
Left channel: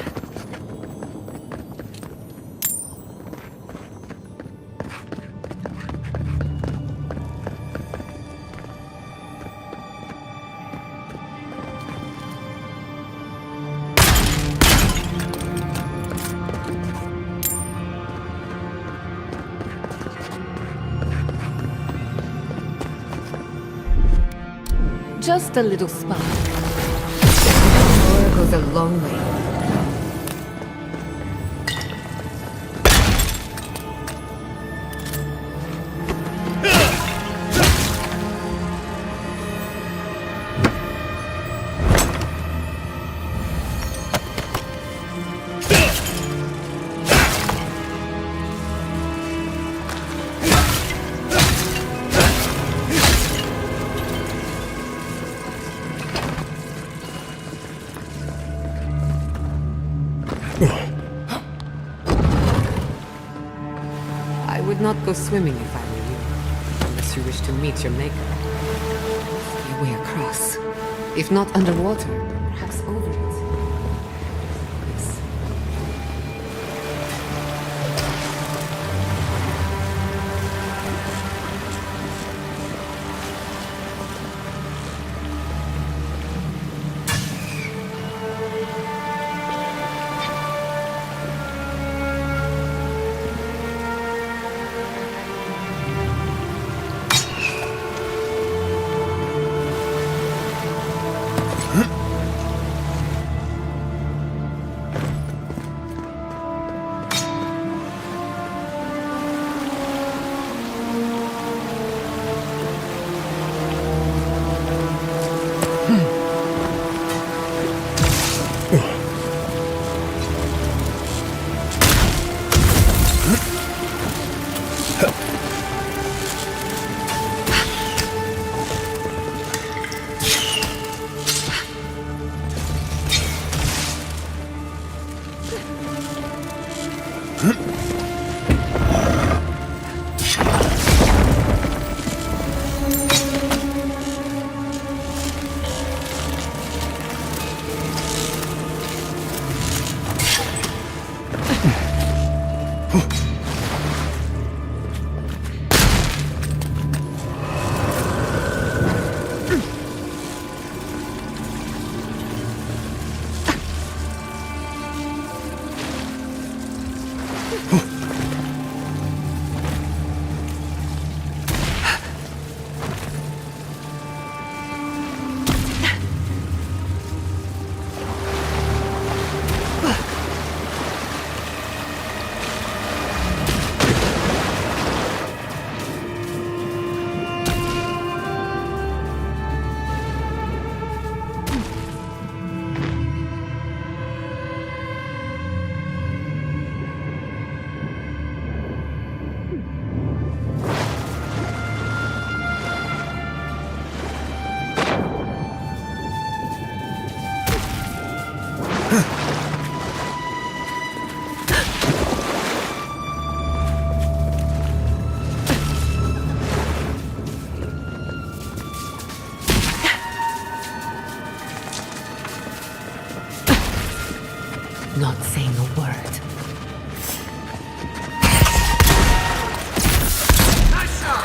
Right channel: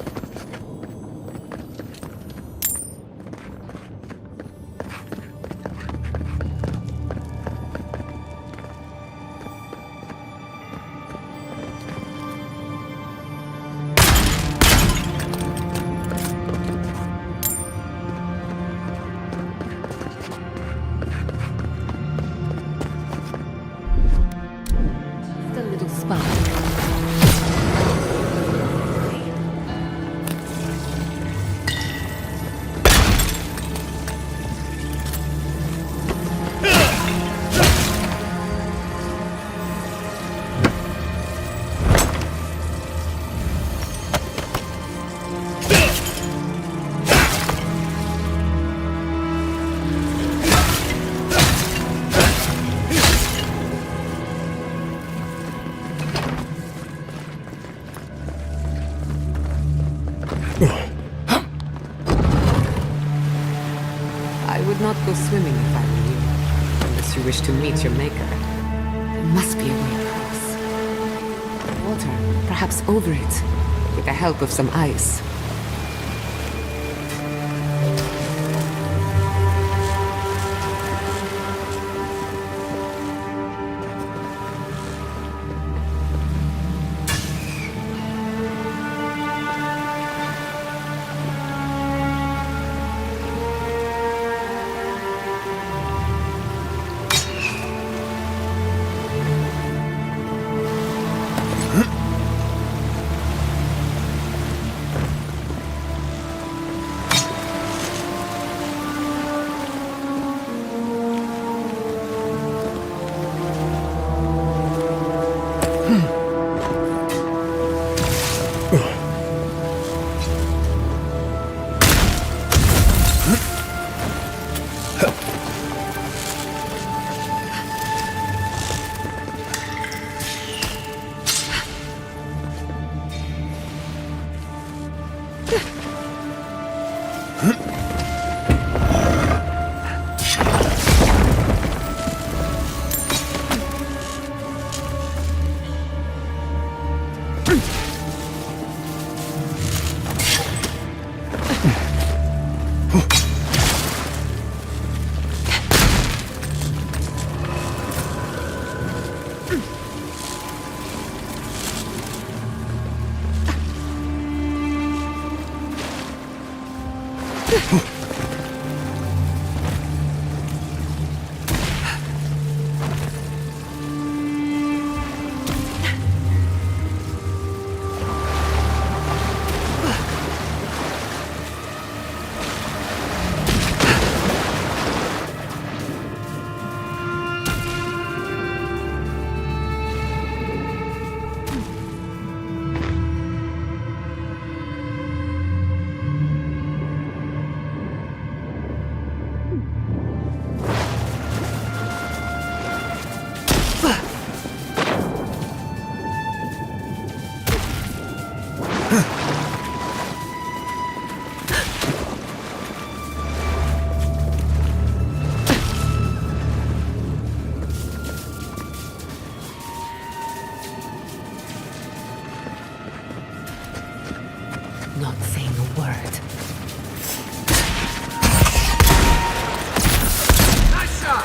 Just a little spark. Goes a long way. I would not go swimming if I were you, unless you wish to meet your maker. There must be a way across. If not underwater, perhaps over it, with the help of some ice. Not saying a word. Nice shot!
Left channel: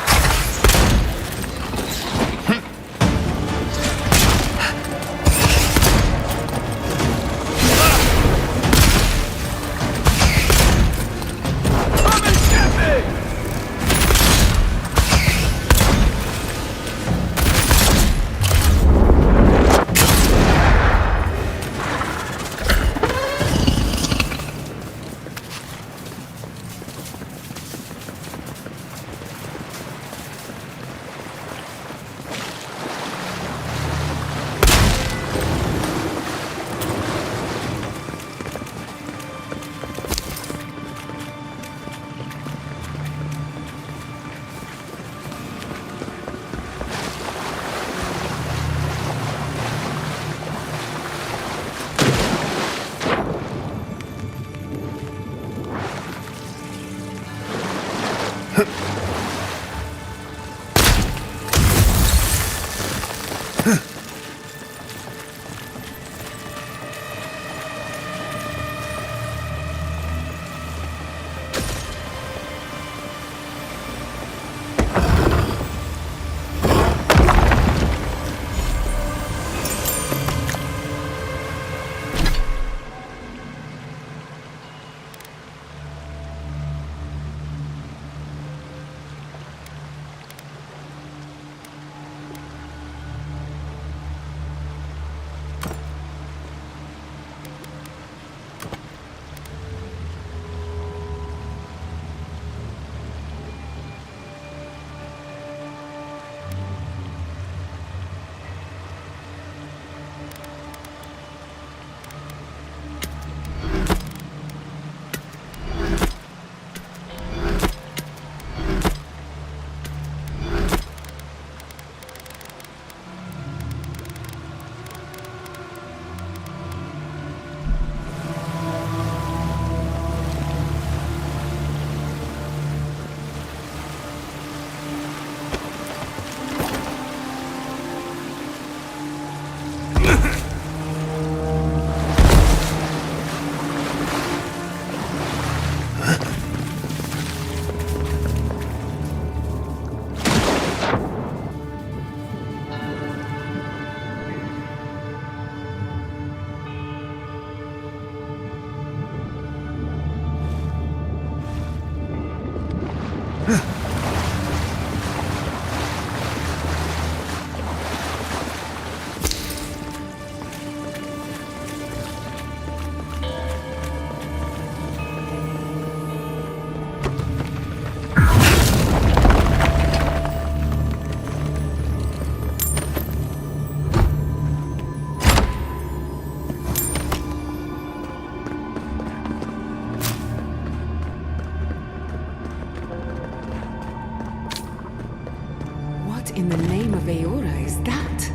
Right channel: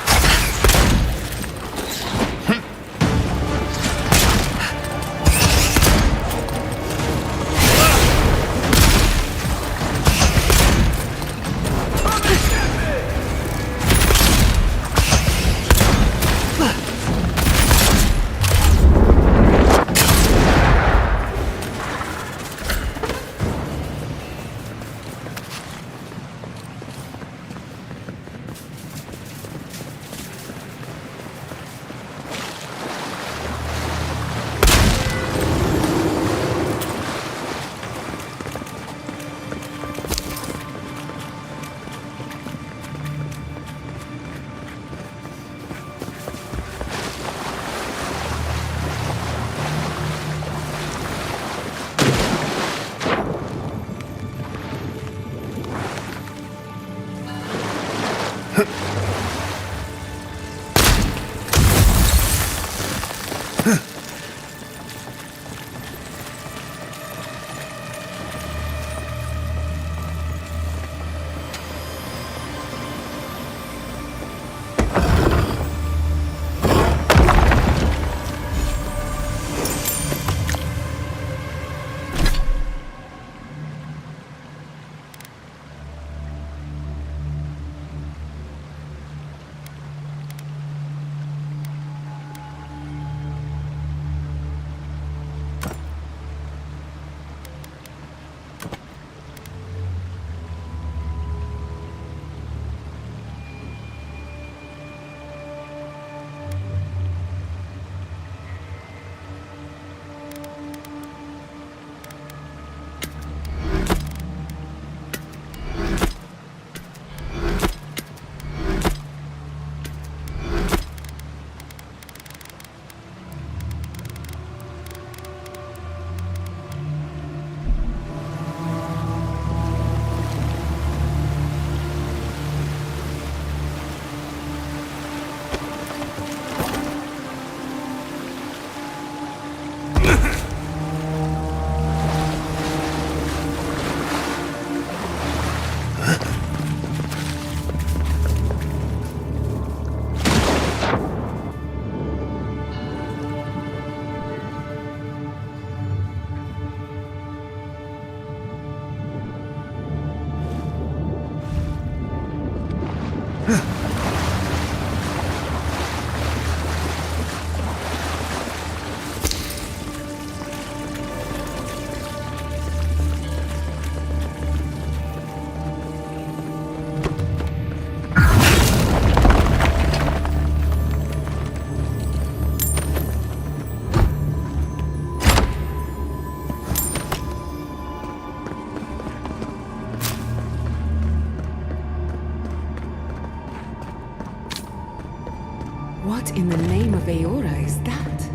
What in the name of Aora is that?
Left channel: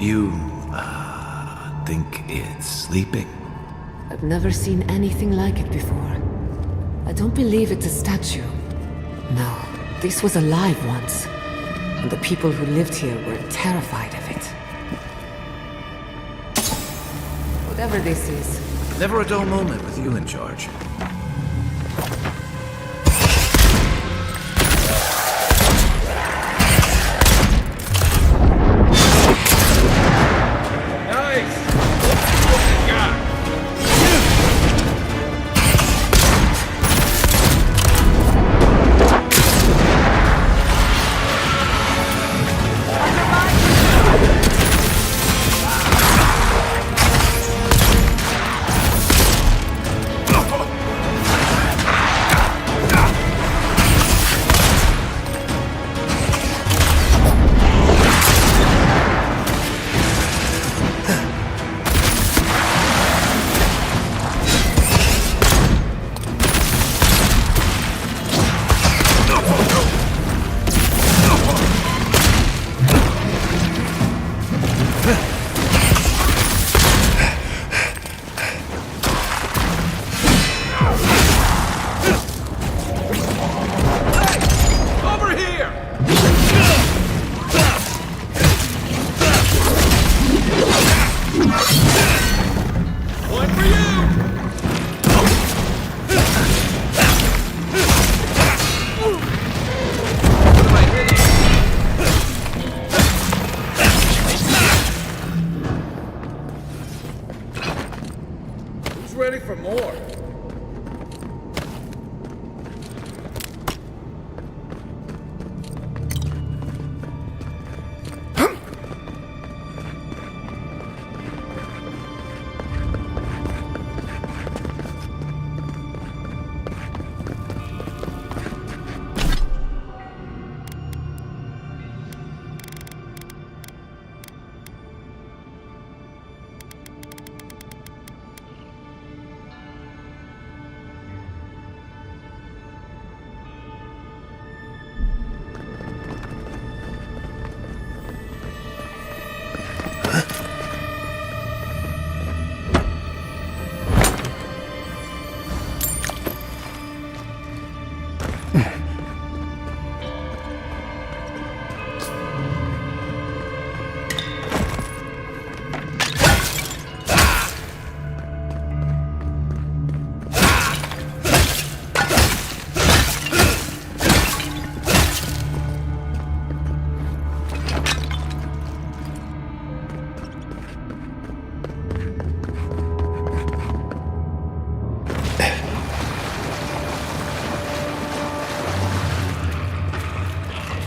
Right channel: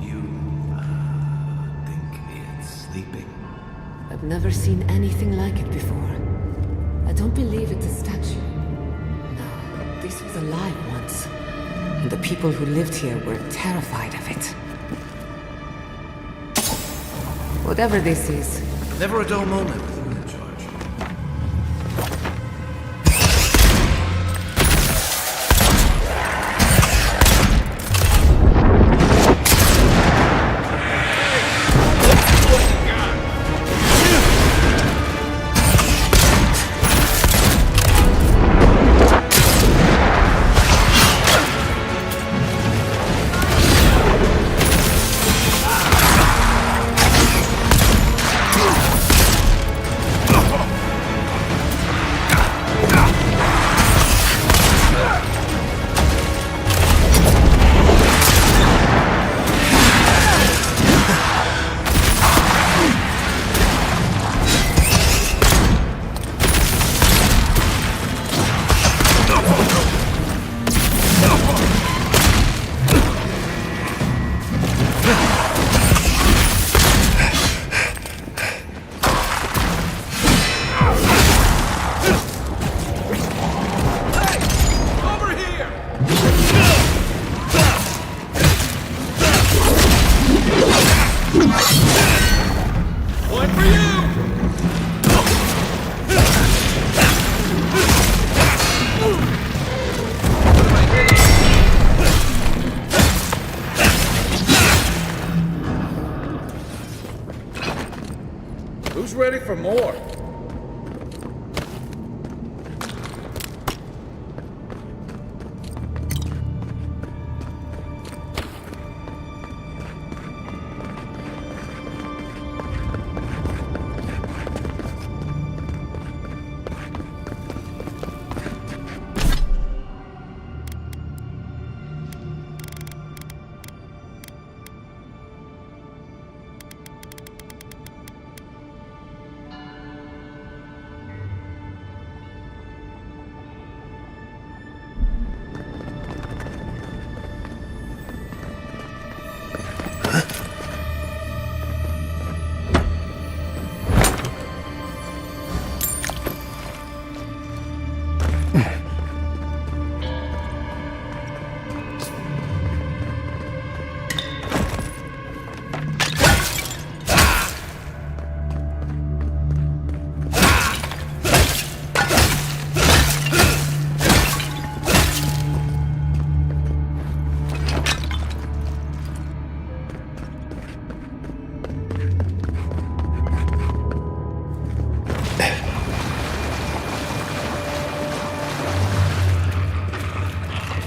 You, think it's sleeping? I've never seen anything like it before. I don't believe it's a statue. No, this was alive once. And the people who lived here were terrified of it. Whatever this is. Never a dull moment with you in charge. Who's ready for more?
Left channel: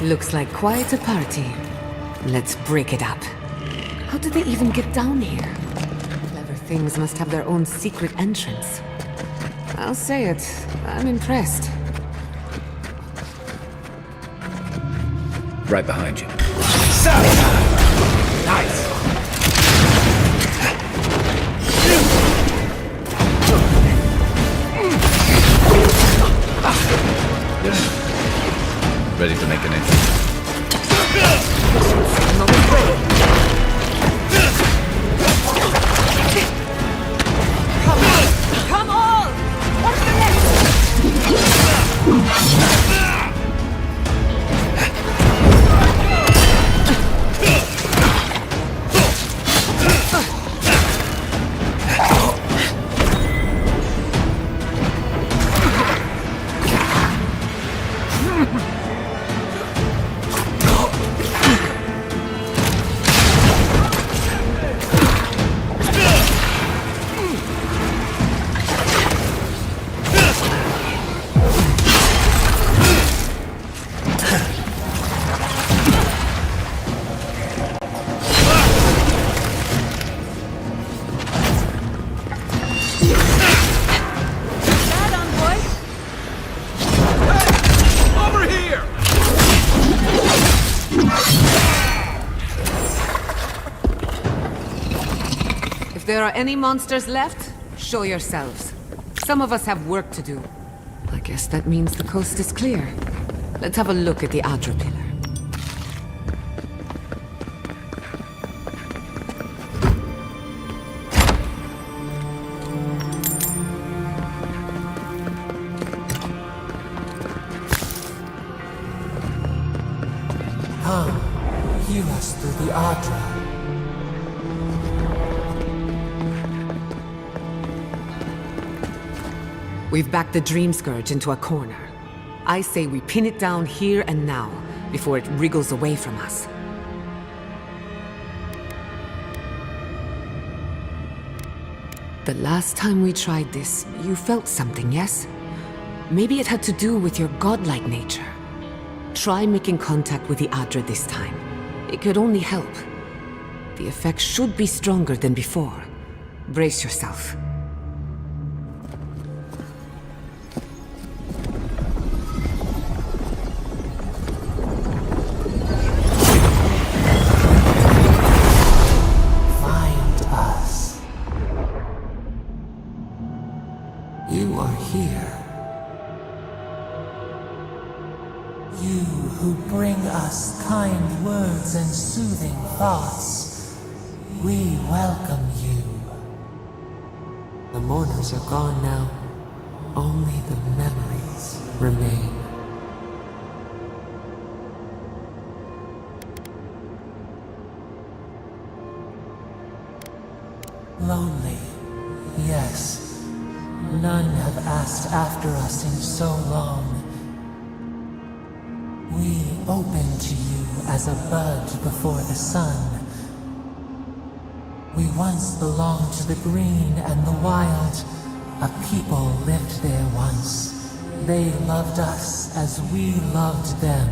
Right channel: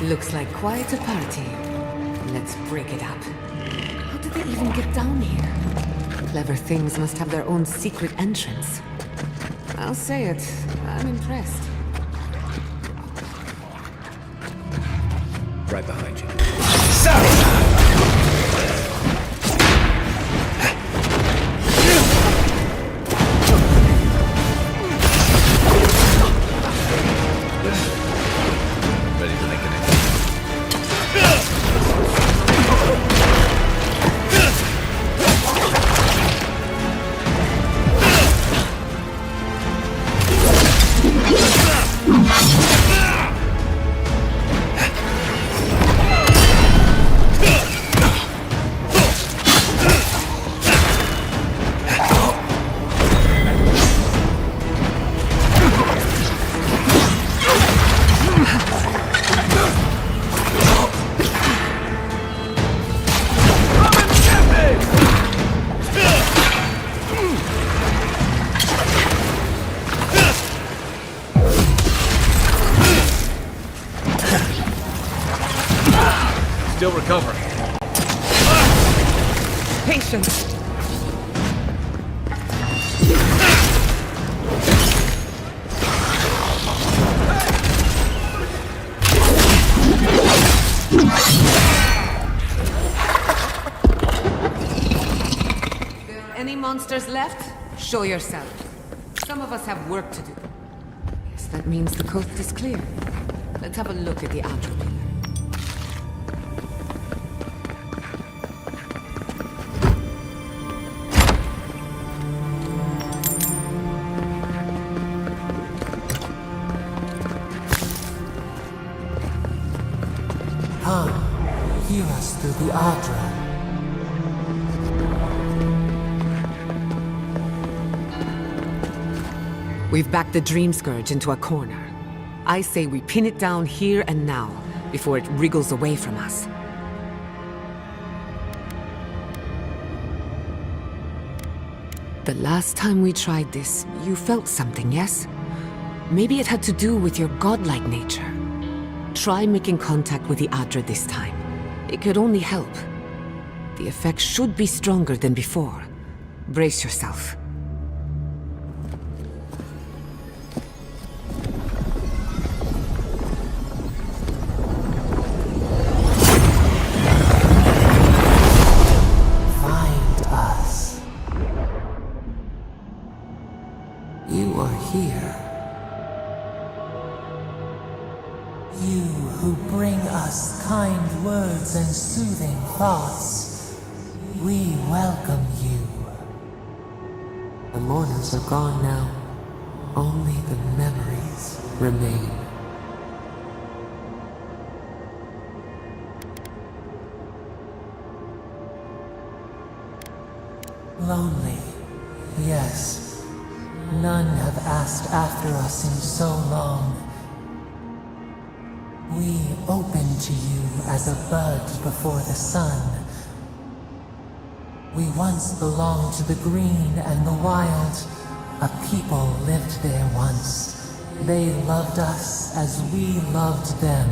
Looks like quite a party. Let's break it up. How did they even get down here? Clever things must have their own secret entrance. I'll say it, I'm impressed. Right behind you. Ready to make an entry. Come on! Still recovering. Patience. Head on, boy. Hey! Over here! If there are any monsters left, show yourselves. Some of us have work to do. I guess that means the coast is clear. Let's have a look at the Adra pillar. Come, hear us through the Adra. We've backed the Dream Scourge into a corner. I say we pin it down here and now, before it wriggles away from us. The last time we tried this, you felt something, yes? Maybe it had to do with your godlike nature. Try making contact with the Adra this time. It could only help. The effect should be stronger than before. Brace yourself. Find us. You are here. You who bring us kind words and soothing thoughts, we welcome you. The mourners are gone now. Only the memories remain. Lonely, yes. None have asked after us in so long. We open to you as a bud before the sun. We once belonged to the green and the wild. A people lived there once. They loved us as we loved them.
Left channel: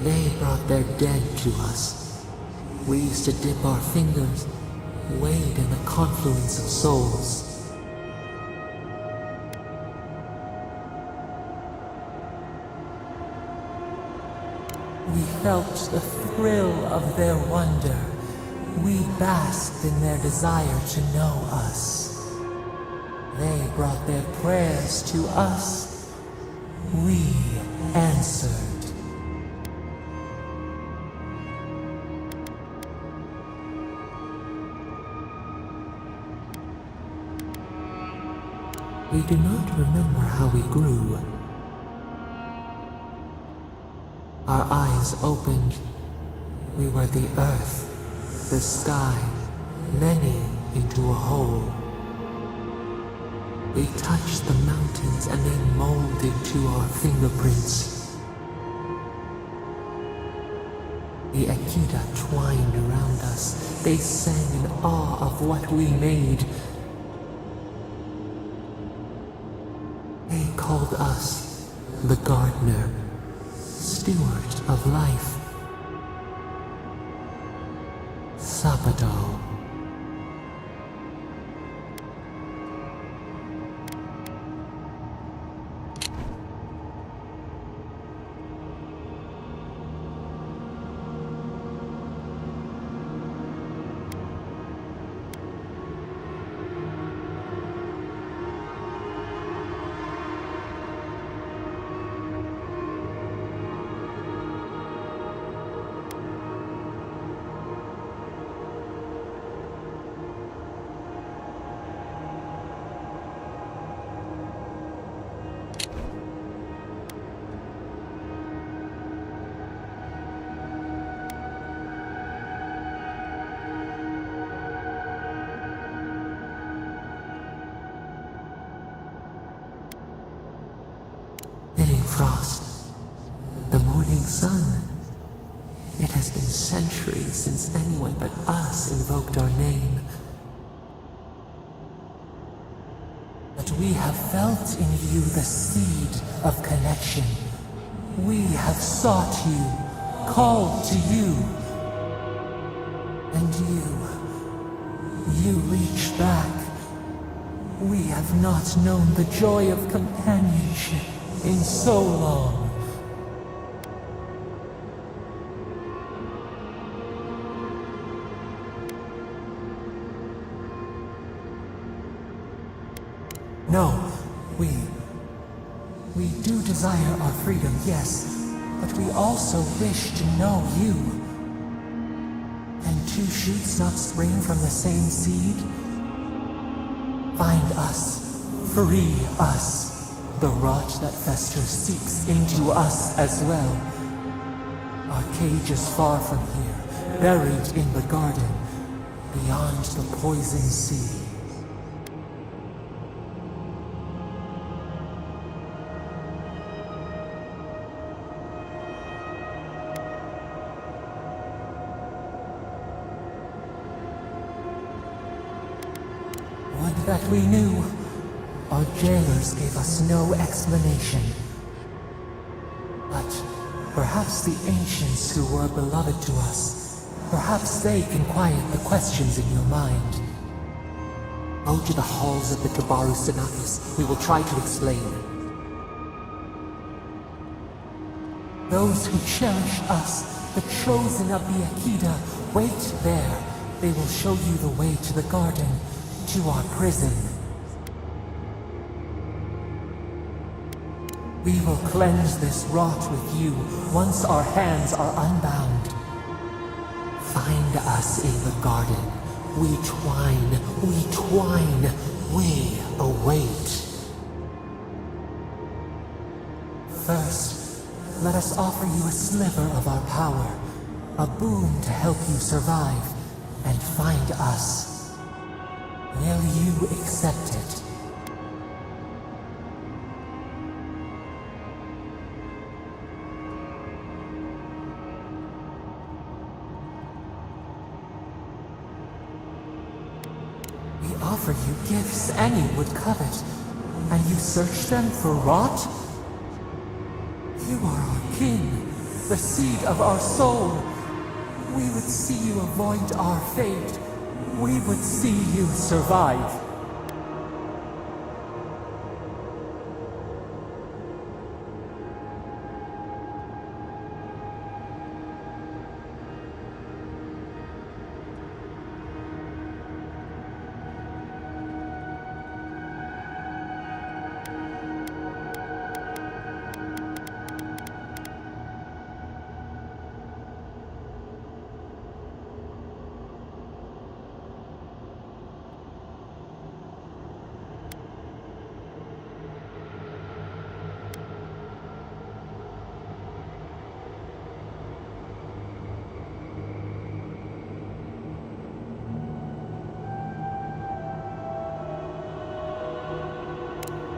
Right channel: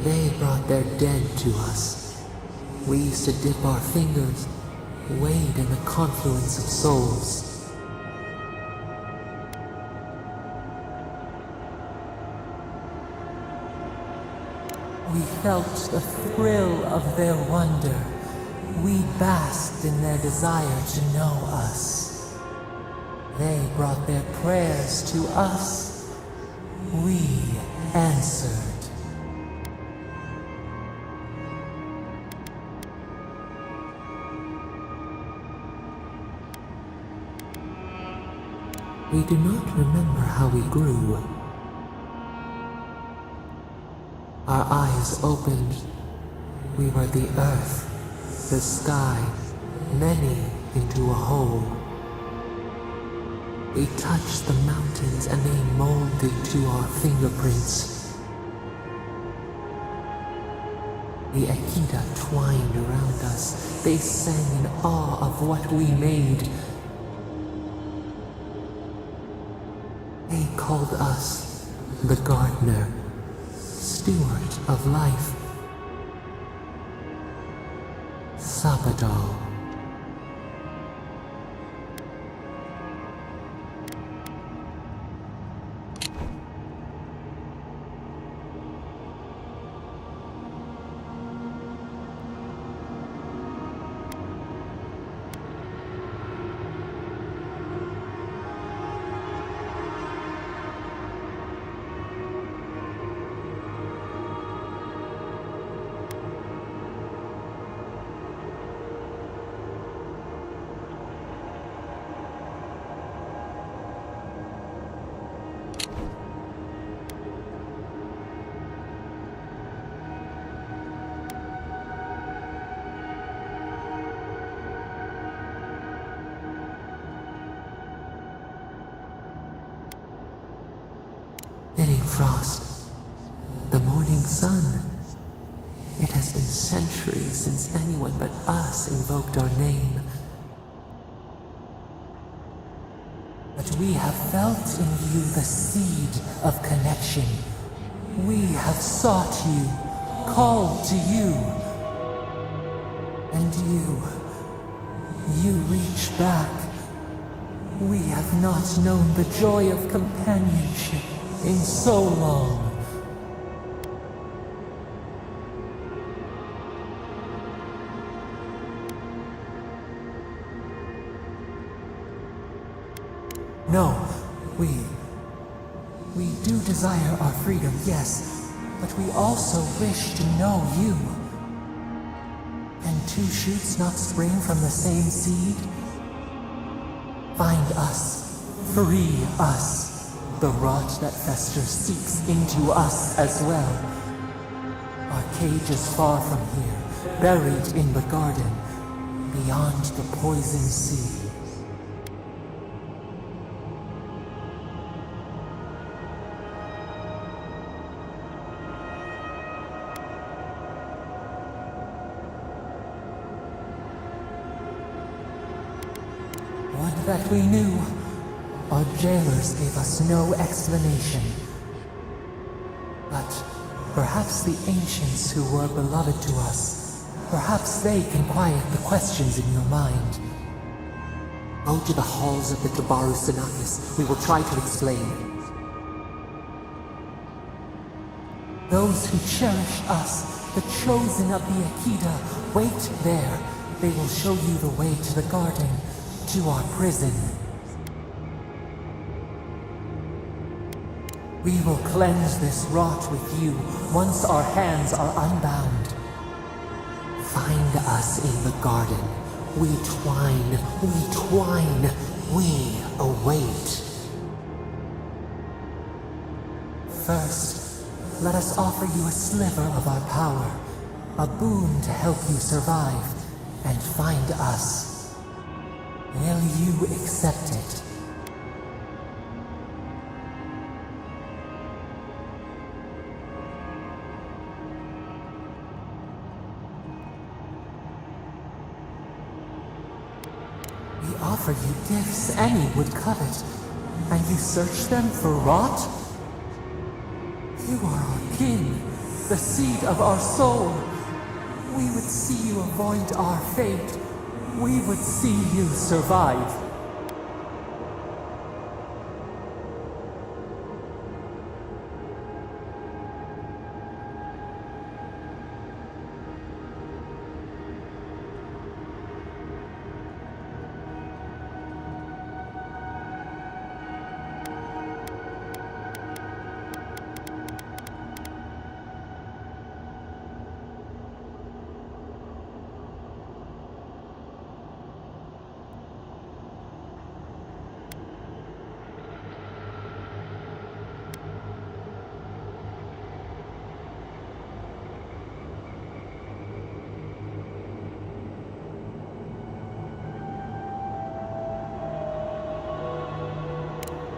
They brought their dead to us. We used to dip our fingers, wade in the confluence of souls. We felt the thrill of their wonder. We basked in their desire to know us. They brought their prayers to us. We answered. We do not remember how we grew. Our eyes opened. We were the earth, the sky, many into a whole. We touched the mountains and they molded to our fingerprints. The Akita twined around us. They sang in awe of what we made. They called us the gardener, steward of life. Sabado. Thinning frost, the morning sun. It has been centuries since anyone but us invoked our name. But we have felt in you the seed of connection. We have sought you, called to you. And you reach back. We have not known the joy of companionship in so long. No, we do desire our freedom, yes, but we also wish to know you. Can two shoots not spring from the same seed? Find us, free us. The rot that festers seeps into us as well. Our cage is far from here, buried in the garden, beyond the poison sea. Would that we knew. Our jailers gave us no explanation. But perhaps the ancients who were beloved to us, perhaps they can quiet the questions in your mind. Go to the halls of the Tabaru Sanakis. We will try to explain. Those who cherish us, the chosen of the Akida, wait there. They will show you the way to the garden, to our prison. We will cleanse this rot with you once our hands are unbound. Find us in the garden. We twine, we await. First, let us offer you a sliver of our power, a boon to help you survive and find us. Will you accept it? We offer you gifts any would covet, and you search them for rot? You are our kin, the seed of our soul. We would see you avoid our fate. We would see you survive.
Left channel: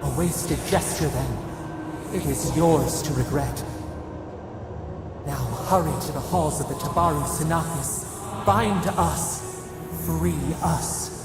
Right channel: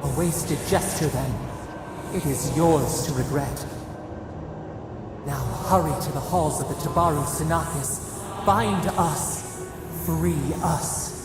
A wasted gesture, then. It is yours to regret. Now hurry to the halls of the Tabaru Sanakis. Bind us. Free us.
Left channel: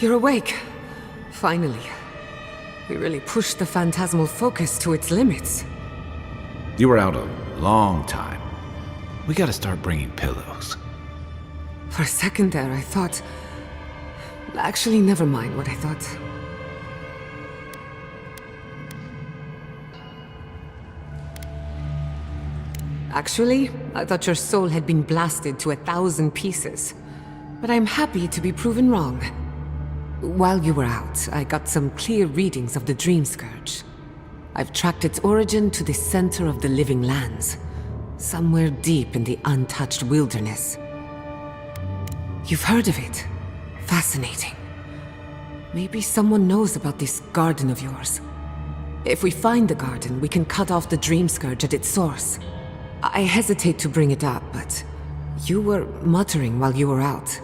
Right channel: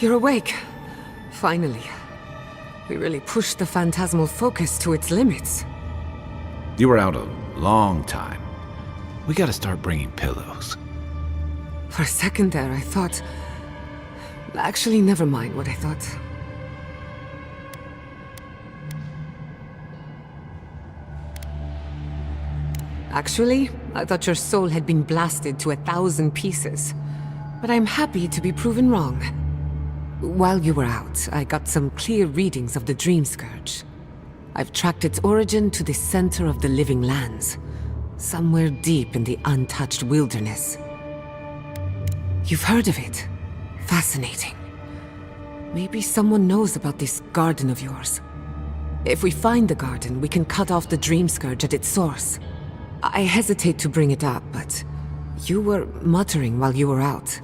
You're awake. Finally. We really pushed the phantasmal focus to its limits. You were out a long time. We gotta start bringing pillows. For a second there, I thought... Actually, never mind what I thought. Actually, I thought your soul had been blasted to 1,000 pieces. But I'm happy to be proven wrong. While you were out, I got some clear readings of the Dream Scourge. I've tracked its origin to the center of the living lands, somewhere deep in the untouched wilderness. You've heard of it? Fascinating. Maybe someone knows about this garden of yours. If we find the garden, we can cut off the Dream Scourge at its source. I hesitate to bring it up, but you were muttering while you were out.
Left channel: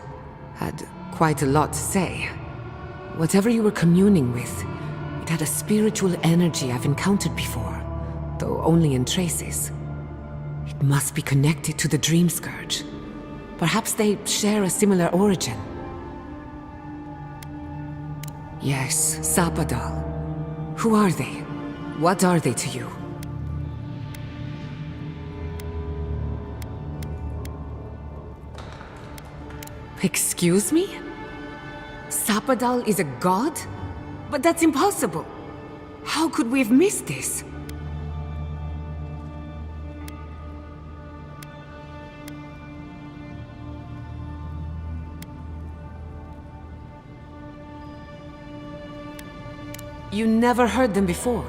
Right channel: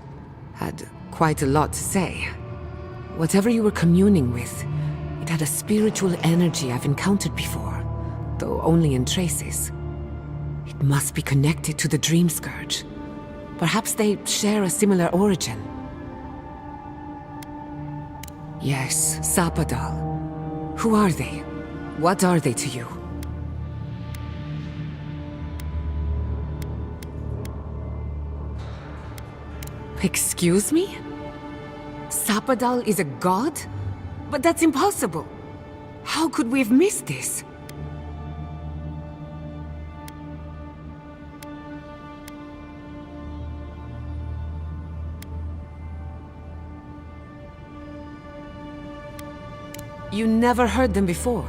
Had quite a lot to say. Whatever you were communing with, it had a spiritual energy I've encountered before, though only in traces. It must be connected to the Dream Scourge. Perhaps they share a similar origin. Yes, Sapadal. Who are they? What are they to you? Excuse me? Sapadal is a god? But that's impossible. How could we have missed this? You never heard them before?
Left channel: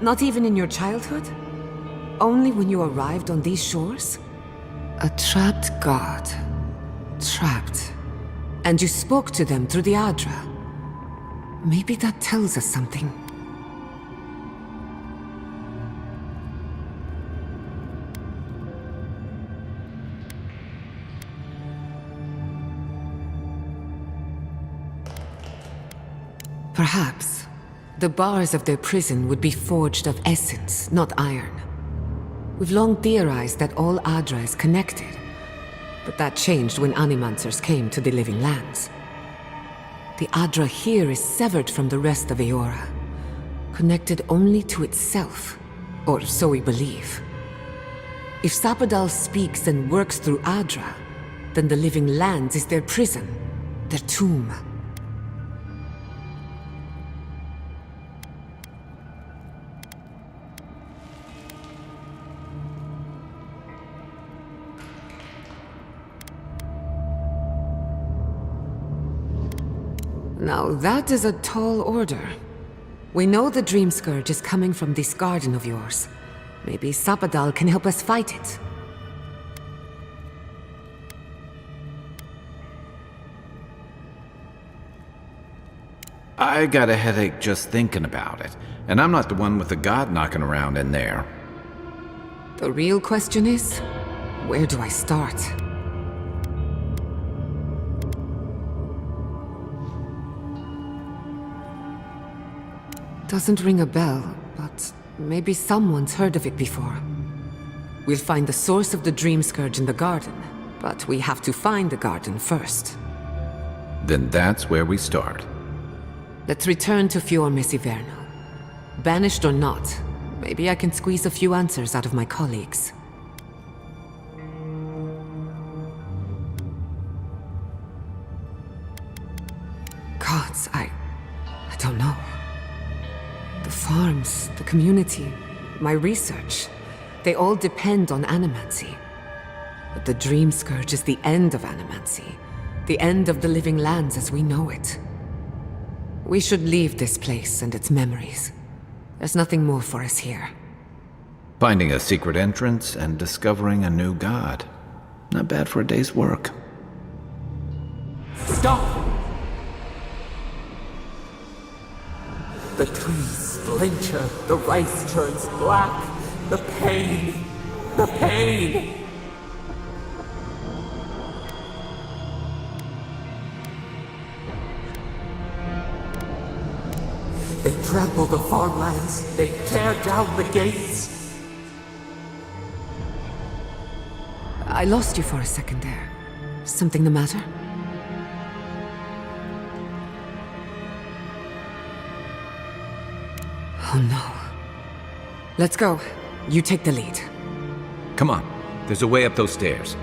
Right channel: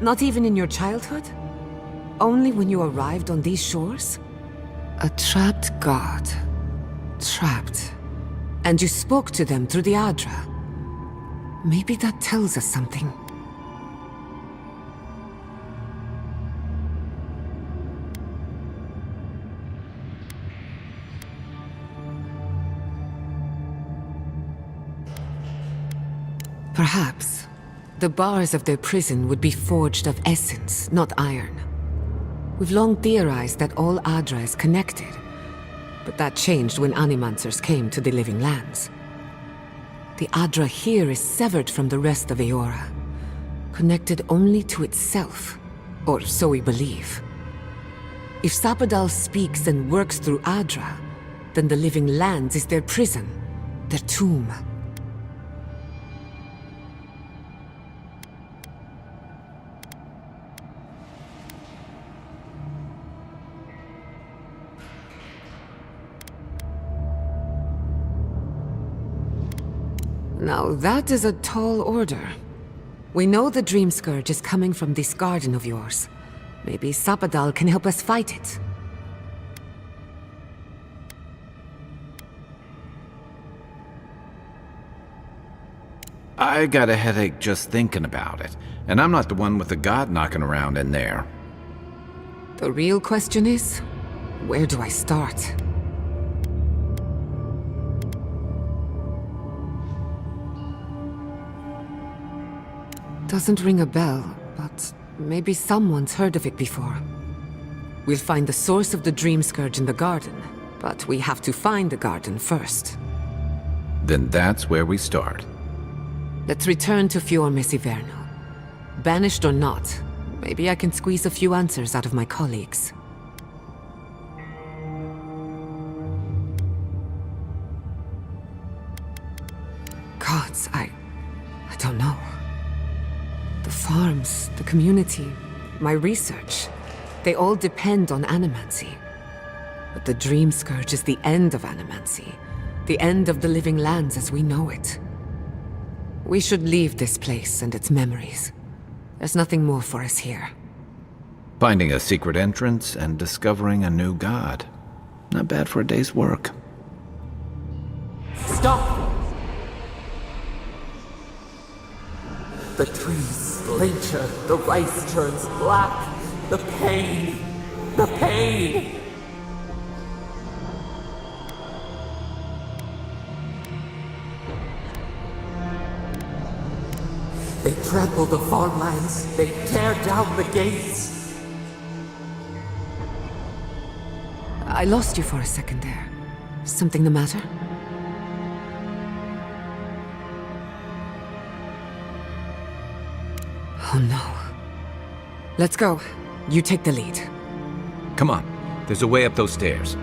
Not even in your childhood? Only when you arrived on these shores? A trapped god. Trapped. And you spoke to them through the Adra. Maybe that tells us something. Perhaps the bars of their prison would be forged of essence, not iron. We've long theorized that all Adra is connected, but that changed when Animancers came to the Living Lands. The Adra here is severed from the rest of Eora, connected only to itself, or so we believe. If Sapadal speaks and works through Adra, then the Living Lands is their prison, their tomb. Now that is a tall order. We know the Dream Scourge is coming from this garden of yours. Maybe Sapadal can help us fight it. I got a headache just thinking about it, and I'm not the one with the god knocking around in there. The real question is, where do I start? Doesn't ring a bell, but maybe someone's heard of it before. We'll find the source of the Dream Scourge in the garden, but we have to find the garden first. Then that's where we start. Let's return to Fior Mesiverno. Banished or not, maybe I can squeeze a few answers out of my colleagues. Gods, I don't know. The farms, the community, my research, they all depend on animancy. But the Dream Scourge is the end of animancy, the end of the Living Lands as we know it. We should leave this place and its memories. There's nothing more for us here. Finding a secret entrance and discovering a new god. Not bad for a day's work. Stop! The trees splinter, the rice turns black. The pain! The pain! They trample the farmlands, they tear down the gates. I lost you for a second there. Something the matter? Oh no. Let's go. You take the lead. Come on, there's a way up those stairs.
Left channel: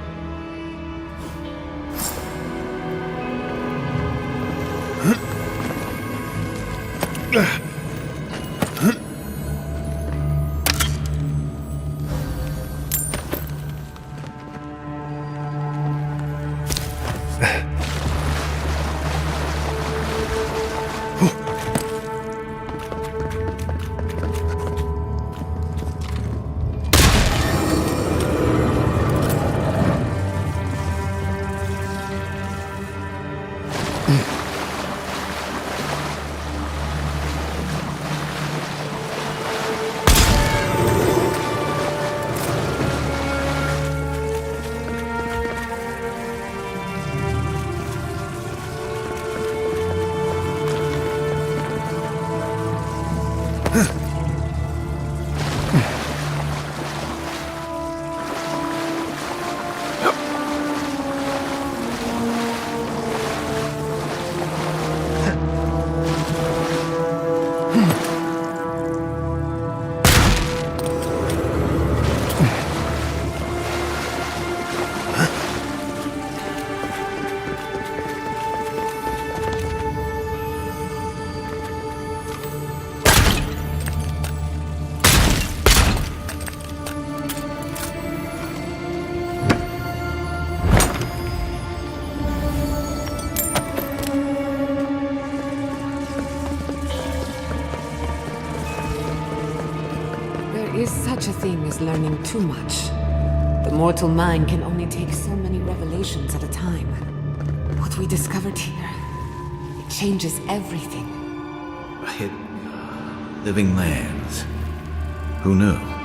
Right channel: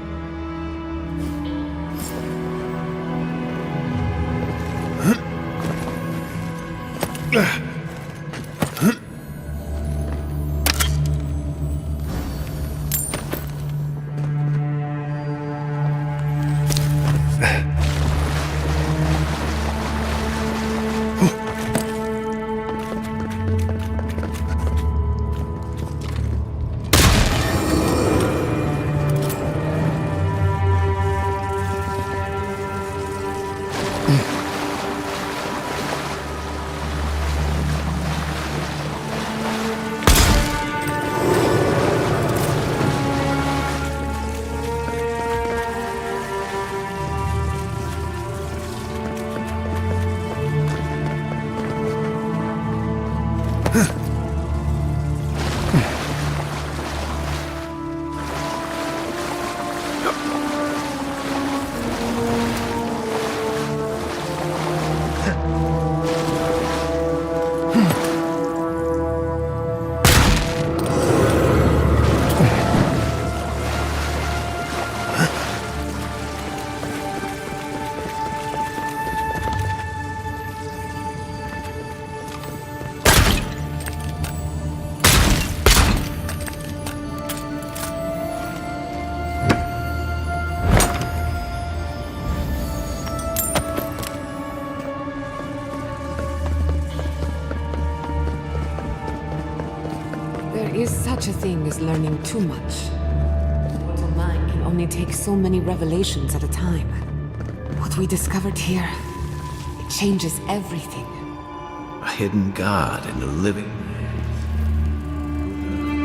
There is such a thing as learning too much. The mortal mind can only take so many revelations at a time. What we discovered here, it changes everything. A hidden god in the living lands. Who knew?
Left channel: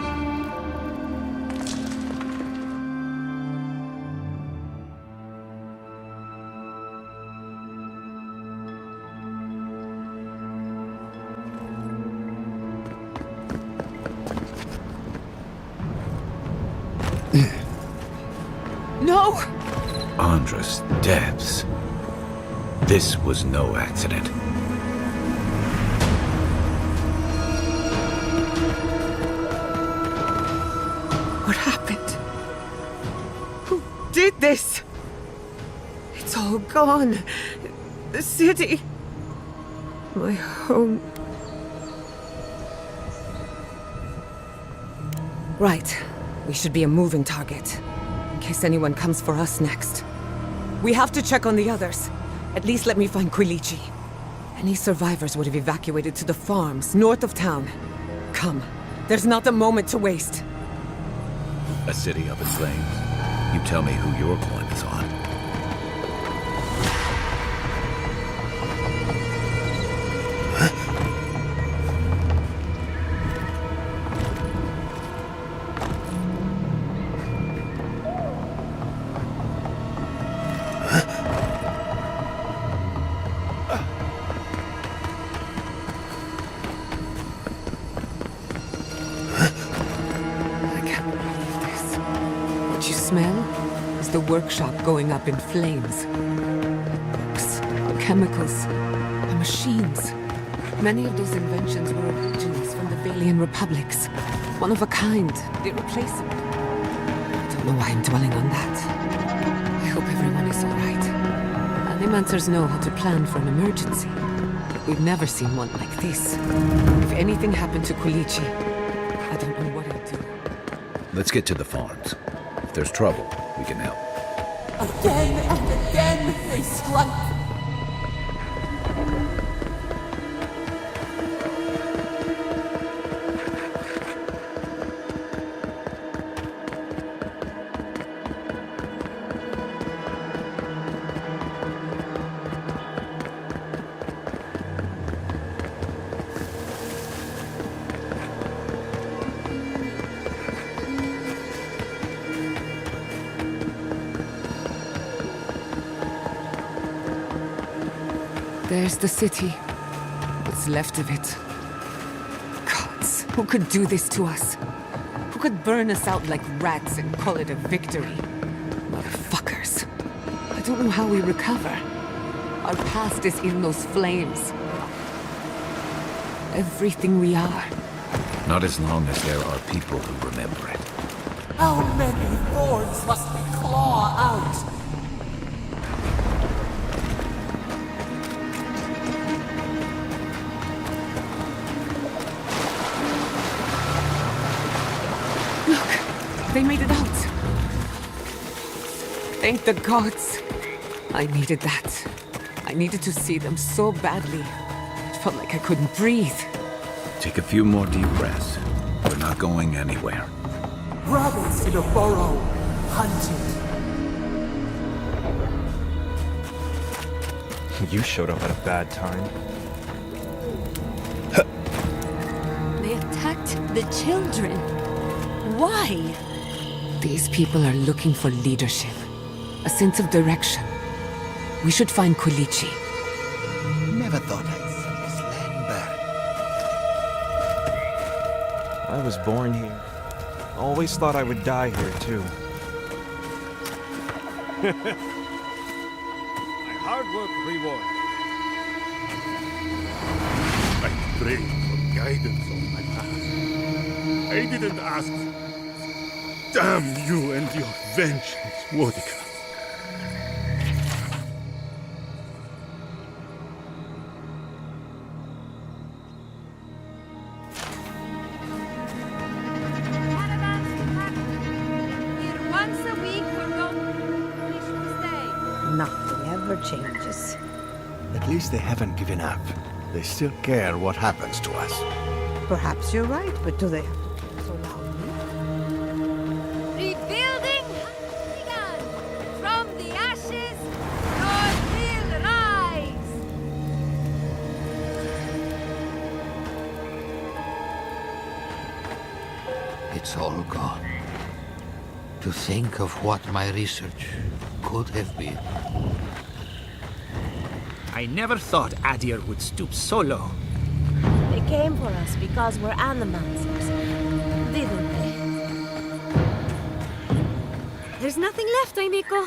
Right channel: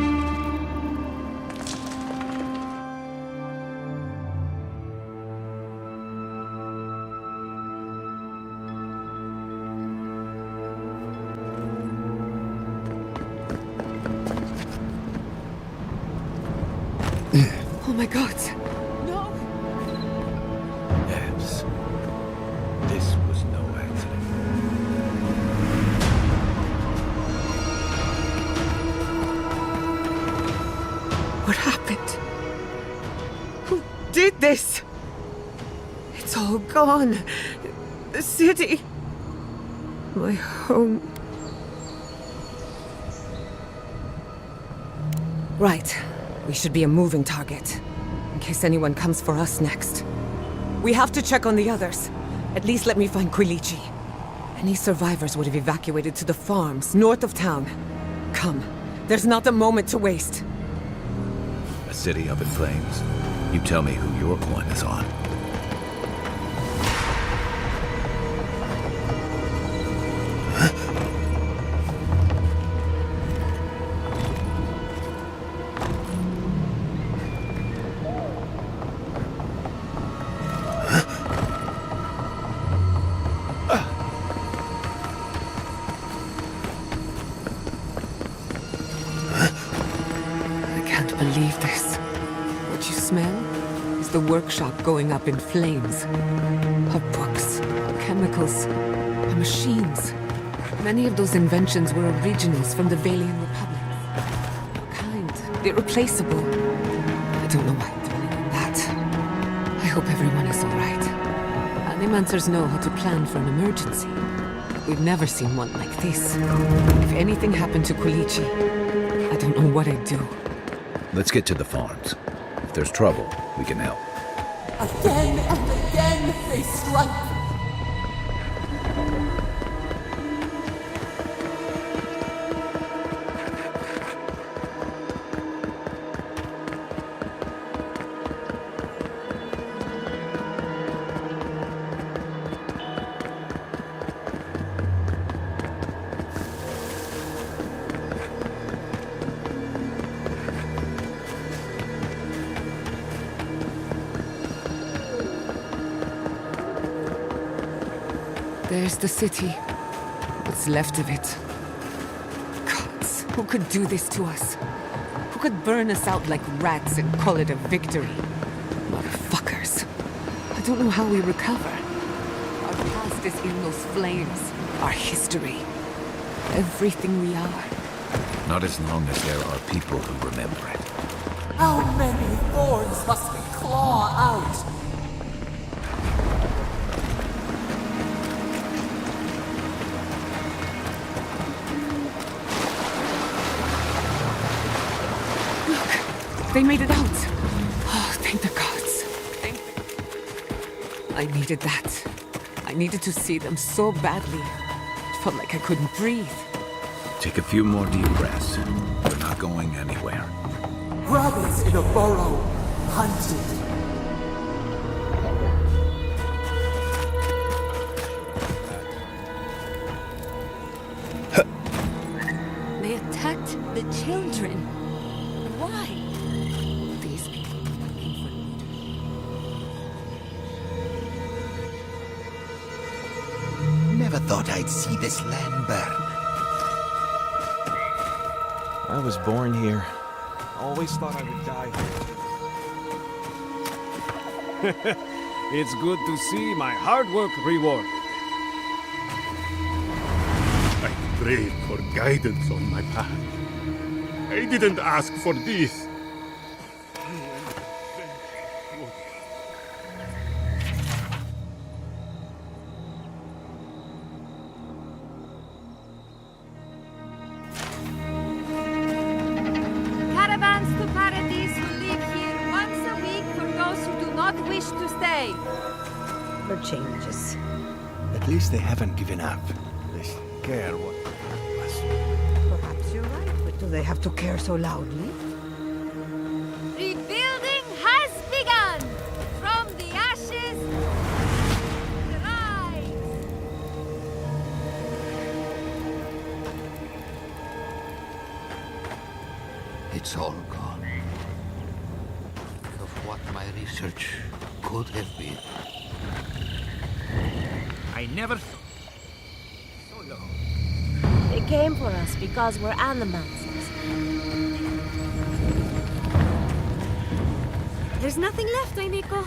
Oh my god. No! Andra's depths. This was no accident. What happened? Who did this? It's all gone. The city. My home. Right. We should be a moving target. In case anyone comes for us next. We have to check on the others. At least let me find Quilichi. Any survivors would have evacuated to the farms north of town. Come. There's not a moment to waste. A city up in flames? You tell me who your coin is on. What you smell is the workshop going up in flames. Our books, our chemicals, our machines. Many of those inventions were originals from the Valian republics. One of a kind, irreplaceable. I don't know why I'm dwelling on that. I hope everyone is all right. Animancers know how to plan for an emergency. We've never seen one like this. If anything happened to Quilichi, I don't know what I'd do. Let's get to the farms. If there's trouble, we can help. Again and again they strike. There's the city. What's left of it. Gods, who could do this to us? Who could burn us out like rats and call it a victory? Motherfuckers. I don't know how we recover. Our past is in those flames. Our history. Everything we are. Not as long as there are people who remember it. How many thorns must we claw out? They made it out! Oh, thank the gods. Thank the gods. I needed that. I needed to see them so badly. It felt like I couldn't breathe. Take a few more deep breaths. We're not going anywhere. Rabbits in a burrow, hunted. You showed up at a bad time. They attacked the children. Why? These people are looking for leadership. A sense of direction. We should find Quilichi. Never thought I'd see this land burn. I was born here. Always thought I would die here, too. It's good to see my hard work rewarded. I prayed for guidance on my path. I didn't ask for this. Damn you and your vengeance, Mordecai. Caravans to Paradise leave here once a week for those who do not wish to stay. Nothing ever changes. At least they haven't given up. They still care what happens to us. Perhaps you're right, but do they have to care so loudly? Rebuilding has begun! From the ashes, Lord will rise! It's all gone. To think of what my research could have been. I never thought Adir would stoop so low. They came for us because we're animancers, didn't they? There's nothing left, Aimiko.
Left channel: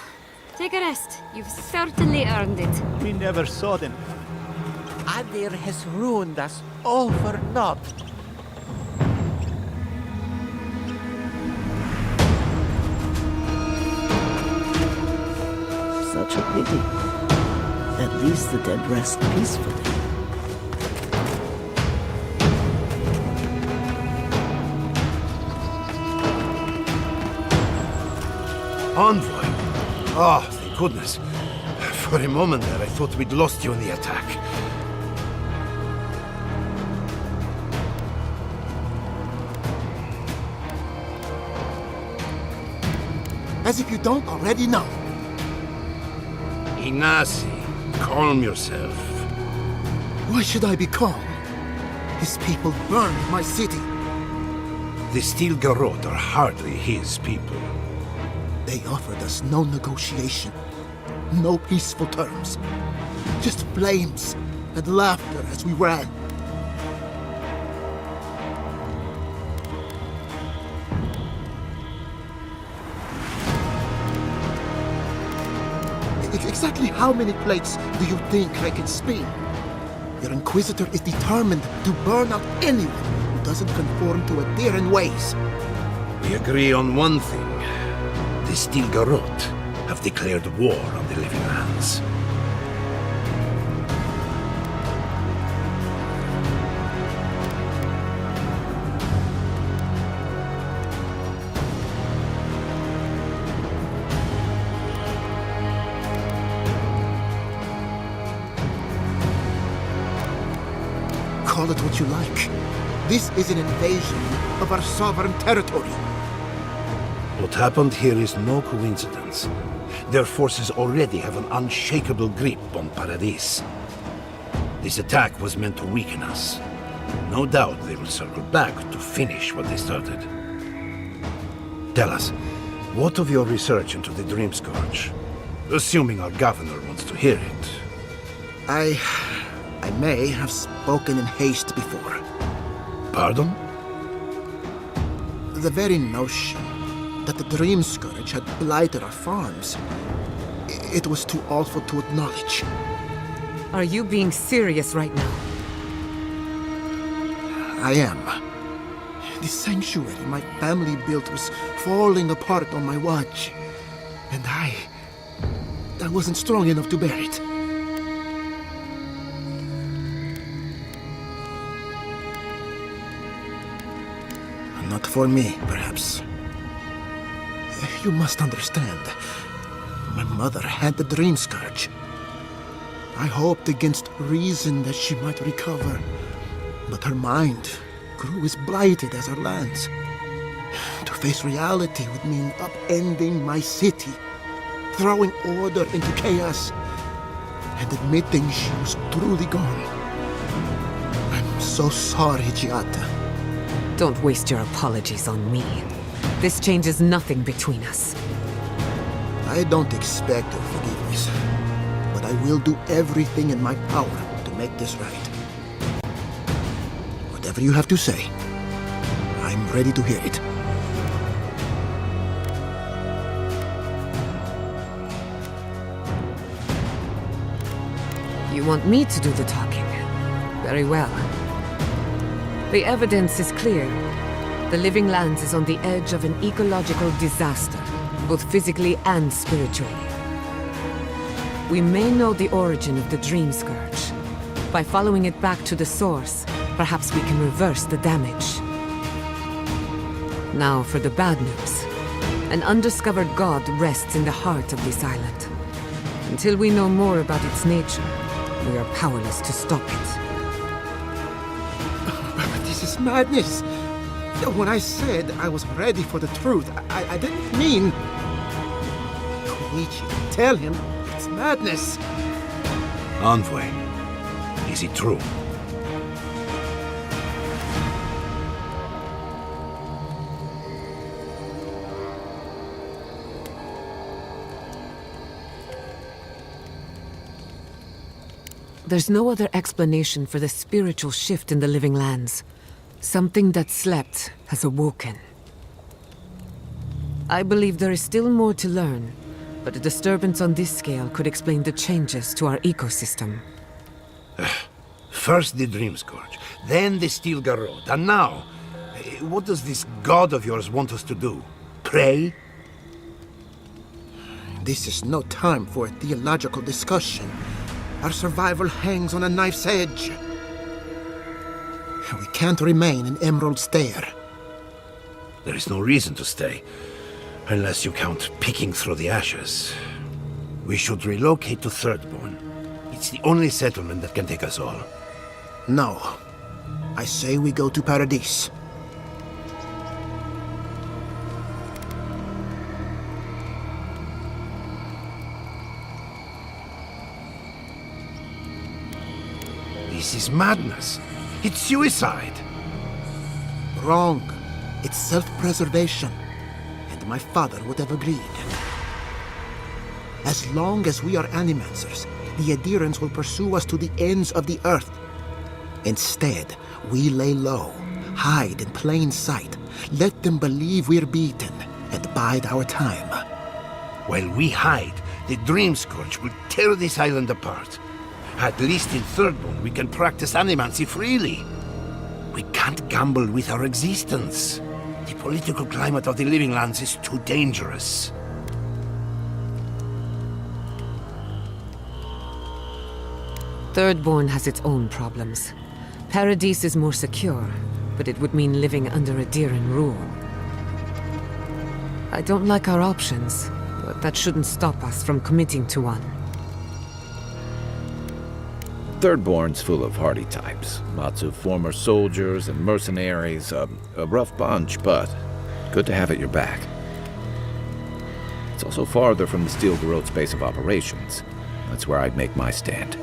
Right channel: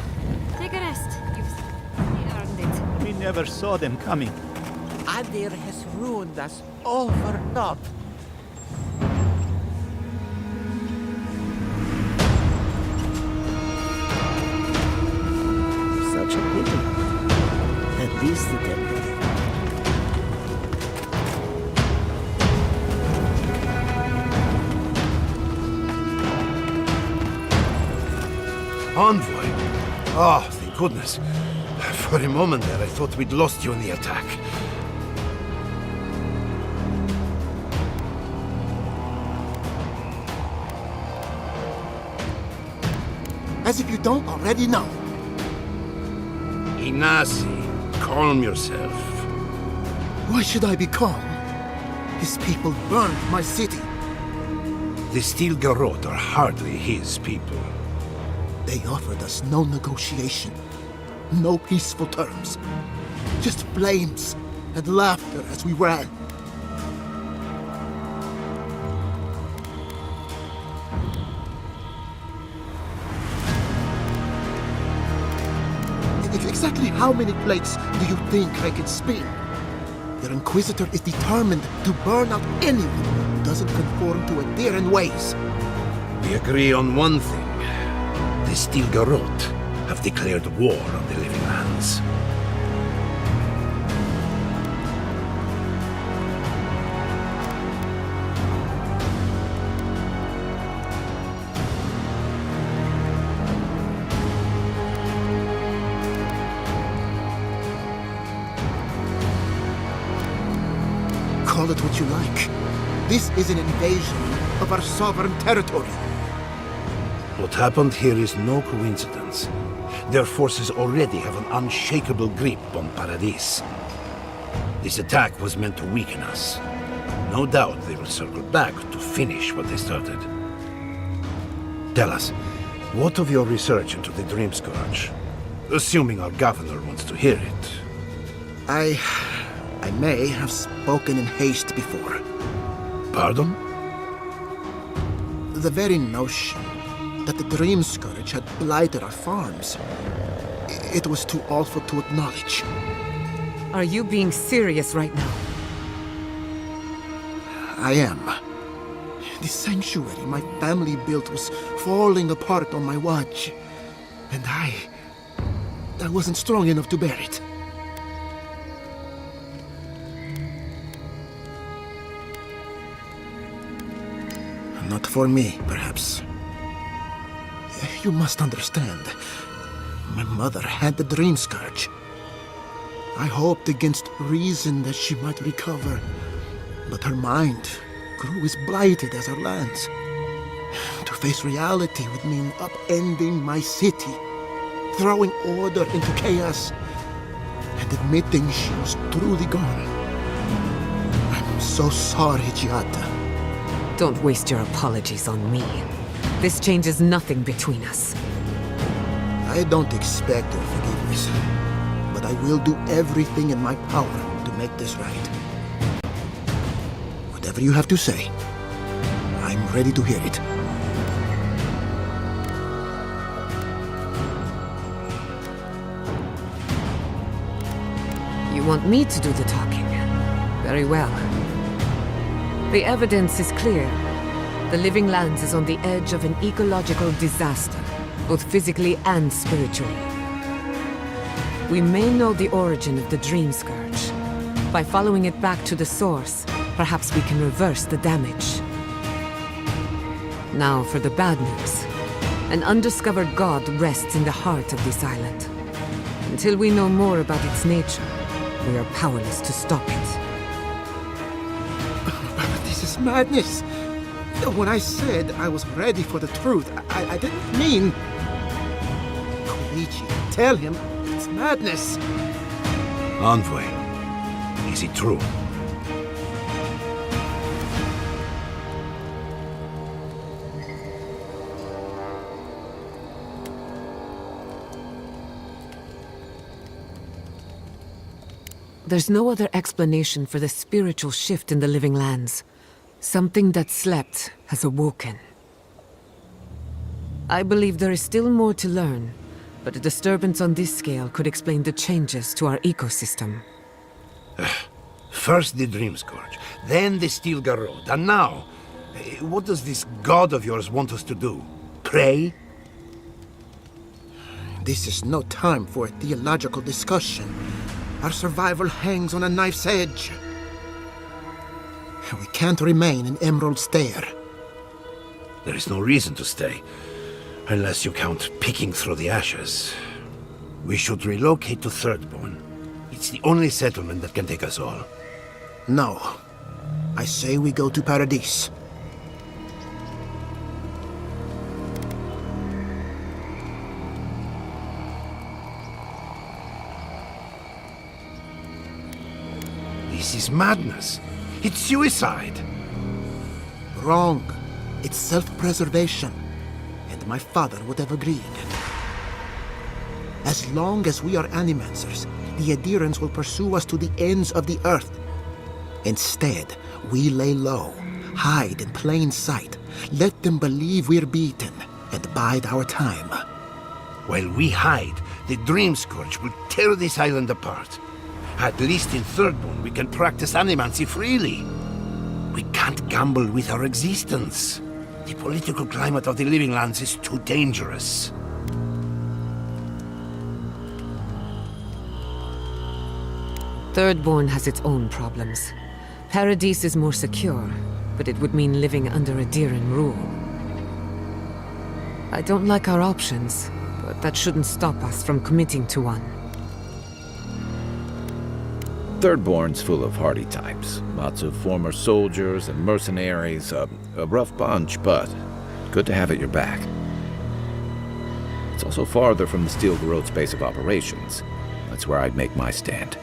Take a rest. You've certainly earned it. We never saw them coming. Adir has ruined us all for naught. Such a pity. At least the dead rest peacefully. Envoy? Oh, thank goodness. For a moment there, I thought we'd lost you in the attack. As if you don't already know. Inasi, calm yourself. Why should I be calm? His people burned my city. The Steel Garrote are hardly his people. They offered us no negotiation, no peaceful terms. Just flames and laughter as we ran. Exactly how many plates do you think I can spin? Your Inquisitor is determined to burn out anyone who doesn't conform to Adiran ways. We agree on one thing. The Steel Garrote have declared war on the Living Lands. Call it what you like. This is an invasion of our sovereign territory. What happened here is no coincidence. Their forces already have an unshakable grip on Paradis. This attack was meant to weaken us. No doubt they will circle back to finish what they started. Tell us, what of your research into the Dream Scourge? Assuming our governor wants to hear it. I may have spoken in haste before. Pardon? The very notion that the Dream Scourge had blighted our farms, it was too awful to acknowledge. Are you being serious right now? I am. The sanctuary my family built was falling apart on my watch, and I wasn't strong enough to bear it. Not for me, perhaps. You must understand. My mother had the Dream Scourge. I hoped against reason that she might recover, but her mind grew as blighted as her lands. To face reality would mean upending my city, throwing order into chaos, and admitting she was truly gone. I'm so sorry, Giata. Don't waste your apologies on me. This changes nothing between us. I don't expect your forgiveness, but I will do everything in my power to make this right. Whatever you have to say, I'm ready to hear it. You want me to do the talking? Very well. The evidence is clear. The Living Lands is on the edge of an ecological disaster, both physically and spiritually. We may know the origin of the Dream Scourge. By following it back to the source, perhaps we can reverse the damage. Now for the bad news. An undiscovered god rests in the heart of this island. Until we know more about its nature, we are powerless to stop it. But this is madness. When I said I was ready for the truth, I didn't mean... Koichi, tell him it's madness. Envoy, is it true? There's no other explanation for the spiritual shift in the living lands. Something that slept has awoken. I believe there is still more to learn, but a disturbance on this scale could explain the changes to our ecosystem. First the Dream Scourge, then the Steel Garrote, and now... what does this god of yours want us to do? Pray? This is no time for a theological discussion. Our survival hangs on a knife's edge. We can't remain in Emerald Stair. There is no reason to stay, unless you count picking through the ashes. We should relocate to Thirdborn. It's the only settlement that can take us all. No. I say we go to Paradise. This is madness. It's suicide. Wrong. It's self-preservation. And my father would have agreed. As long as we are Animancers, the Adherents will pursue us to the ends of the earth. Instead, we lay low, hide in plain sight, let them believe we're beaten, and bide our time. While we hide, the Dream Scourge will tear this island apart. At least in Thirdborn, we can practice animancy freely. We can't gamble with our existence. The political climate of the Living Lands is too dangerous. Thirdborn has its own problems. Paradise is more secure, but it would mean living under Adheran rule. I don't like our options, but that shouldn't stop us from committing to one. Thirdborn's full of hardy types. Lots of former soldiers and mercenaries. A rough bunch, but good to have at your back. It's also farther from the Steel Garrote's base of operations. That's where I'd make my stand.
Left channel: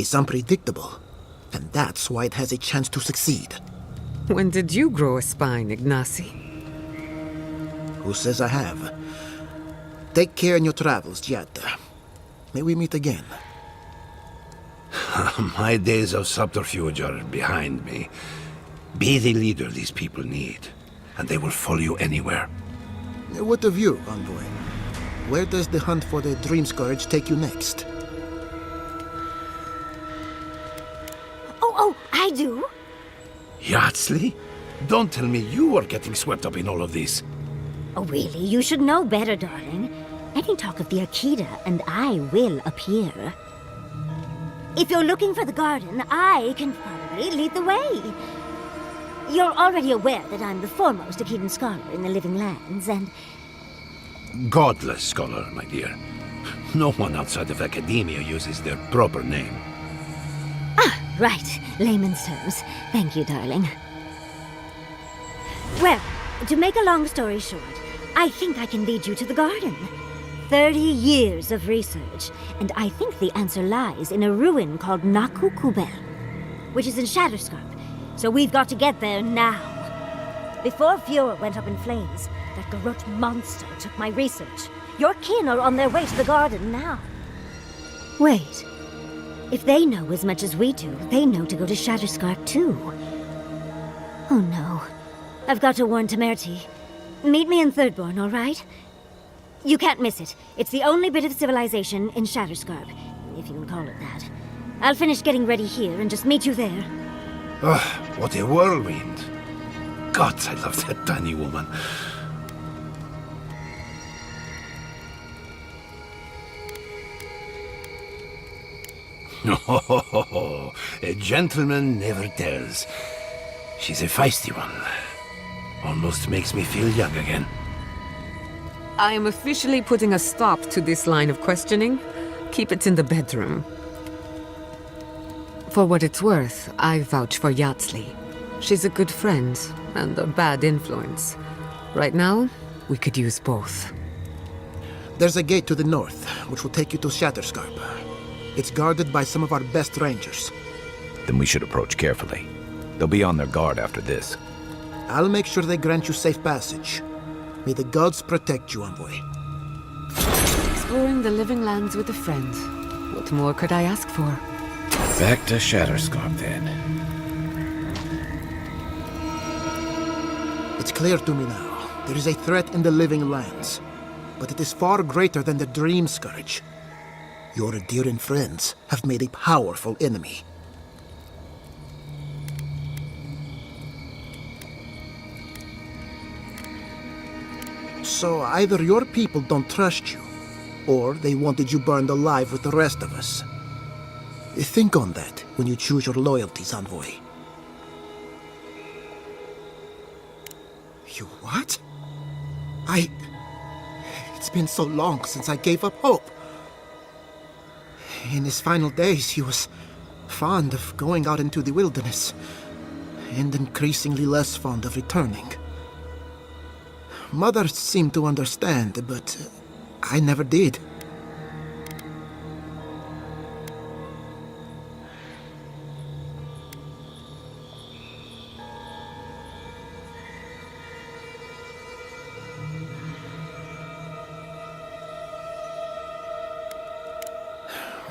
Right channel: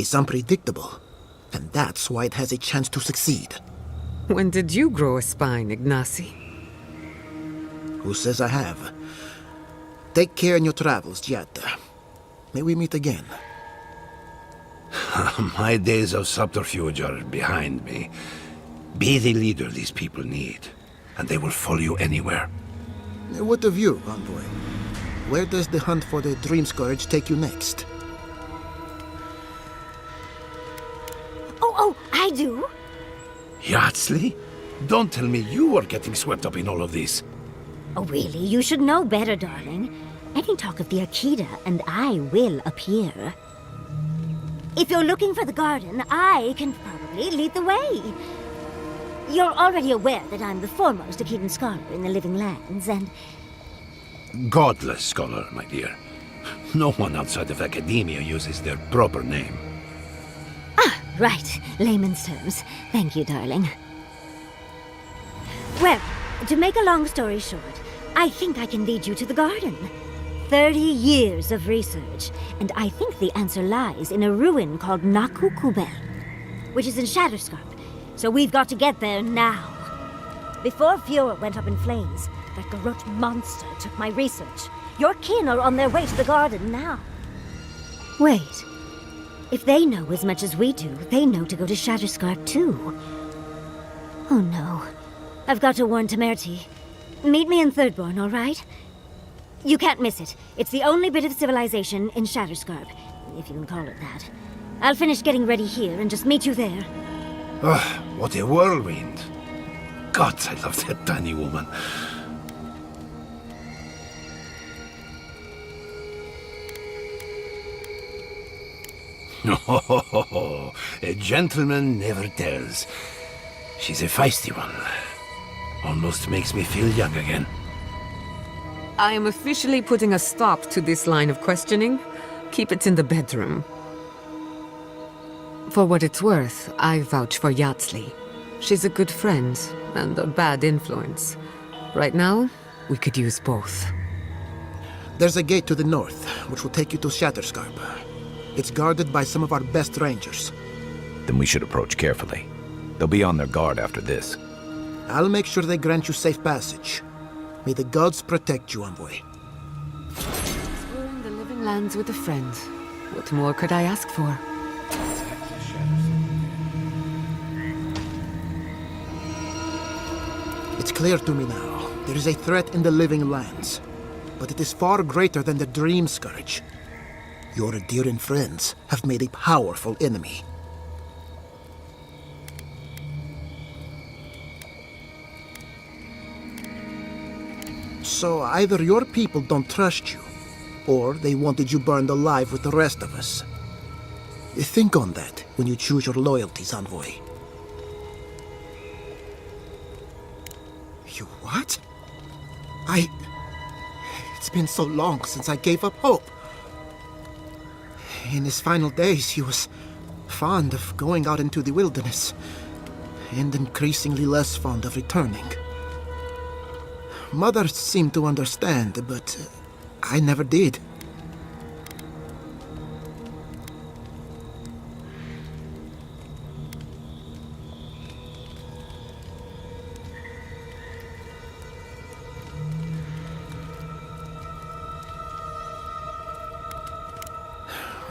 It's unpredictable, and that's why it has a chance to succeed. When did you grow a spine, Ignacy? Who says I have? Take care in your travels, Giada. May we meet again. My days of subterfuge are behind me. Be the leader these people need, and they will follow you anywhere. What of you, Envoy? Where does the hunt for the Dream Scourge take you next? Oh, I do. Yardsley? Don't tell me you are getting swept up in all of this. Oh, really? You should know better, darling. Any talk of the Akita, and I will appear. If you're looking for the garden, I can probably lead the way. You're already aware that I'm the foremost Akitan scholar in the Living Lands, and... Godless scholar, my dear. No one outside of academia uses their proper name. Ah, right. Layman's terms. Thank you, darling. Well, to make a long story short, I think I can lead you to the garden. 30 years of research, and I think the answer lies in a ruin called Naku Kubel, which is in Shatterscarp. So we've got to get there now. Before Fiora went up in flames, that Garrote monster took my research. Your kin are on their way to the garden now. Wait. If they know as much as we do, they know to go to Shatterscarp too. Oh no. I've got to warn Temerity. Meet me in Thirdborn, all right? You can't miss it. It's the only bit of civilization in Shatterscarp, if you can call it that. I'll finish getting ready here and just meet you there. Ah, what a whirlwind. God, I love that tiny woman. Oh, a gentleman never tells. She's a feisty one. Almost makes me feel young again. I am officially putting a stop to this line of questioning. Keep it in the bedroom. For what it's worth, I vouch for Yardsley. She's a good friend and a bad influence. Right now, we could use both. There's a gate to the north, which will take you to Shatterscarp. It's guarded by some of our best rangers. Then we should approach carefully. They'll be on their guard after this. I'll make sure they grant you safe passage. May the gods protect you, Envoy. Exploring the Living Lands with a friend. What more could I ask for? Back to Shatterscarp, then. It's clear to me now. There is a threat in the Living Lands. But it is far greater than the Dream Scourge. Your Adiran friends have made a powerful enemy. So either your people don't trust you, or they wanted you burned alive with the rest of us. Think on that when you choose your loyalties, Envoy. You what? It's been so long since I gave up hope. In his final days, he was fond of going out into the wilderness, and increasingly less fond of returning. Mother seemed to understand, but I never did.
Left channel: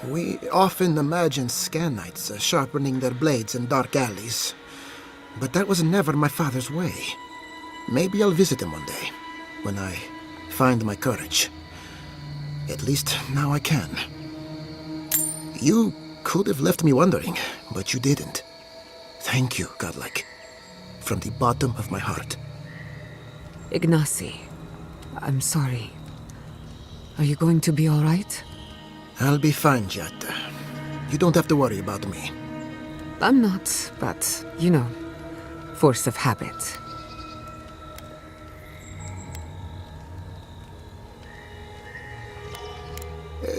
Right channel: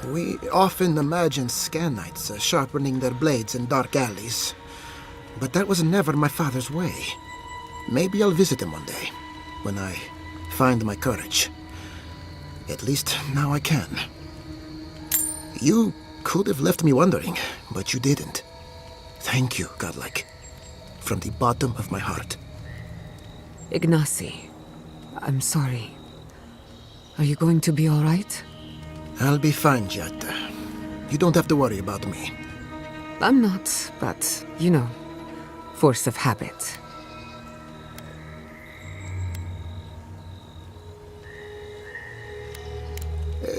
We often imagine Scanites sharpening their blades in dark alleys, but that was never my father's way. Maybe I'll visit him one day, when I find my courage. At least now I can. You could have left me wondering, but you didn't. Thank you, Godlike. From the bottom of my heart. Ignacy, I'm sorry. Are you going to be all right? I'll be fine, Giada. You don't have to worry about me. I'm not, but, you know, force of habit.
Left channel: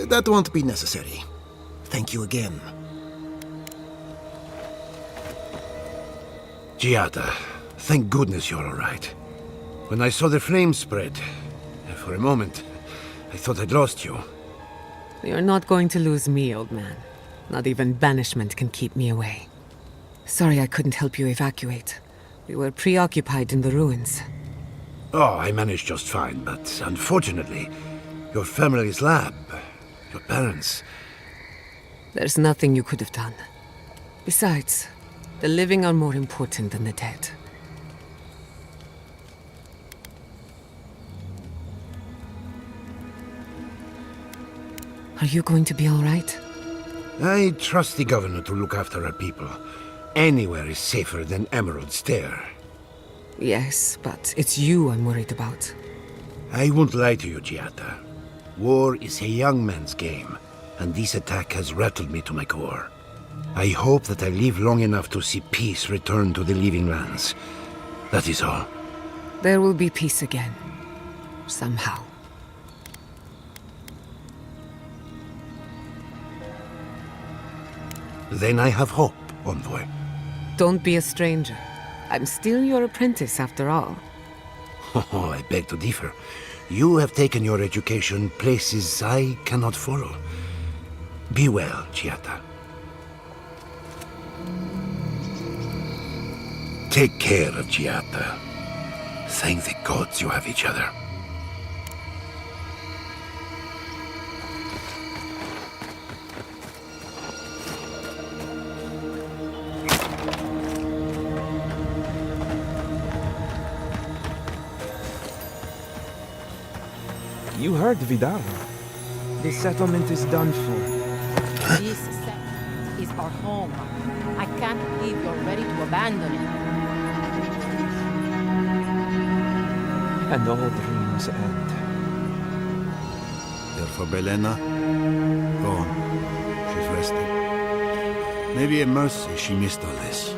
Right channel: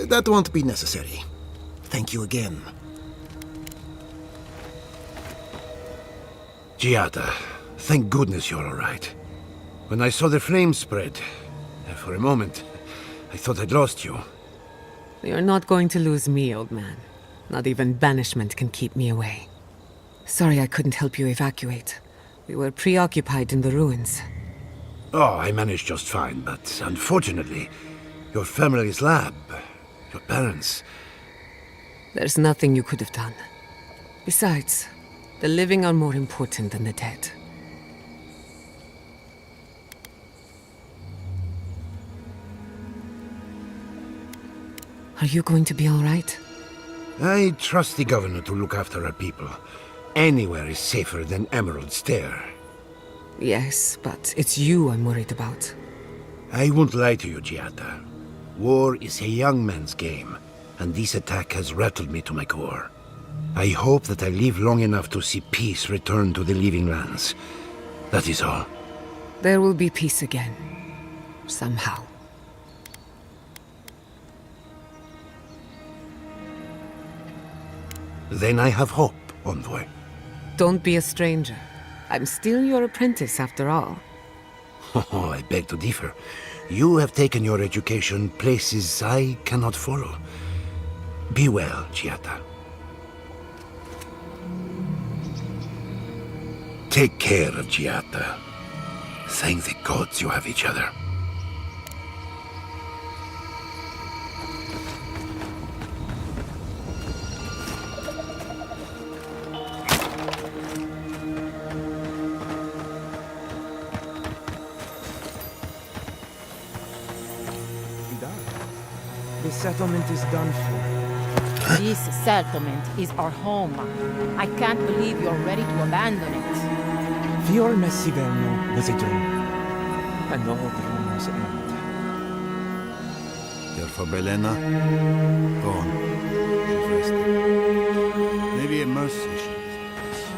That won't be necessary. Thank you again. Giada, thank goodness you're all right. When I saw the flames spread, for a moment, I thought I'd lost you. You're not going to lose me, old man. Not even banishment can keep me away. Sorry I couldn't help you evacuate. We were preoccupied in the ruins. Oh, I managed just fine, but unfortunately, your family's lab, your parents... There's nothing you could have done. Besides, the living are more important than the dead. Are you going to be all right? I trust the governor to look after our people. Anywhere is safer than Emerald Stair. Yes, but it's you I'm worried about. I won't lie to you, Giada. War is a young man's game, and this attack has rattled me to my core. I hope that I live long enough to see peace return to the living lands. That is all. There will be peace again. Somehow. Then I have hope, Envoy. Don't be a stranger. I'm still your apprentice, after all. Oh, I beg to differ. You have taken your education places I cannot follow. Be well, Giada. Take care of Giada. Thank the gods you have each other. You heard Vidal. The settlement is done for. This settlement is our home. I can't believe you're ready to abandon it. Fior Messigen is a dream. And all dreams end. Care for Belena? Go on. She's resting. Maybe a mercy she missed all this.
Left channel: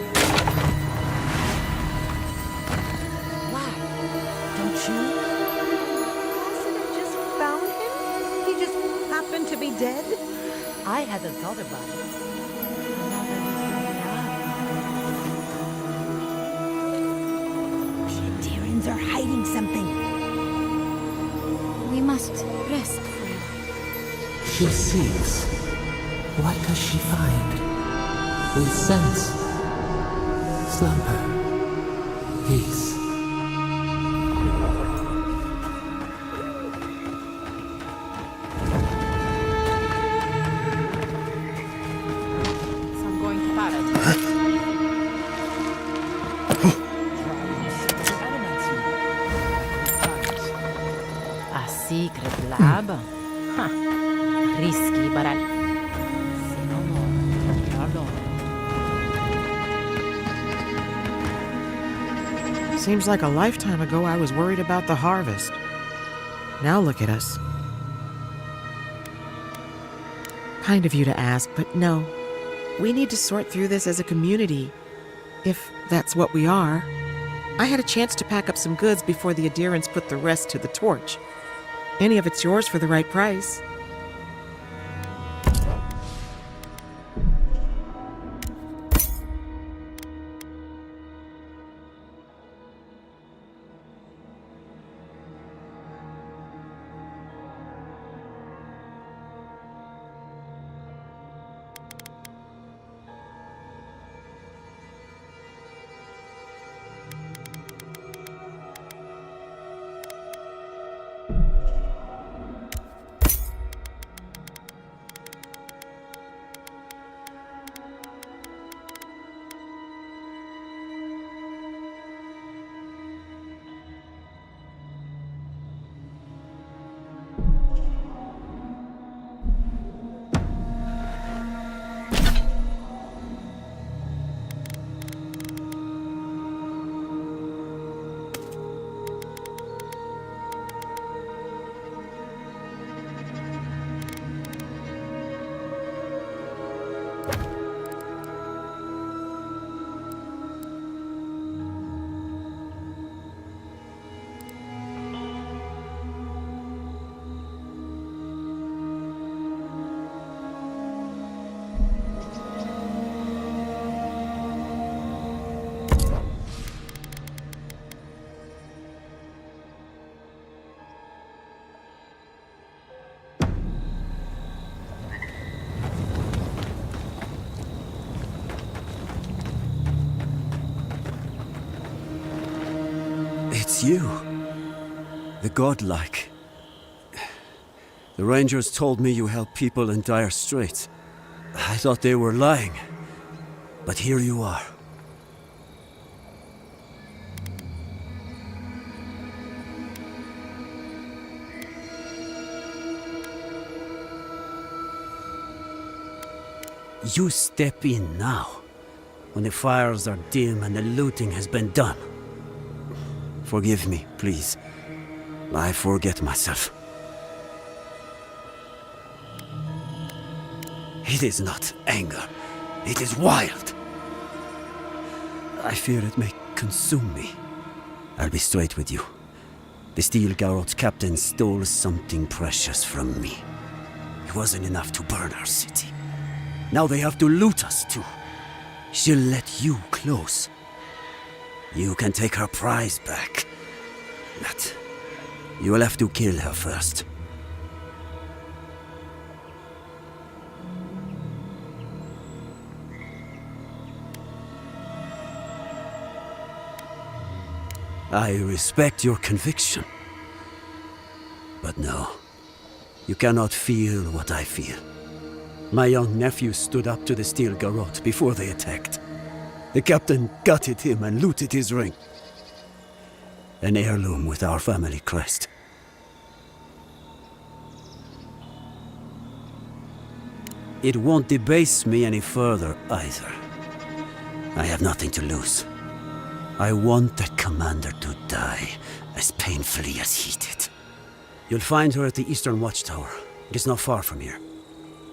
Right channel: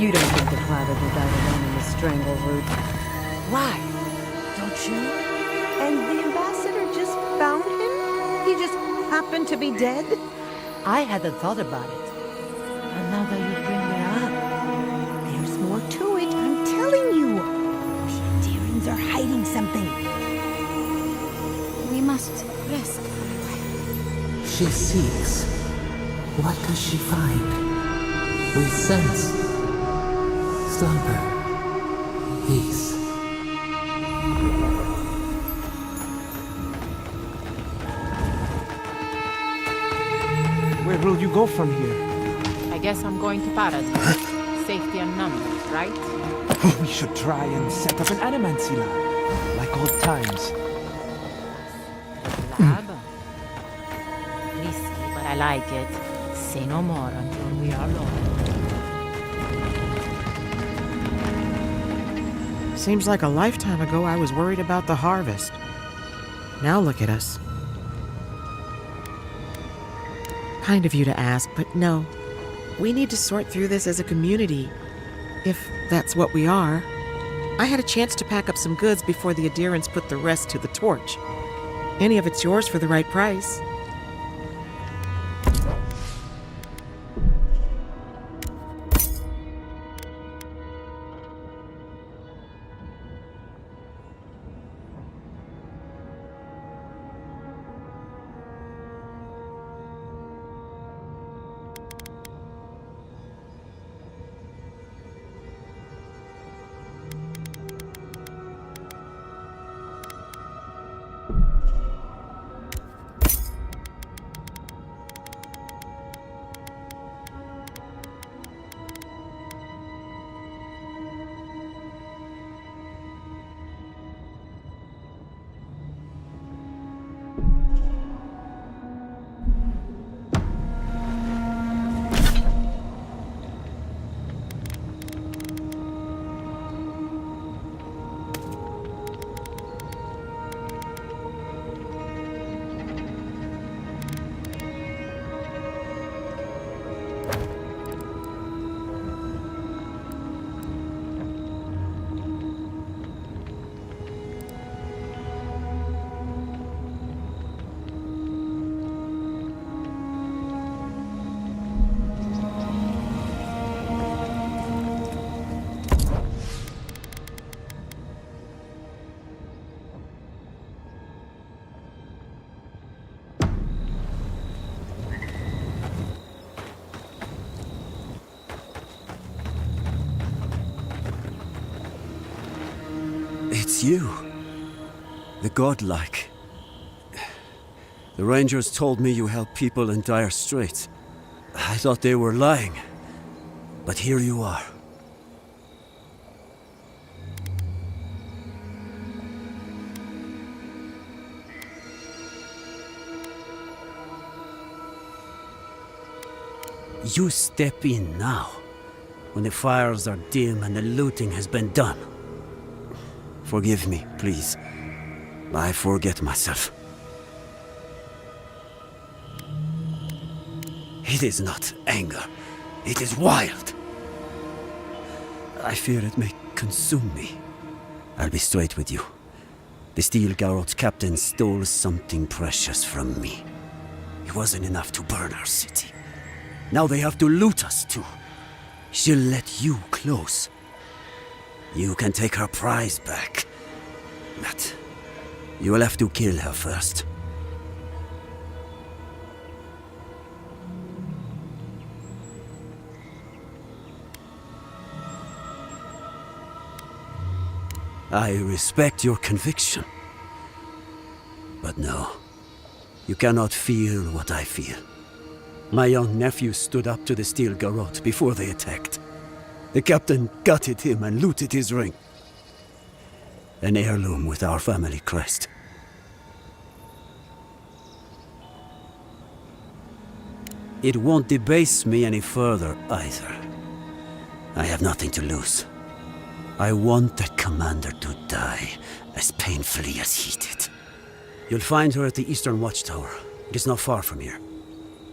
You don't have to bother without him in the strangleroot. Why? Don't you? And the ambassador just found him? He just happened to be dead? I hadn't thought about it. And now that you bring it up, there's more to it, I'm telling you. The Adirans are hiding something. We must rest for a while. She seeks. What does she find? We sense slumber, peace. Where will you go from here? I guess I'm going to Paradise. Safety and numbers, right? We should try and set up an animancy lab, like old times. A secret lab? Huh. Risky, but I like it. Say no more until we are alone. Seems like a lifetime ago I was worried about the harvest. Now look at us. Kind of you to ask, but no. We need to sort through this as a community, if that's what we are. I had a chance to pack up some goods before the Adirans put the rest to the torch. Any of it's yours for the right price. It's you. The godlike. The Rangers told me you help people in dire straits. I thought they were lying. But here you are. You step in now, when the fires are dim and the looting has been done. Forgive me, please. I forget myself. It is not anger. It is wild. I fear it may consume me. I'll be straight with you. The Steel Garrot's captain stole something precious from me. It wasn't enough to burn our city. Now they have to loot us too. She'll let you close. You can take her prize back. But you will have to kill her first. I respect your conviction. But no, you cannot feel what I feel. My young nephew stood up to the Steel Garrot before they attacked. The captain gutted him and looted his ring. An heirloom with our family crest. It won't debase me any further either. I have nothing to lose. I want that commander to die as painfully as he did. You'll find her at the Eastern Watchtower. It is not far from here.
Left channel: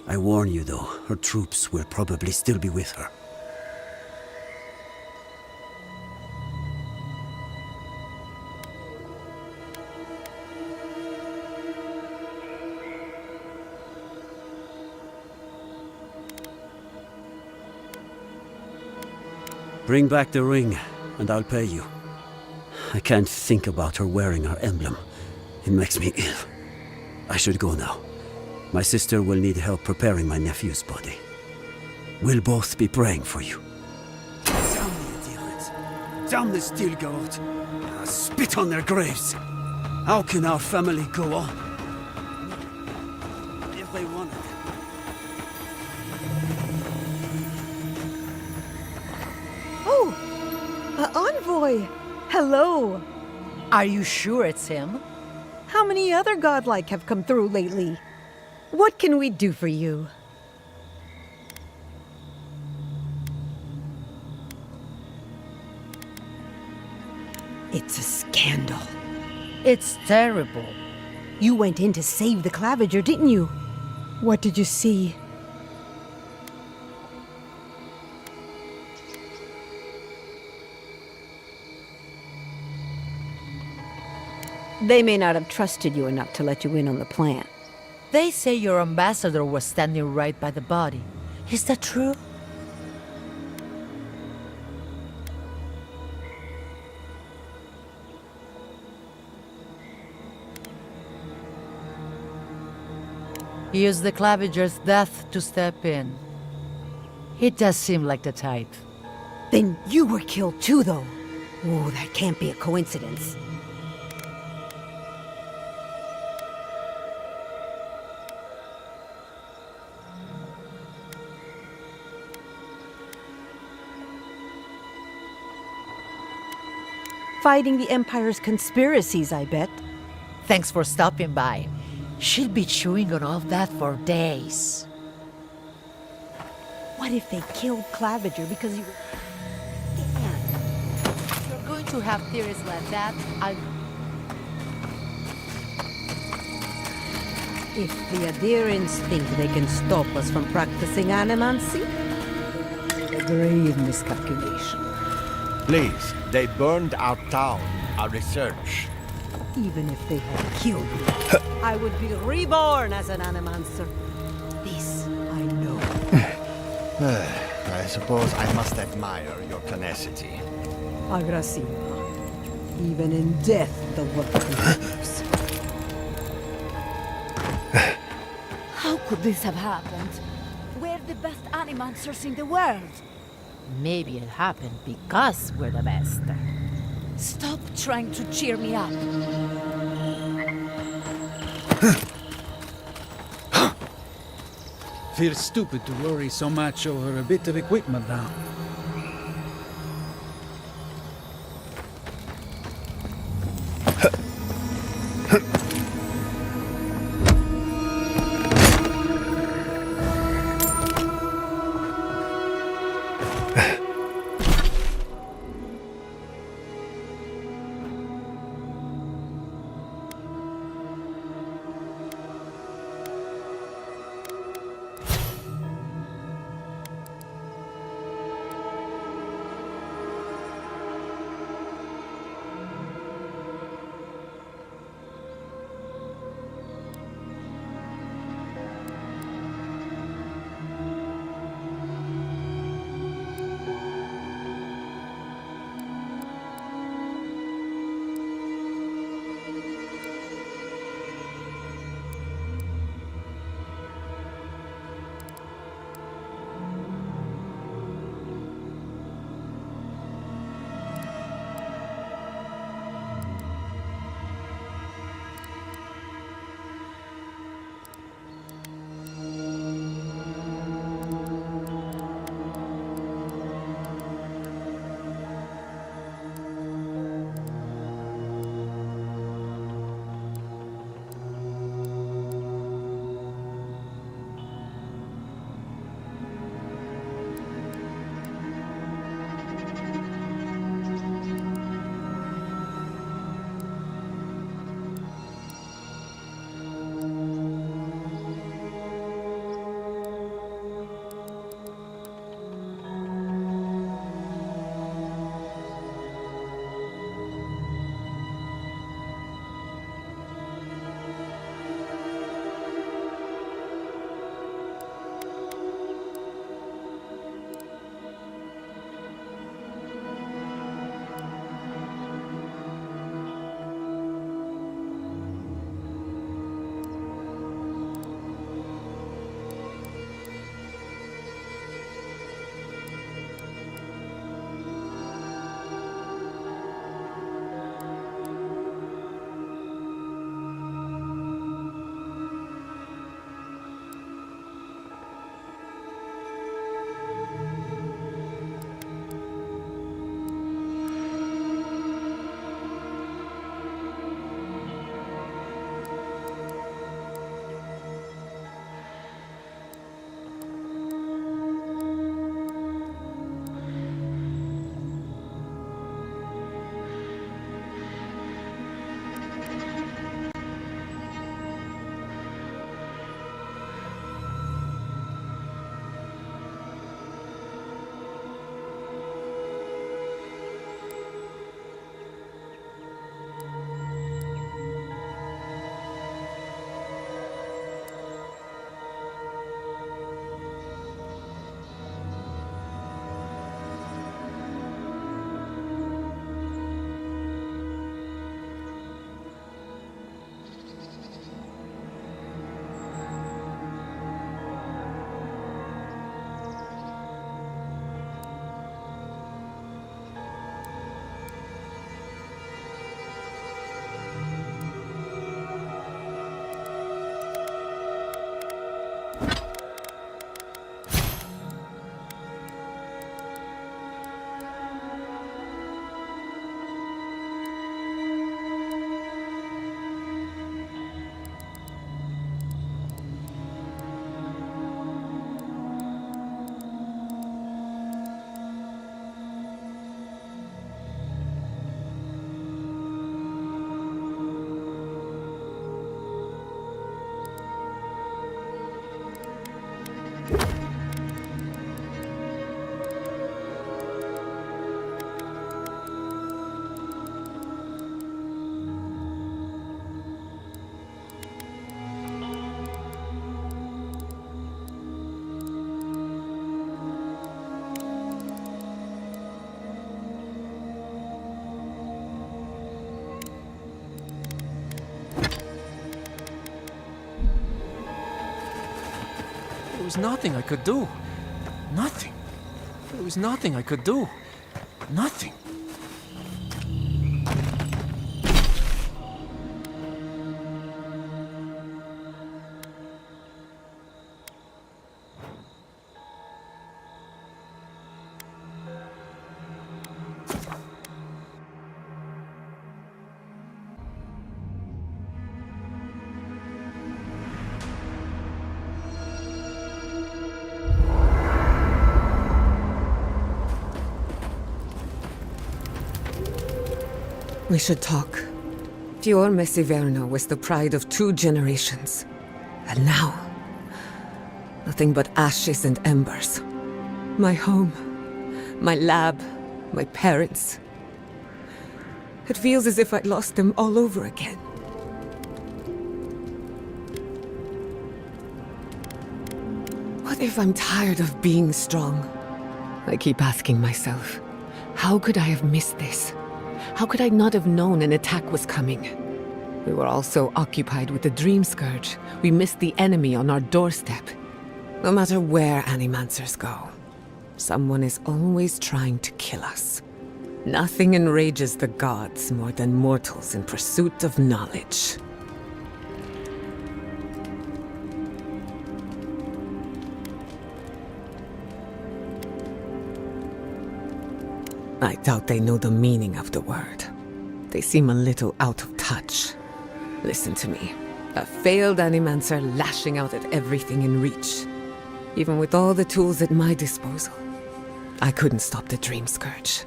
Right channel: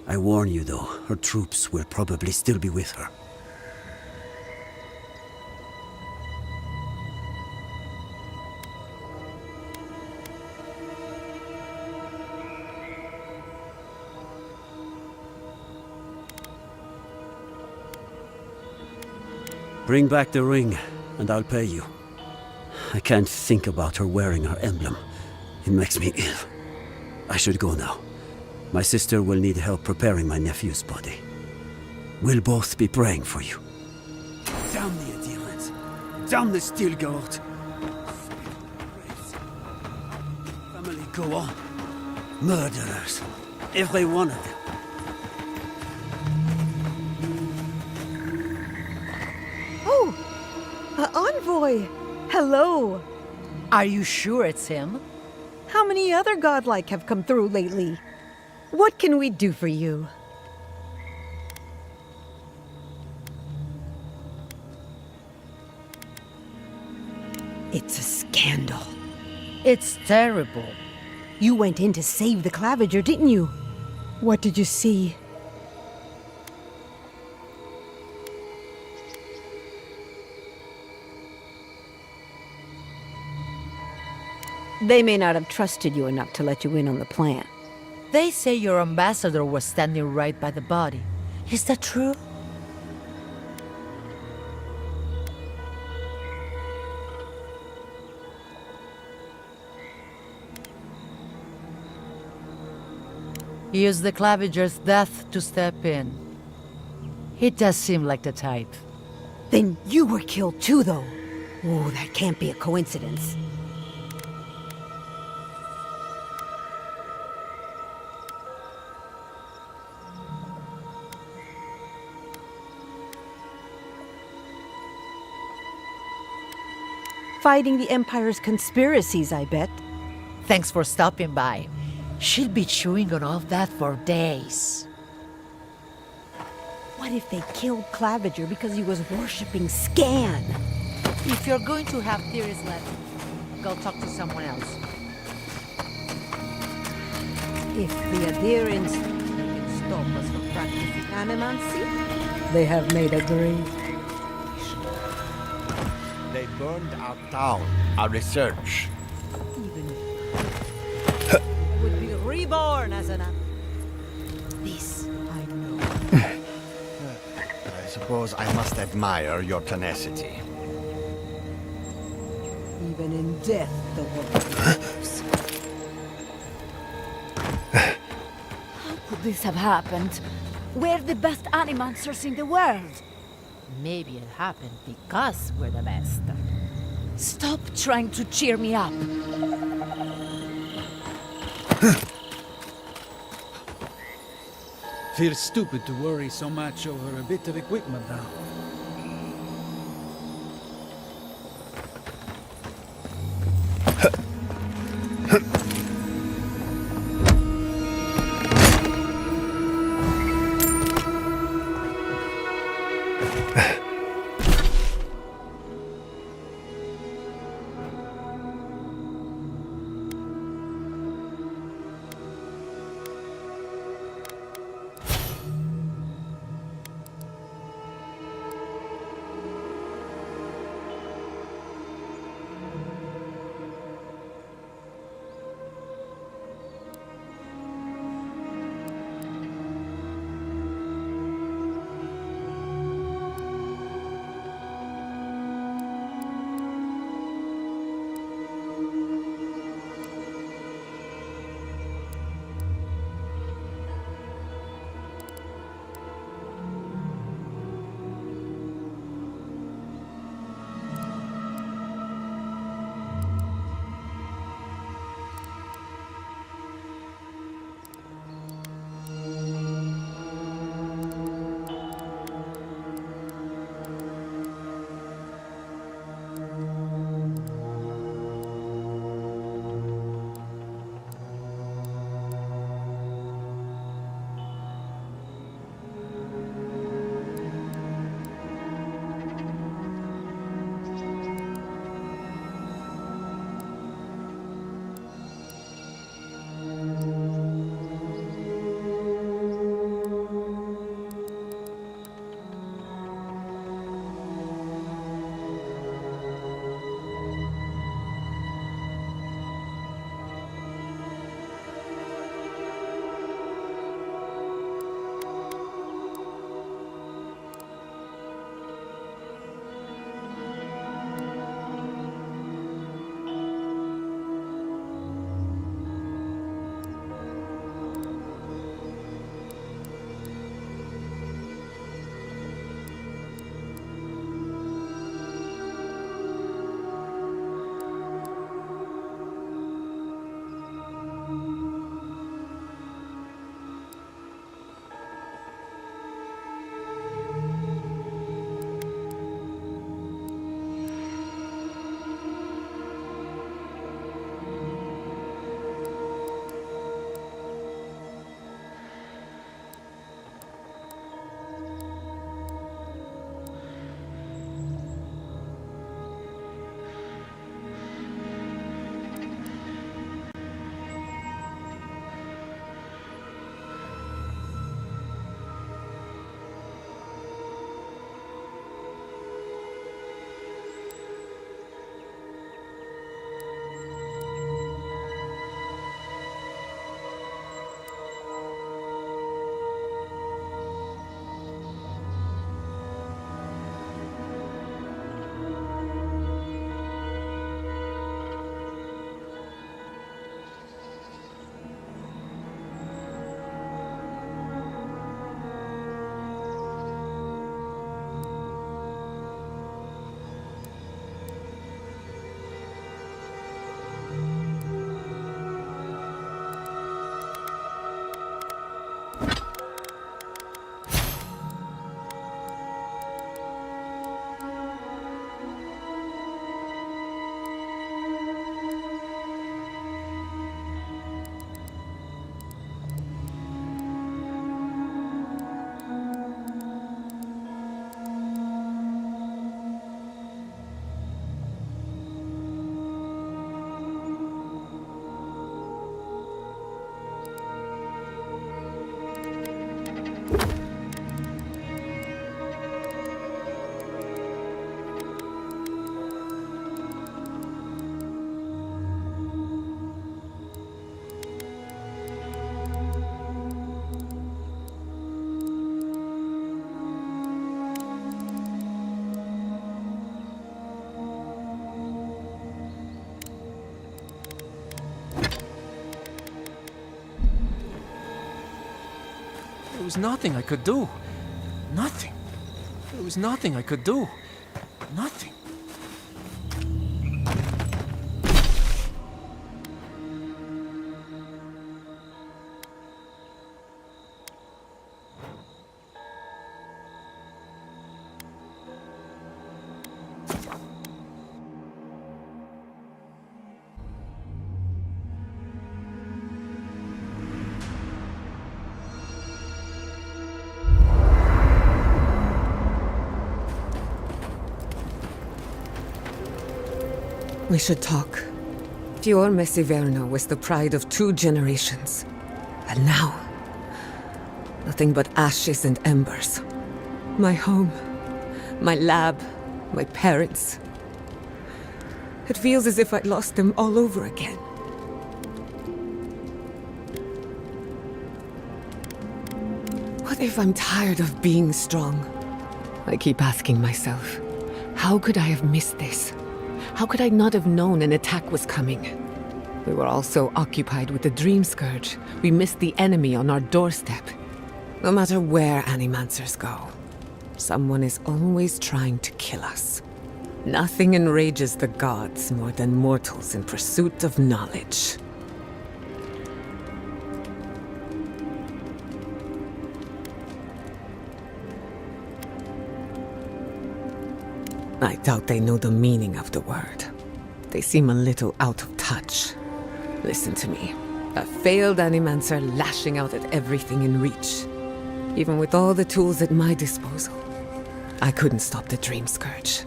I warn you though, her troops will probably still be with her. Bring back the ring, and I'll pay you. I can't think about her wearing her emblem. It makes me ill. I should go now. My sister will need help preparing my nephew's body. We'll both be praying for you. Damn the adherents! Damn the Steel Garrot! Spit on their graves! How can our family go on? Murderers, every one of them. Oh! Envoy! Hello! Are you sure it's him? How many other godlike have come through lately? What can we do for you? It's a scandal. It's terrible. You went in to save the Claviger, didn't you? What did you see? They may not have trusted you enough to let you in on the plan. They say your ambassador was standing right by the body. Is that true? Use the Claviger's death to step in. He does seem like the type. Then you were killed too, though. Oh, that can't be a coincidence. Fighting the Empire's conspiracies, I bet. Thanks for stopping by. She'll be chewing on all that for days. What if they killed Claviger because he was worshipping Scan? If you're going to have theories like that, I'll go talk to someone else. If the adherents think they can stop us from practicing animancy, they have made a grave miscalculation. Please, they burned our town, our research. Even if they had killed me, I would be reborn as an animancer. This I know. I suppose I must admire your tenacity. Aggressivo. Even in death, the work continues. How could this have happened? We're the best animancers in the world. Maybe it happened because we're the best. Stop trying to cheer me up. Feels stupid to worry so much over a bit of equipment now. There was nothing I could do. Nothing. There was nothing I could do. Nothing. We should talk. Fior Mesiverno was the pride of 2 generations. And now, nothing but ashes and embers. My home, my lab, my parents. It feels as if I'd lost them all over again. What if I'm tired of being strong? I keep asking myself, how could I have missed this? How could I not have known an attack was coming? We were all so occupied with the Dream Scourge, we missed the enemy on our doorstep. No matter where Animancers go, someone is always trying to kill us. Nothing enrages the gods more than mortals in pursuit of knowledge. I doubt they know the meaning of the word. They seem a little out of touch. Listen to me. A failed Animancer lashing out at everything in reach. Even with all the tools at my disposal, I couldn't stop the Dream Scourge.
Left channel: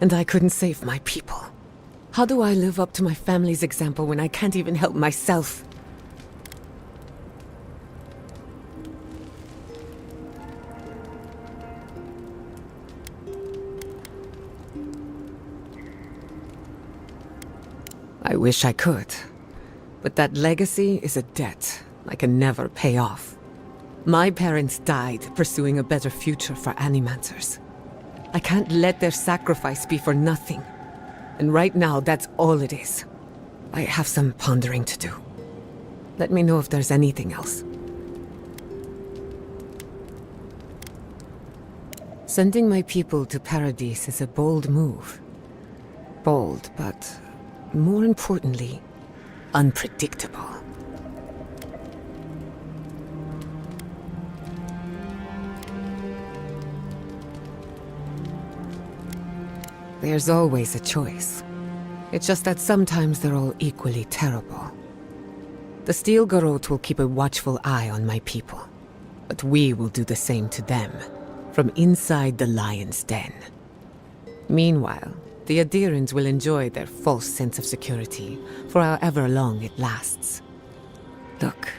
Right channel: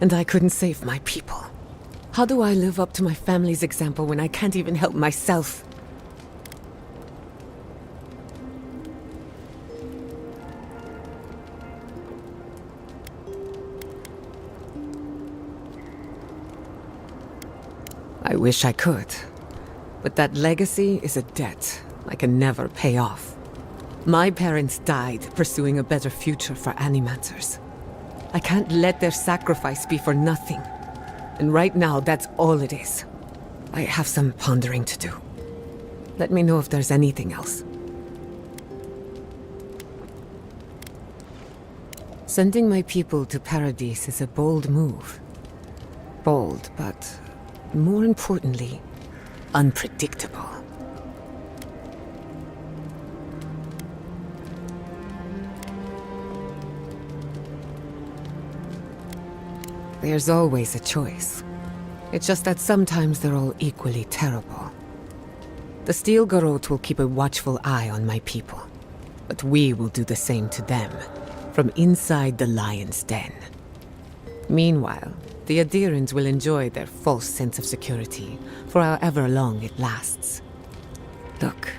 And I couldn't save my people. How do I live up to my family's example when I can't even help myself? I wish I could. But that legacy is a debt I can never pay off. My parents died pursuing a better future for Animancers. I can't let their sacrifice be for nothing. And right now, that's all it is. I have some pondering to do. Let me know if there's anything else. Sending my people to Paradise is a bold move. Bold, but more importantly, unpredictable. There's always a choice. It's just that sometimes they're all equally terrible. The Steel Garrote will keep a watchful eye on my people, but we will do the same to them, from inside the lion's den. Meanwhile, the Adherents will enjoy their false sense of security for however long it lasts. Look,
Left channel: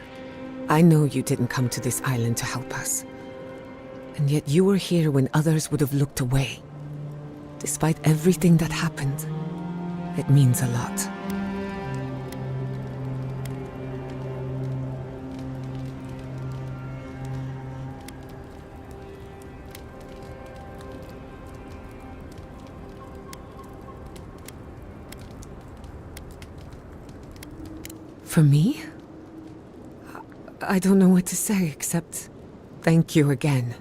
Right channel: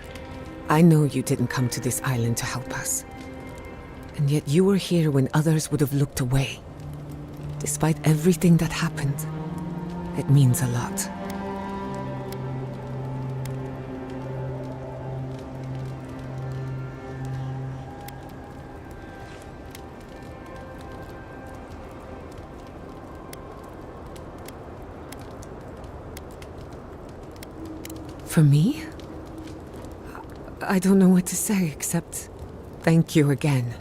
I know you didn't come to this island to help us. And yet you were here when others would have looked away. Despite everything that happened, it means a lot. For me? I don't know what to say except thank you again.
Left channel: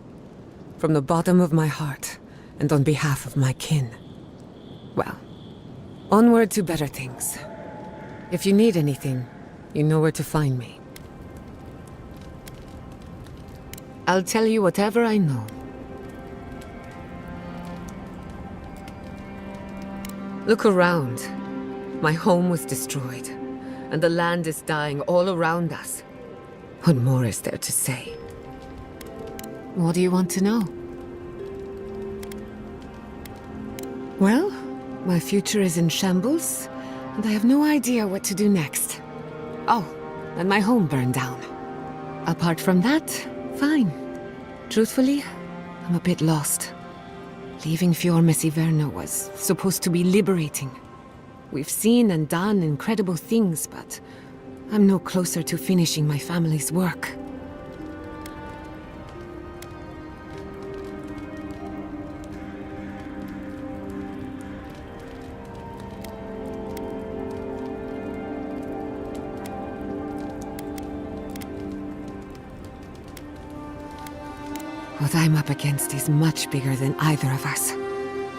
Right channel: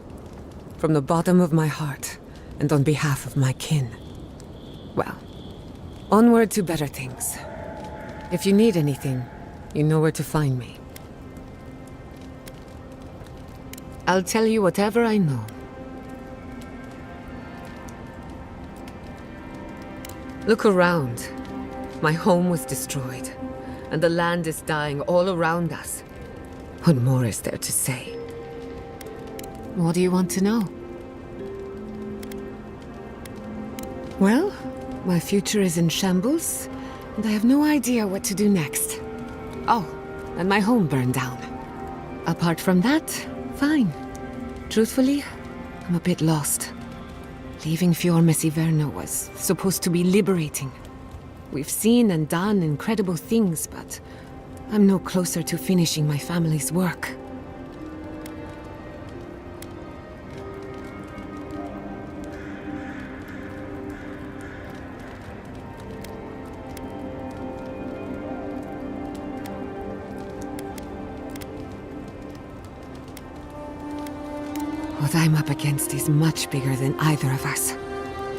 From the bottom of my heart, and on behalf of my kin. Well, onward to better things. If you need anything, you know where to find me. I'll tell you whatever I know. Look around. My home was destroyed, and the land is dying all around us. What more is there to say? What do you want to know? Well, my future is in shambles, and I have no idea what to do next. Oh, and my home burned down. Apart from that, fine. Truthfully, I'm a bit lost. Leaving Fior Mesiverno was supposed to be liberating. We've seen and done incredible things, but I'm no closer to finishing my family's work. What I'm up against is much bigger than either of us.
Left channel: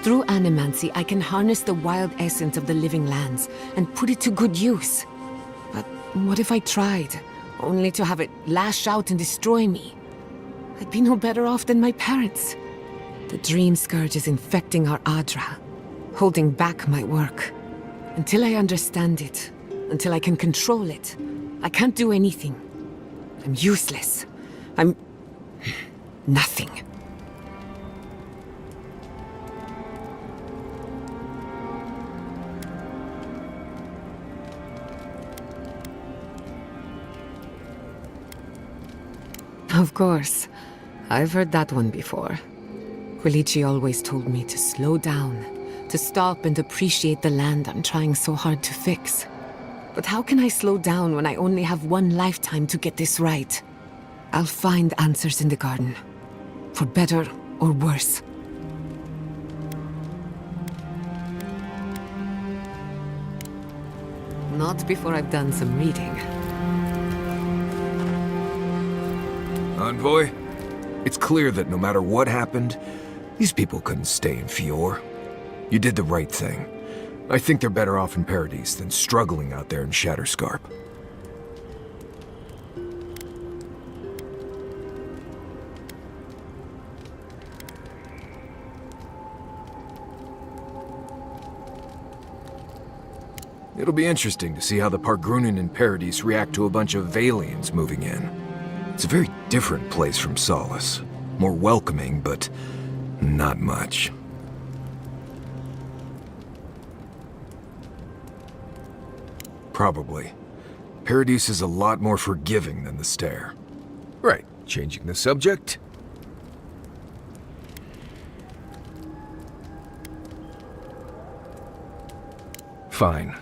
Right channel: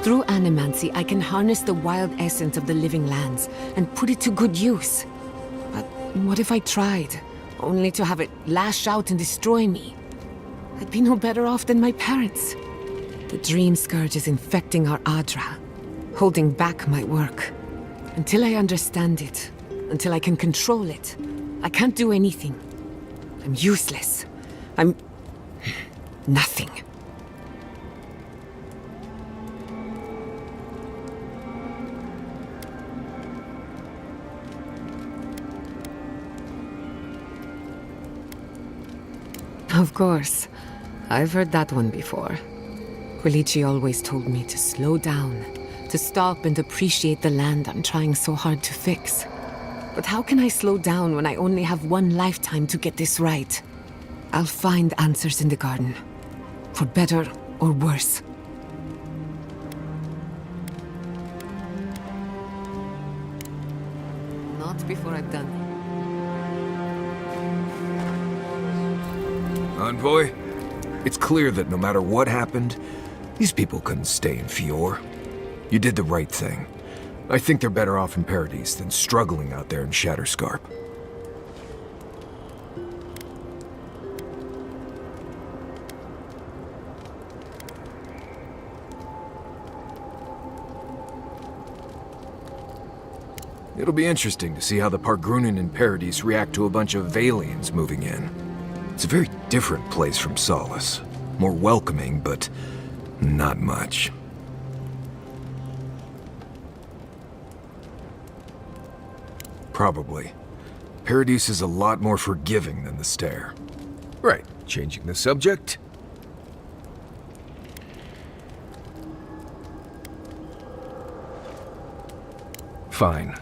Through animancy, I can harness the wild essence of the living lands and put it to good use. But what if I tried, only to have it lash out and destroy me? I'd be no better off than my parents. The Dream Scourge is infecting our Adra, holding back my work. Until I understand it, until I can control it, I can't do anything. I'm useless. I'm nothing. Of course. I've heard that one before. Quilici always told me to slow down, to stop and appreciate the land I'm trying so hard to fix. But how can I slow down when I only have one lifetime to get this right? I'll find answers in the garden. For better or worse. Not before I've done some reading. Envoy, it's clear that no matter what happened, these people couldn't stay in Fior. You did the right thing. I think they're better off in Paradise than struggling out there in Shatterscarp. It'll be interesting to see how the Pargrunen in Paradise react to a bunch of Valians moving in. It's a very different place from Solace. More welcoming, but not much. Probably. Paradise is a lot more forgiving than the Stair. Right, changing the subject. Fine.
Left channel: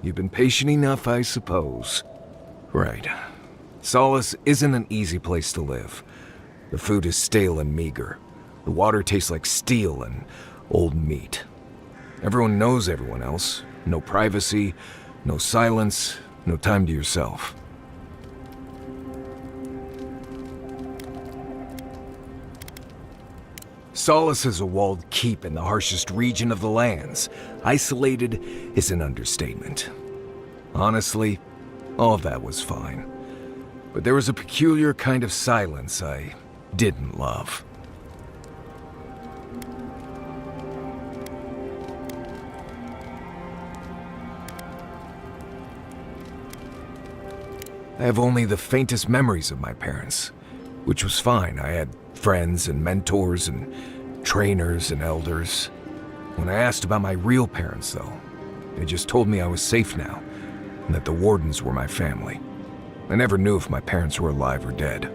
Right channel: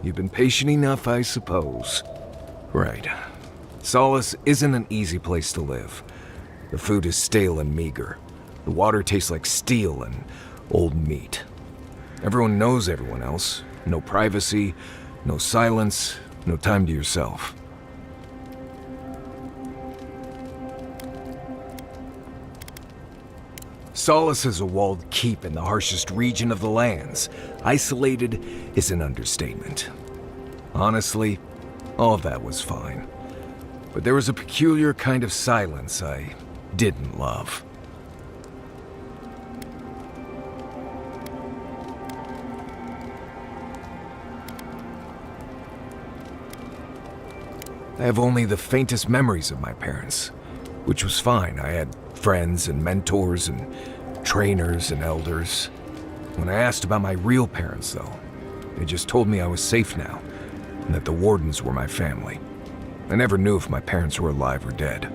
You've been patient enough, I suppose. Right. Solace isn't an easy place to live. The food is stale and meager. The water tastes like steel and old meat. Everyone knows everyone else. No privacy, no silence, no time to yourself. Solace is a walled keep in the harshest region of the lands. Isolated is an understatement. Honestly, all of that was fine. But there was a peculiar kind of silence I didn't love. I have only the faintest memories of my parents, which was fine. I had friends and mentors and trainers and elders. When I asked about my real parents, though, they just told me I was safe now, and that the Wardens were my family. I never knew if my parents were alive or dead.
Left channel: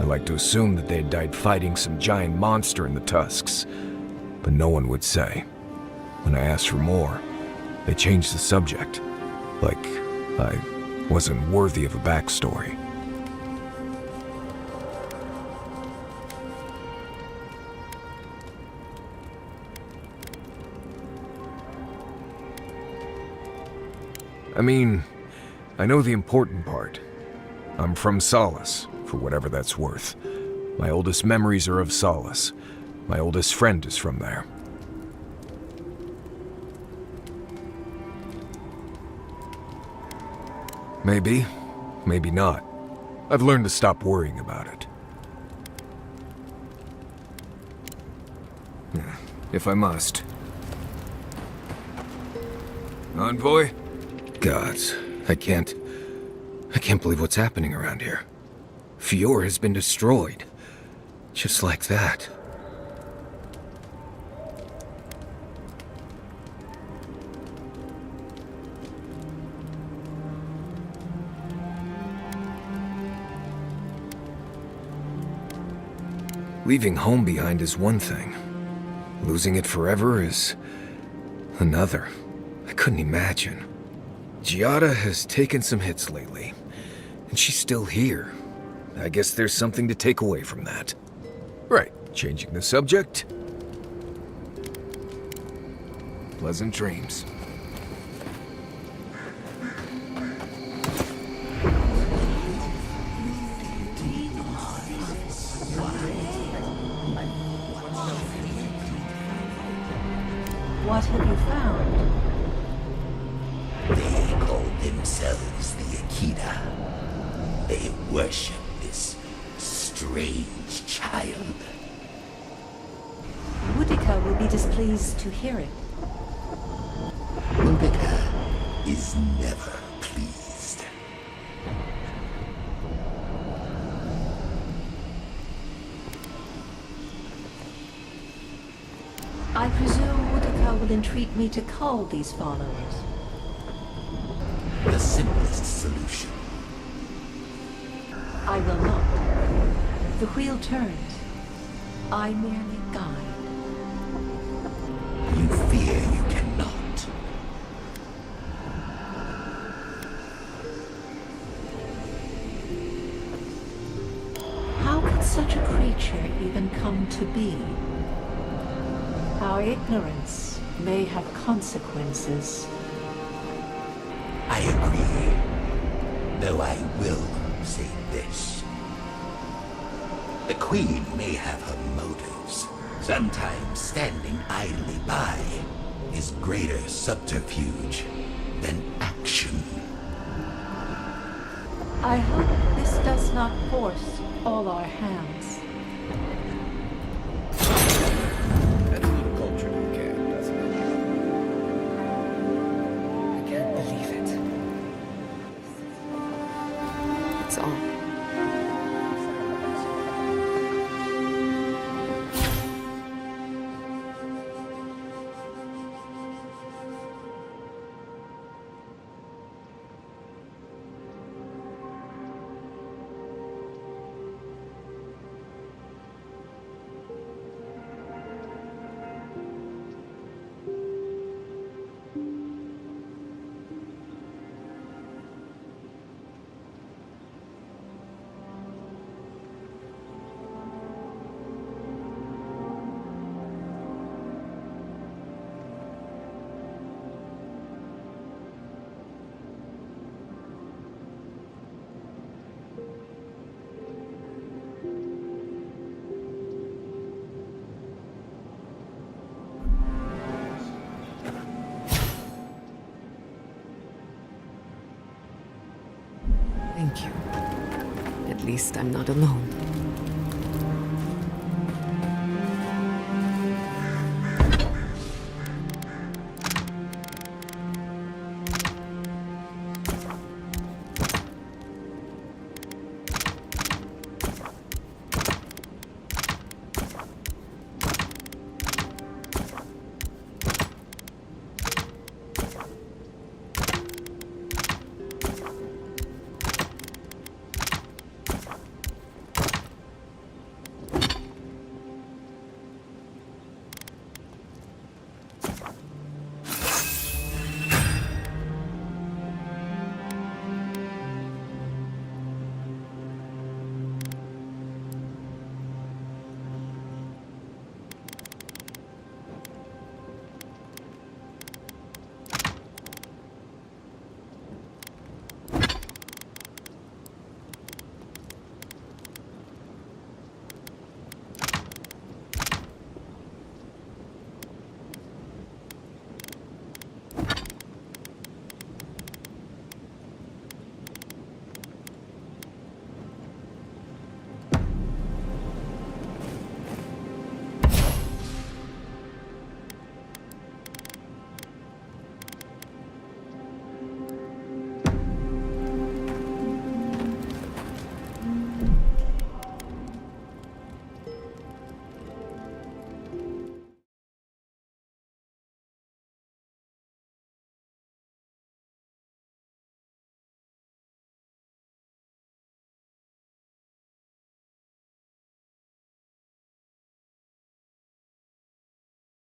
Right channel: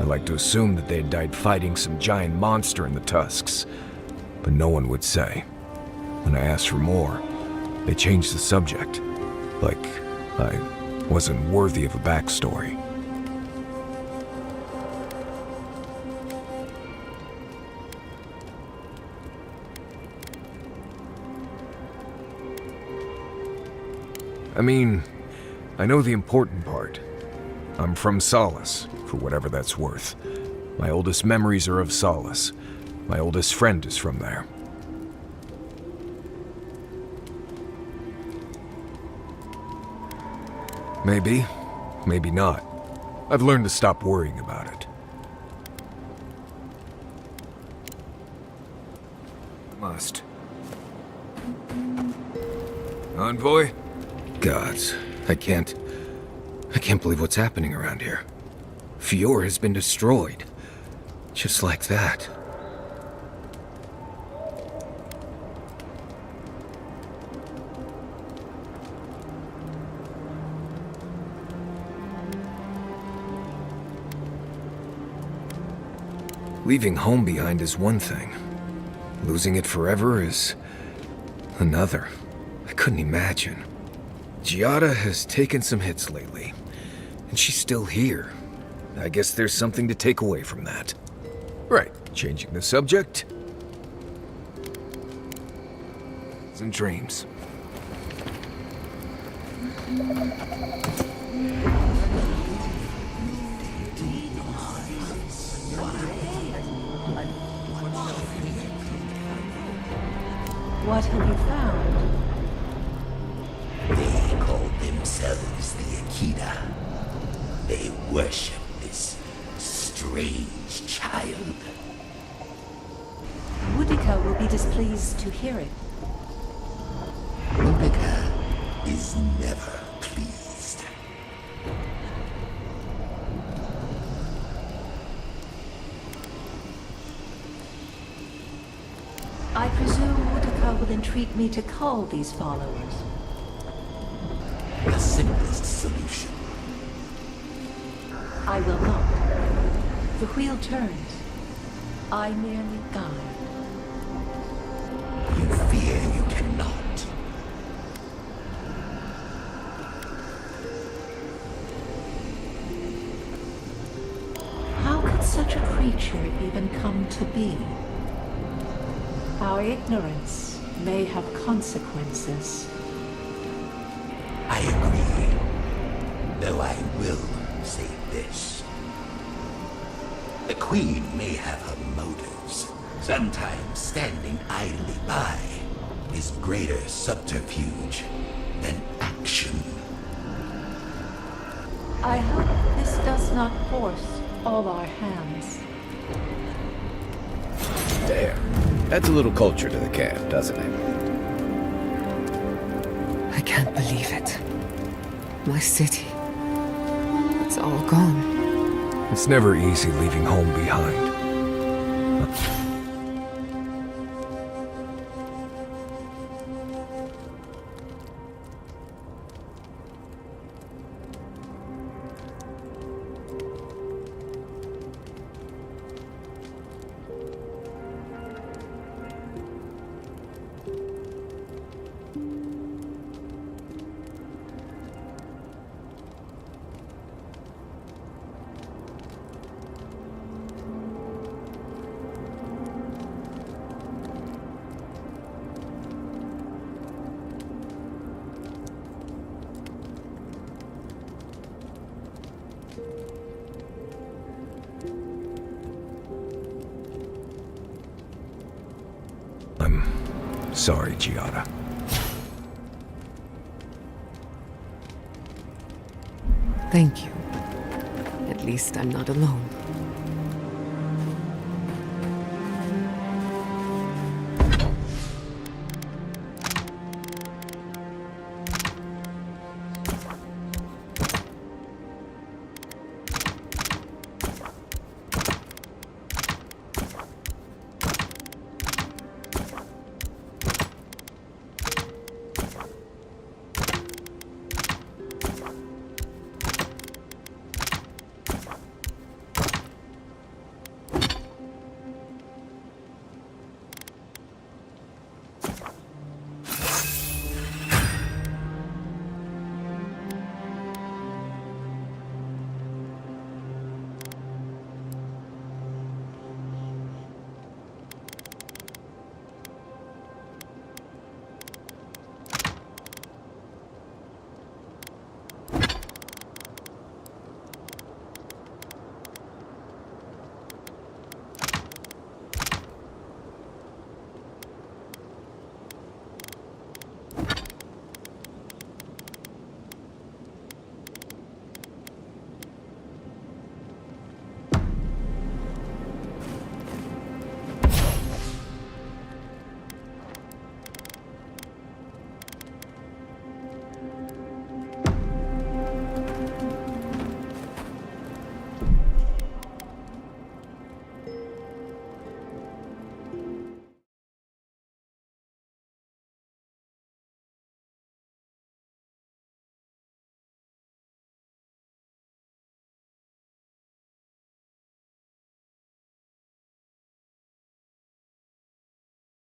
I like to assume that they had died fighting some giant monster in the Tusks, but no one would say. When I asked for more, they changed the subject, like I wasn't worthy of a backstory. I mean, I know the important part. I'm from Solace, for whatever that's worth. My oldest memories are of Solace. My oldest friend is from there. Maybe, maybe not. I've learned to stop worrying about it. If I must. Envoy? Gods, I can't believe what's happening around here. Fior has been destroyed. Just like that. Leaving home behind is one thing. Losing it forever is another. I couldn't imagine. Giada has taken some hits lately, and she's still here. I guess there's something to take away from that. Right, changing the subject. Pleasant dreams. What have you found? They call themselves the Akita. They worship this strange child. Boudica will be displeased to hear it. Boudica is never pleased. I presume Boudica will entreat me to cull these followers. The simplest solution. I will not. The wheel turns. I merely guide. You fear you cannot. How could such a creature even come to be? Our ignorance may have consequences. I agree. Though I will say this. The Queen may have her motives. Sometimes standing idly by is greater subterfuge than action. I hope this does not force all our hands. There. Adds a little culture to the camp, doesn't it? I can't believe it. My city. It's all gone. It's never easy leaving home behind. Sorry, Giada. Thank you. At least I'm not alone.